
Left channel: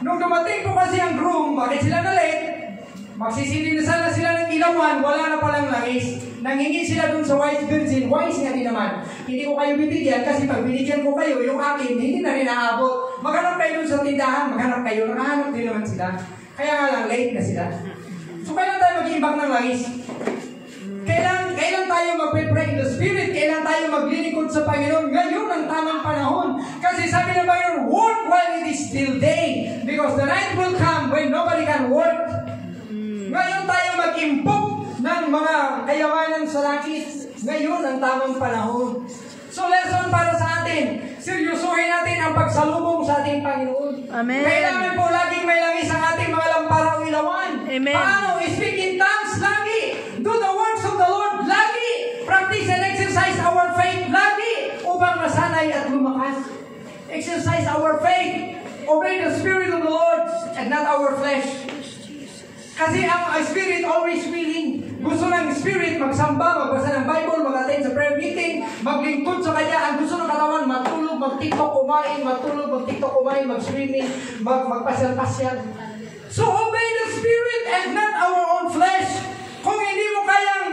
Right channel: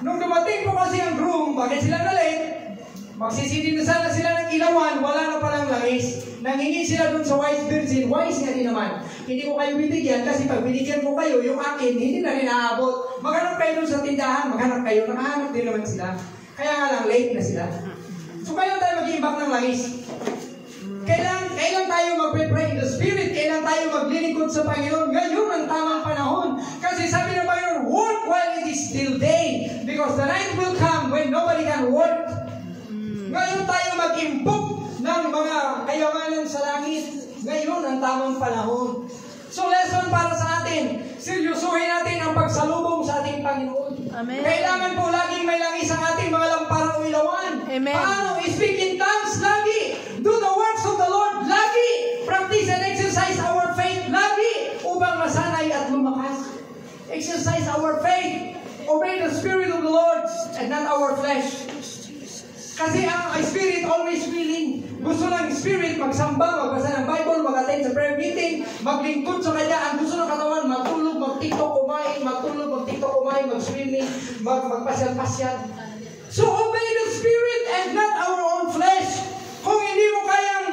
Nung dumating po kasi ang groom, bakit sila na late? Magsisili na sana sila ng ilawan, wala na palang langis. Nanghingi sila dun sa wise virgin, wise nga din naman. Hindi ko kayo bibigyan kasi pag binigyan ko kayo, yung akin, hindi na rin naabot. Maghanap kayo dun sa tindahan, maghanap kayo, nakahanap din naman sila. Kaya nga lang, late na sila. So, kailan tayo mag-iimbak ng langis? Kailan tayo mag-pray in the Spirit? Kailan tayo maglilingkod sa Panginoon? Ngayon ang tamang panahon. Kasi sabi ng Panginoon, work while it is still day. Because the night will come when nobody can work. Ngayon tayo mag-impok ng mga kayamanan sa langit. Ngayon ang tamang panahon. So, lesson para sa atin. Seryosohin natin ang pagsalubong sa ating Panginoon. Amen. Kailangan po laging may langis ang ating mga lamparang ilawan. Amen. Paano? Speak in tongues lagi. Do the works of the Lord lagi. Practice and exercise our faith lagi upang masanay at lumakas. Exercise our faith. Obey the Spirit of the Lord and not our flesh. Kasi ang Spirit always willing. Gusto ng Spirit magsamba, magbasa ng Bible, mag-attend sa prayer meeting, maglingkod sa Kanya. Ang gusto ng katawan, matulog, mag-tiktok, kumain, matulog, mag-tiktok, kumain, mag-swimming, magpasyal-pasyal. So obey the Spirit and not our own flesh. Kung hindi mo kayang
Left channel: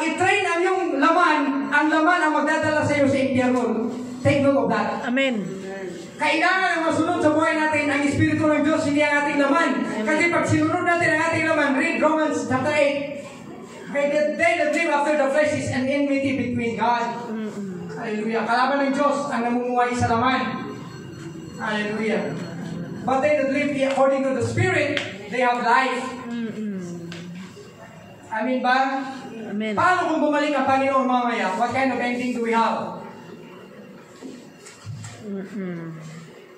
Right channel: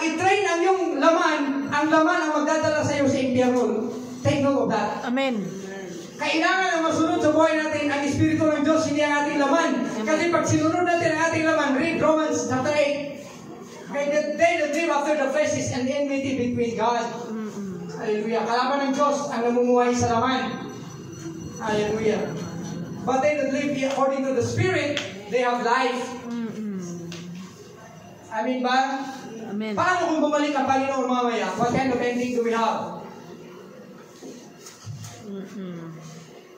i-train ang iyong laman, ang laman ang magdadala sa iyo sa impyerno. Take note of that. Amen. Kailangan na masunod sa buhay natin ang Espiritu ng Diyos, hindi ang ating laman. Kasi pag sinunod natin ang ating laman, read Romans chapter 8. Okay, they that live after the flesh is an enmity between God. Hallelujah. Kalaban ng Diyos ang namumuhay sa laman. Hallelujah. But they that live according to the Spirit, they have life. Amen ba? Amen. Paano kung bumalik ang Panginoon mamaya? What kind of ending do we have?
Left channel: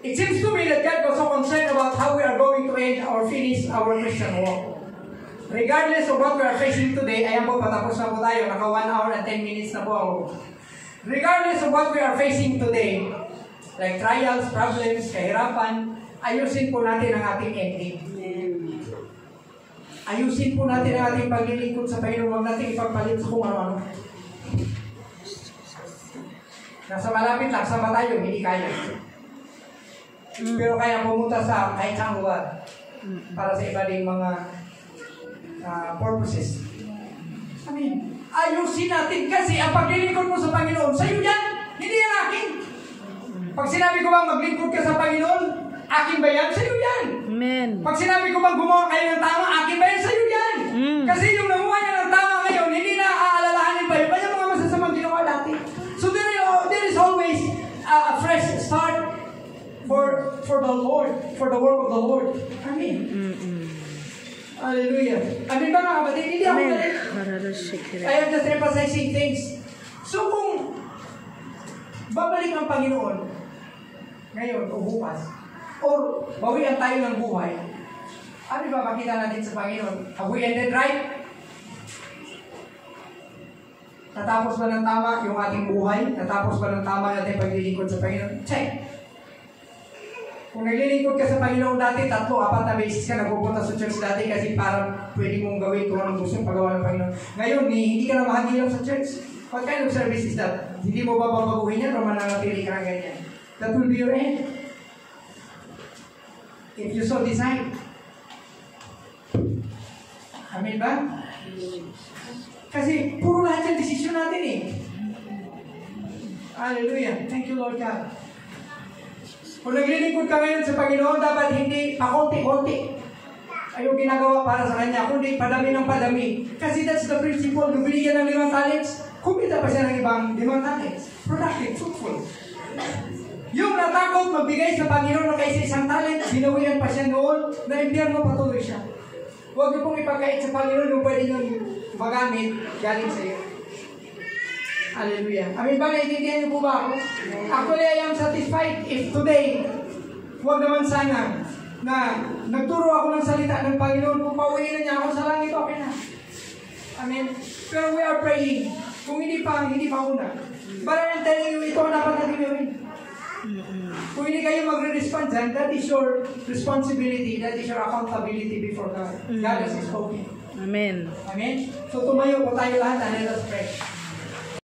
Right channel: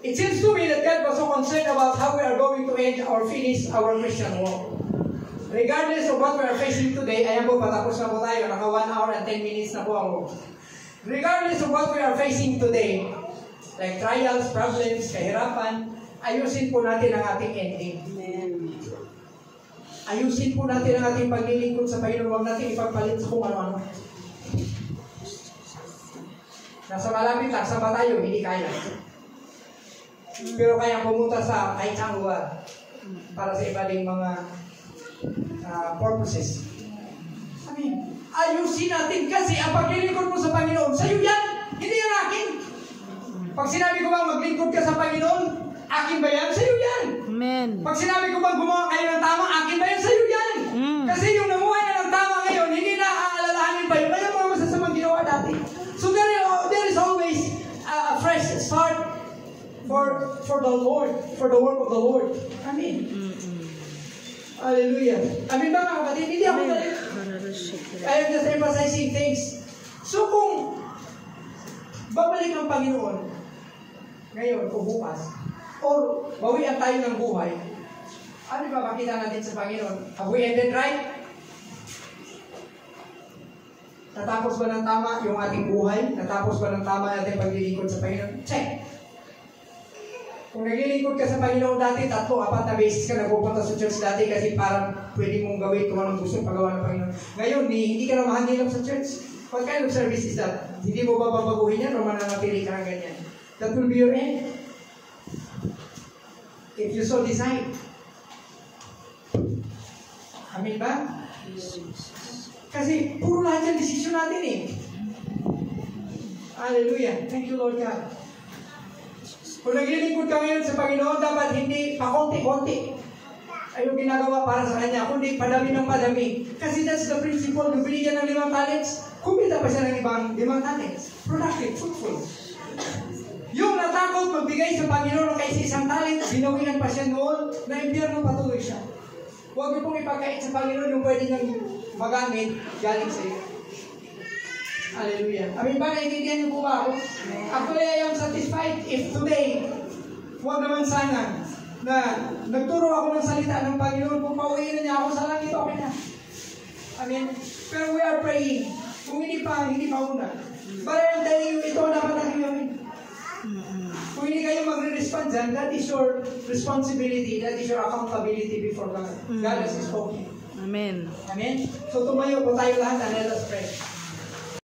It seems to me that God was so concerned about how we are going to end or finish our Christian walk. Regardless of what we are facing today, ayan po, patapos na po tayo. Naka 1 hour and 10 minutes na po ako. Regardless of what we are facing today, like trials, problems, kahirapan, ayusin po natin ang ating ending. Ayusin po natin ang ating paglilingkod sa Panginoon. Huwag natin ipagpalit sa kung ano-ano. Nasa malapit lang, sama tayo, hindi kaya. Pero kaya pumunta sa kahit saang lugar para sa iba ding mga purposes. I mean, ayusin natin kasi ang paglilingkod mo sa Panginoon, sa'yo yan, hindi yan akin. Pag sinabi ko bang maglingkod ka sa Panginoon, akin ba yan? Sa'yo yan. Amen. Pag sinabi ko bang gumawa kayo ng tama, akin ba yan? Sa'yo yan. Kasi yung namuha niya ng tama ngayon, hindi na aalalahanin pa yung kanyang mga masasamang ginawa dati. So there is always a fresh start for the Lord, for the work of the Lord. Amen. Hallelujah. Amen ba mga kapatid? Hindi ako galit. I am just emphasizing things. So kung babalik ang Panginoon ngayon o bukas, or bawian tayo ng buhay, ano ba makita natin sa Panginoon? Have we ended right? Natapos ba ng tama yung ating buhay? Natapos ba ng tama natin paglilingkod sa Panginoon? Check. Kung naglilingkod ka sa Panginoon dati, 3, 4 na beses ka nagpupunta sa church dati kasi parang pwede mong gawin kung anong gusto pagawa ng Panginoon. Ngayon, hindi ka na mahangilap sa church. What kind of service is that? Hindi mo ba babaguhin yan o mananatili ka ng ganyan? That will be your end. If you so decide. Amen ba? Kasi puro lahat yung desisyon natin eh. Hallelujah. Thank you, Lord God. Kung naglilingkod ka ngayon sa Panginoon, dapat hindi pakonti-konti ay yung ginagawa para sa Kanya, kundi padami ng padami. Kasi that's the principle. Kung binigyan ng 5 talents, kumita pa siya ng ibang 5 talents. Productive, fruitful. Yung natakot magbigay sa Panginoon ng kaysa isang talent, binawian pa siya noon, na impyerno patuloy siya. Huwag niyo pong ipagkait sa Panginoon yung pwede niyong magamit galing sa iyo. Hallelujah. Amin ba? Naiintindihan niyo po ba ako? Actually, I am satisfied if today, huwag naman sana na nagturo ako ng salita ng Panginoon, kung pauwiin na niya ako sa langit, okay na. Amen. Pero we are praying. Kung hindi pa una. But I'm telling you, ito ang dapat natin gawin. Kung hindi kayo magre-respond dyan, that is your responsibility, that is your accountability before God. God has spoken. Amen. Amen? So tumayo po tayo lahat and let us pray.